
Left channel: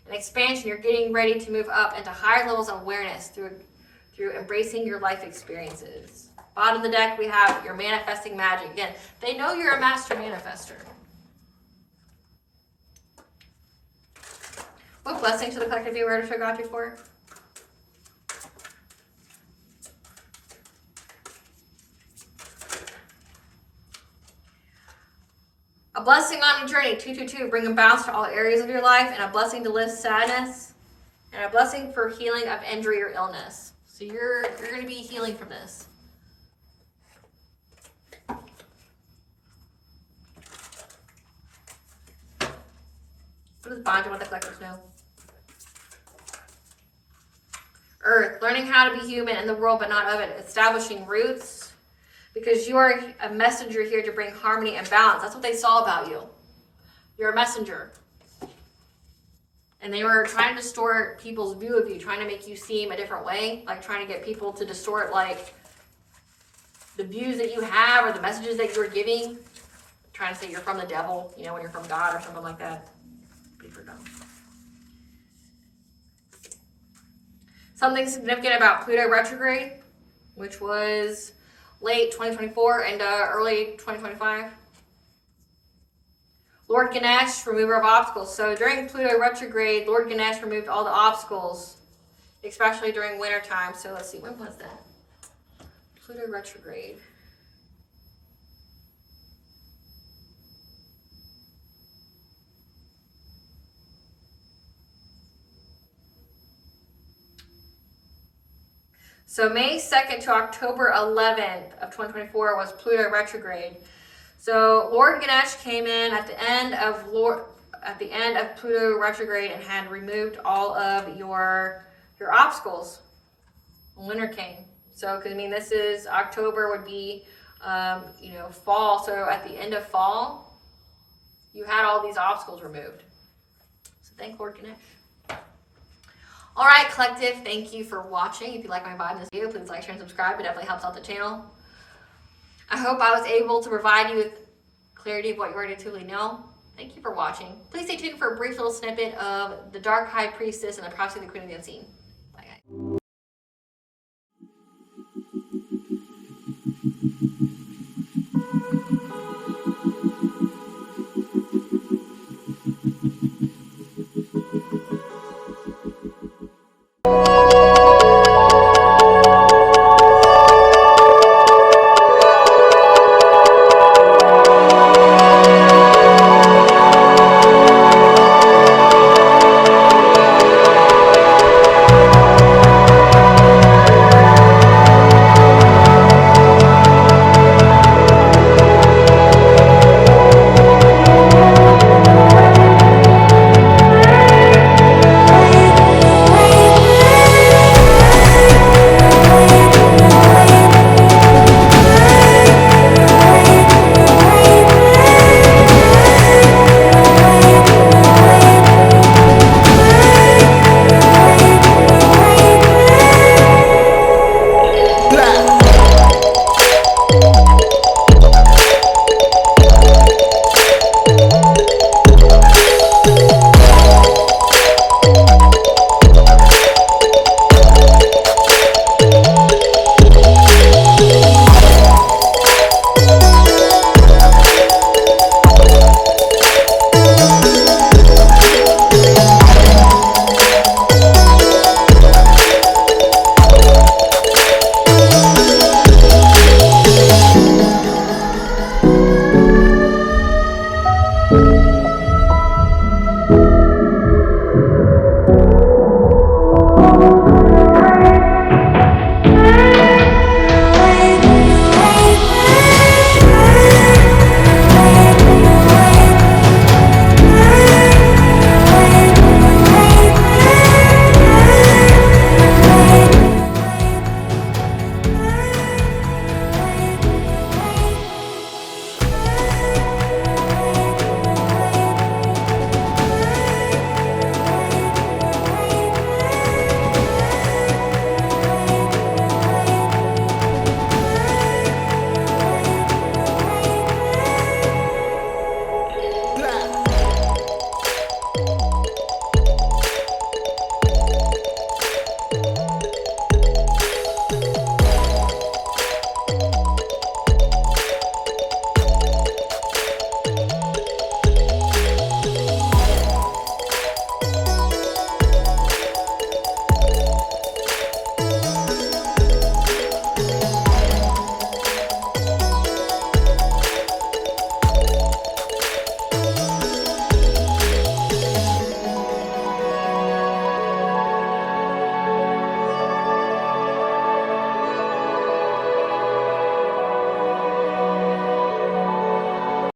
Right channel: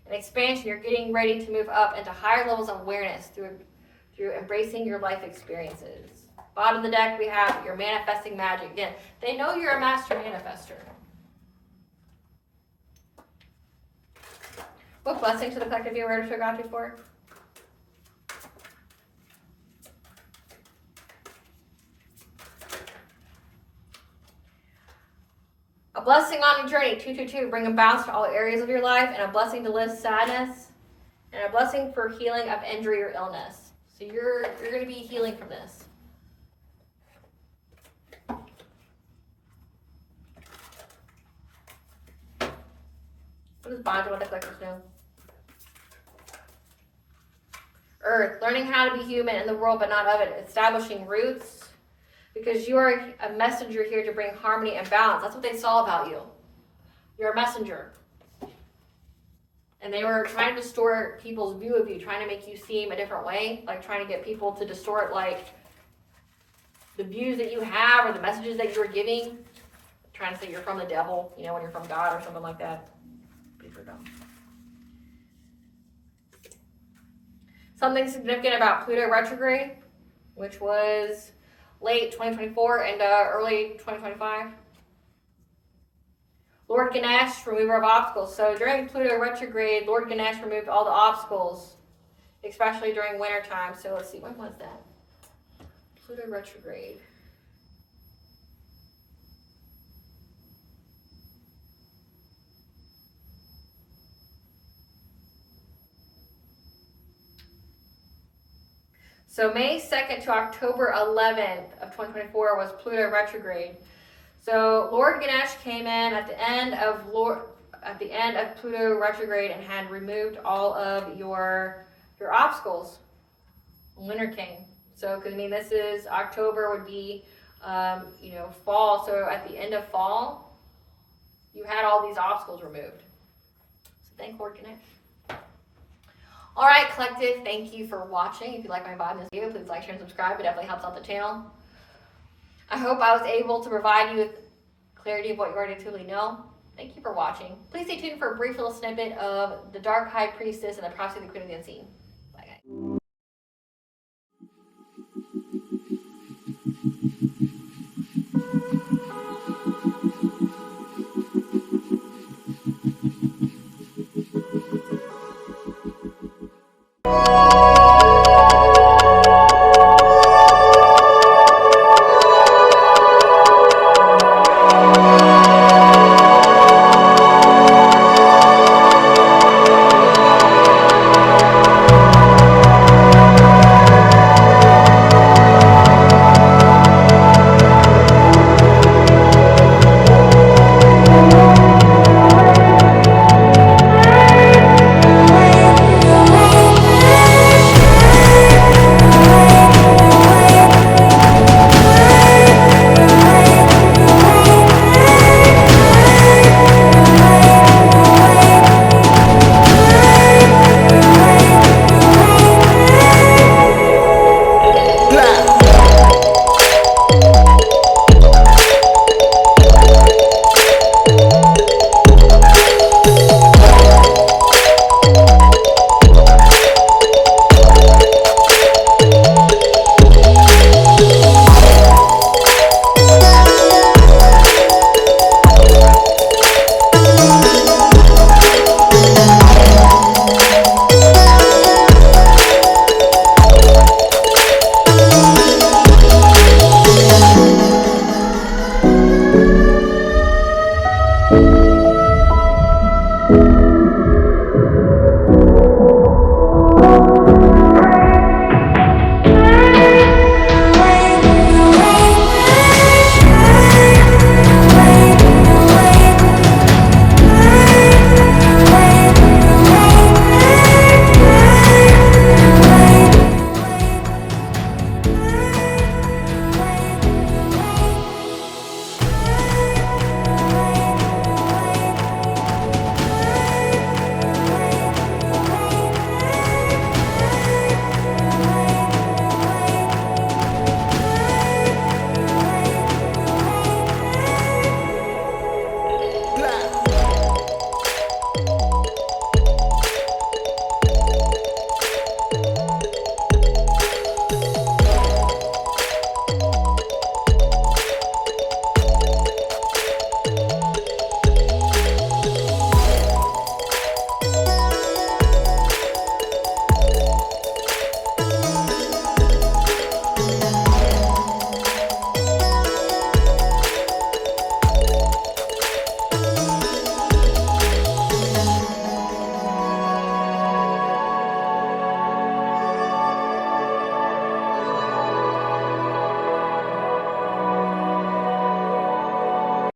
An expansion. You're getting ready to move up into higher levels of awareness through embracing your life experiences. Bottom of the deck, we have your manifesting magic. Again, they know you're a master manifester. What blessing to the collective you were to got you for? A blessing on your journey, 222, bring a balance to all areas of your life, and a blessing to lift sadness, and a blessing for healing of injury or illness. So you're going to be healing from this. What does bonding with the collectives know? Earth, learning how to be human in the world but not of it, establishing roots, because you are a messenger here to bring harmony and balance. That's what they saw about you. You're a messenger. And they were trying to distort people's view of you, trying to make you seem a different way, like trying to get people to distort like the views that you have or the messages that you are giving, trying to say you're from the devil, you know, when you're from God or something like that. Pretty dumb. Something significant about Pluto retrograde, which was late 2024 and early 2025. Lord Ganesh, remover of obstacles. So during Pluto retrograde, Lord Ganesh removed all the obstacles, especially during winter time. So let's see, when was that? Pluto retrograde. So May 2nd to October 11th of 2024 was Pluto retrograde. So Lord Ganesh came in at the end of Pluto retrograde and had removed all of your obstacles. Winter came. So, because I mean, this is October would be, fall. So at the end of fall, you had all these obstacles removed. So thank Lord Ganesh. All right, collective, thank you for watching. If you like my vibe in this video, please like, share, and subscribe. It definitely helps out the channel. I hope I was able to provide you with clarity of what you already truly know. Thank you for watching. Please stay tuned for a brief little snippet of the Dark High Priestess and the Prophecy of the Queen of the Unseen.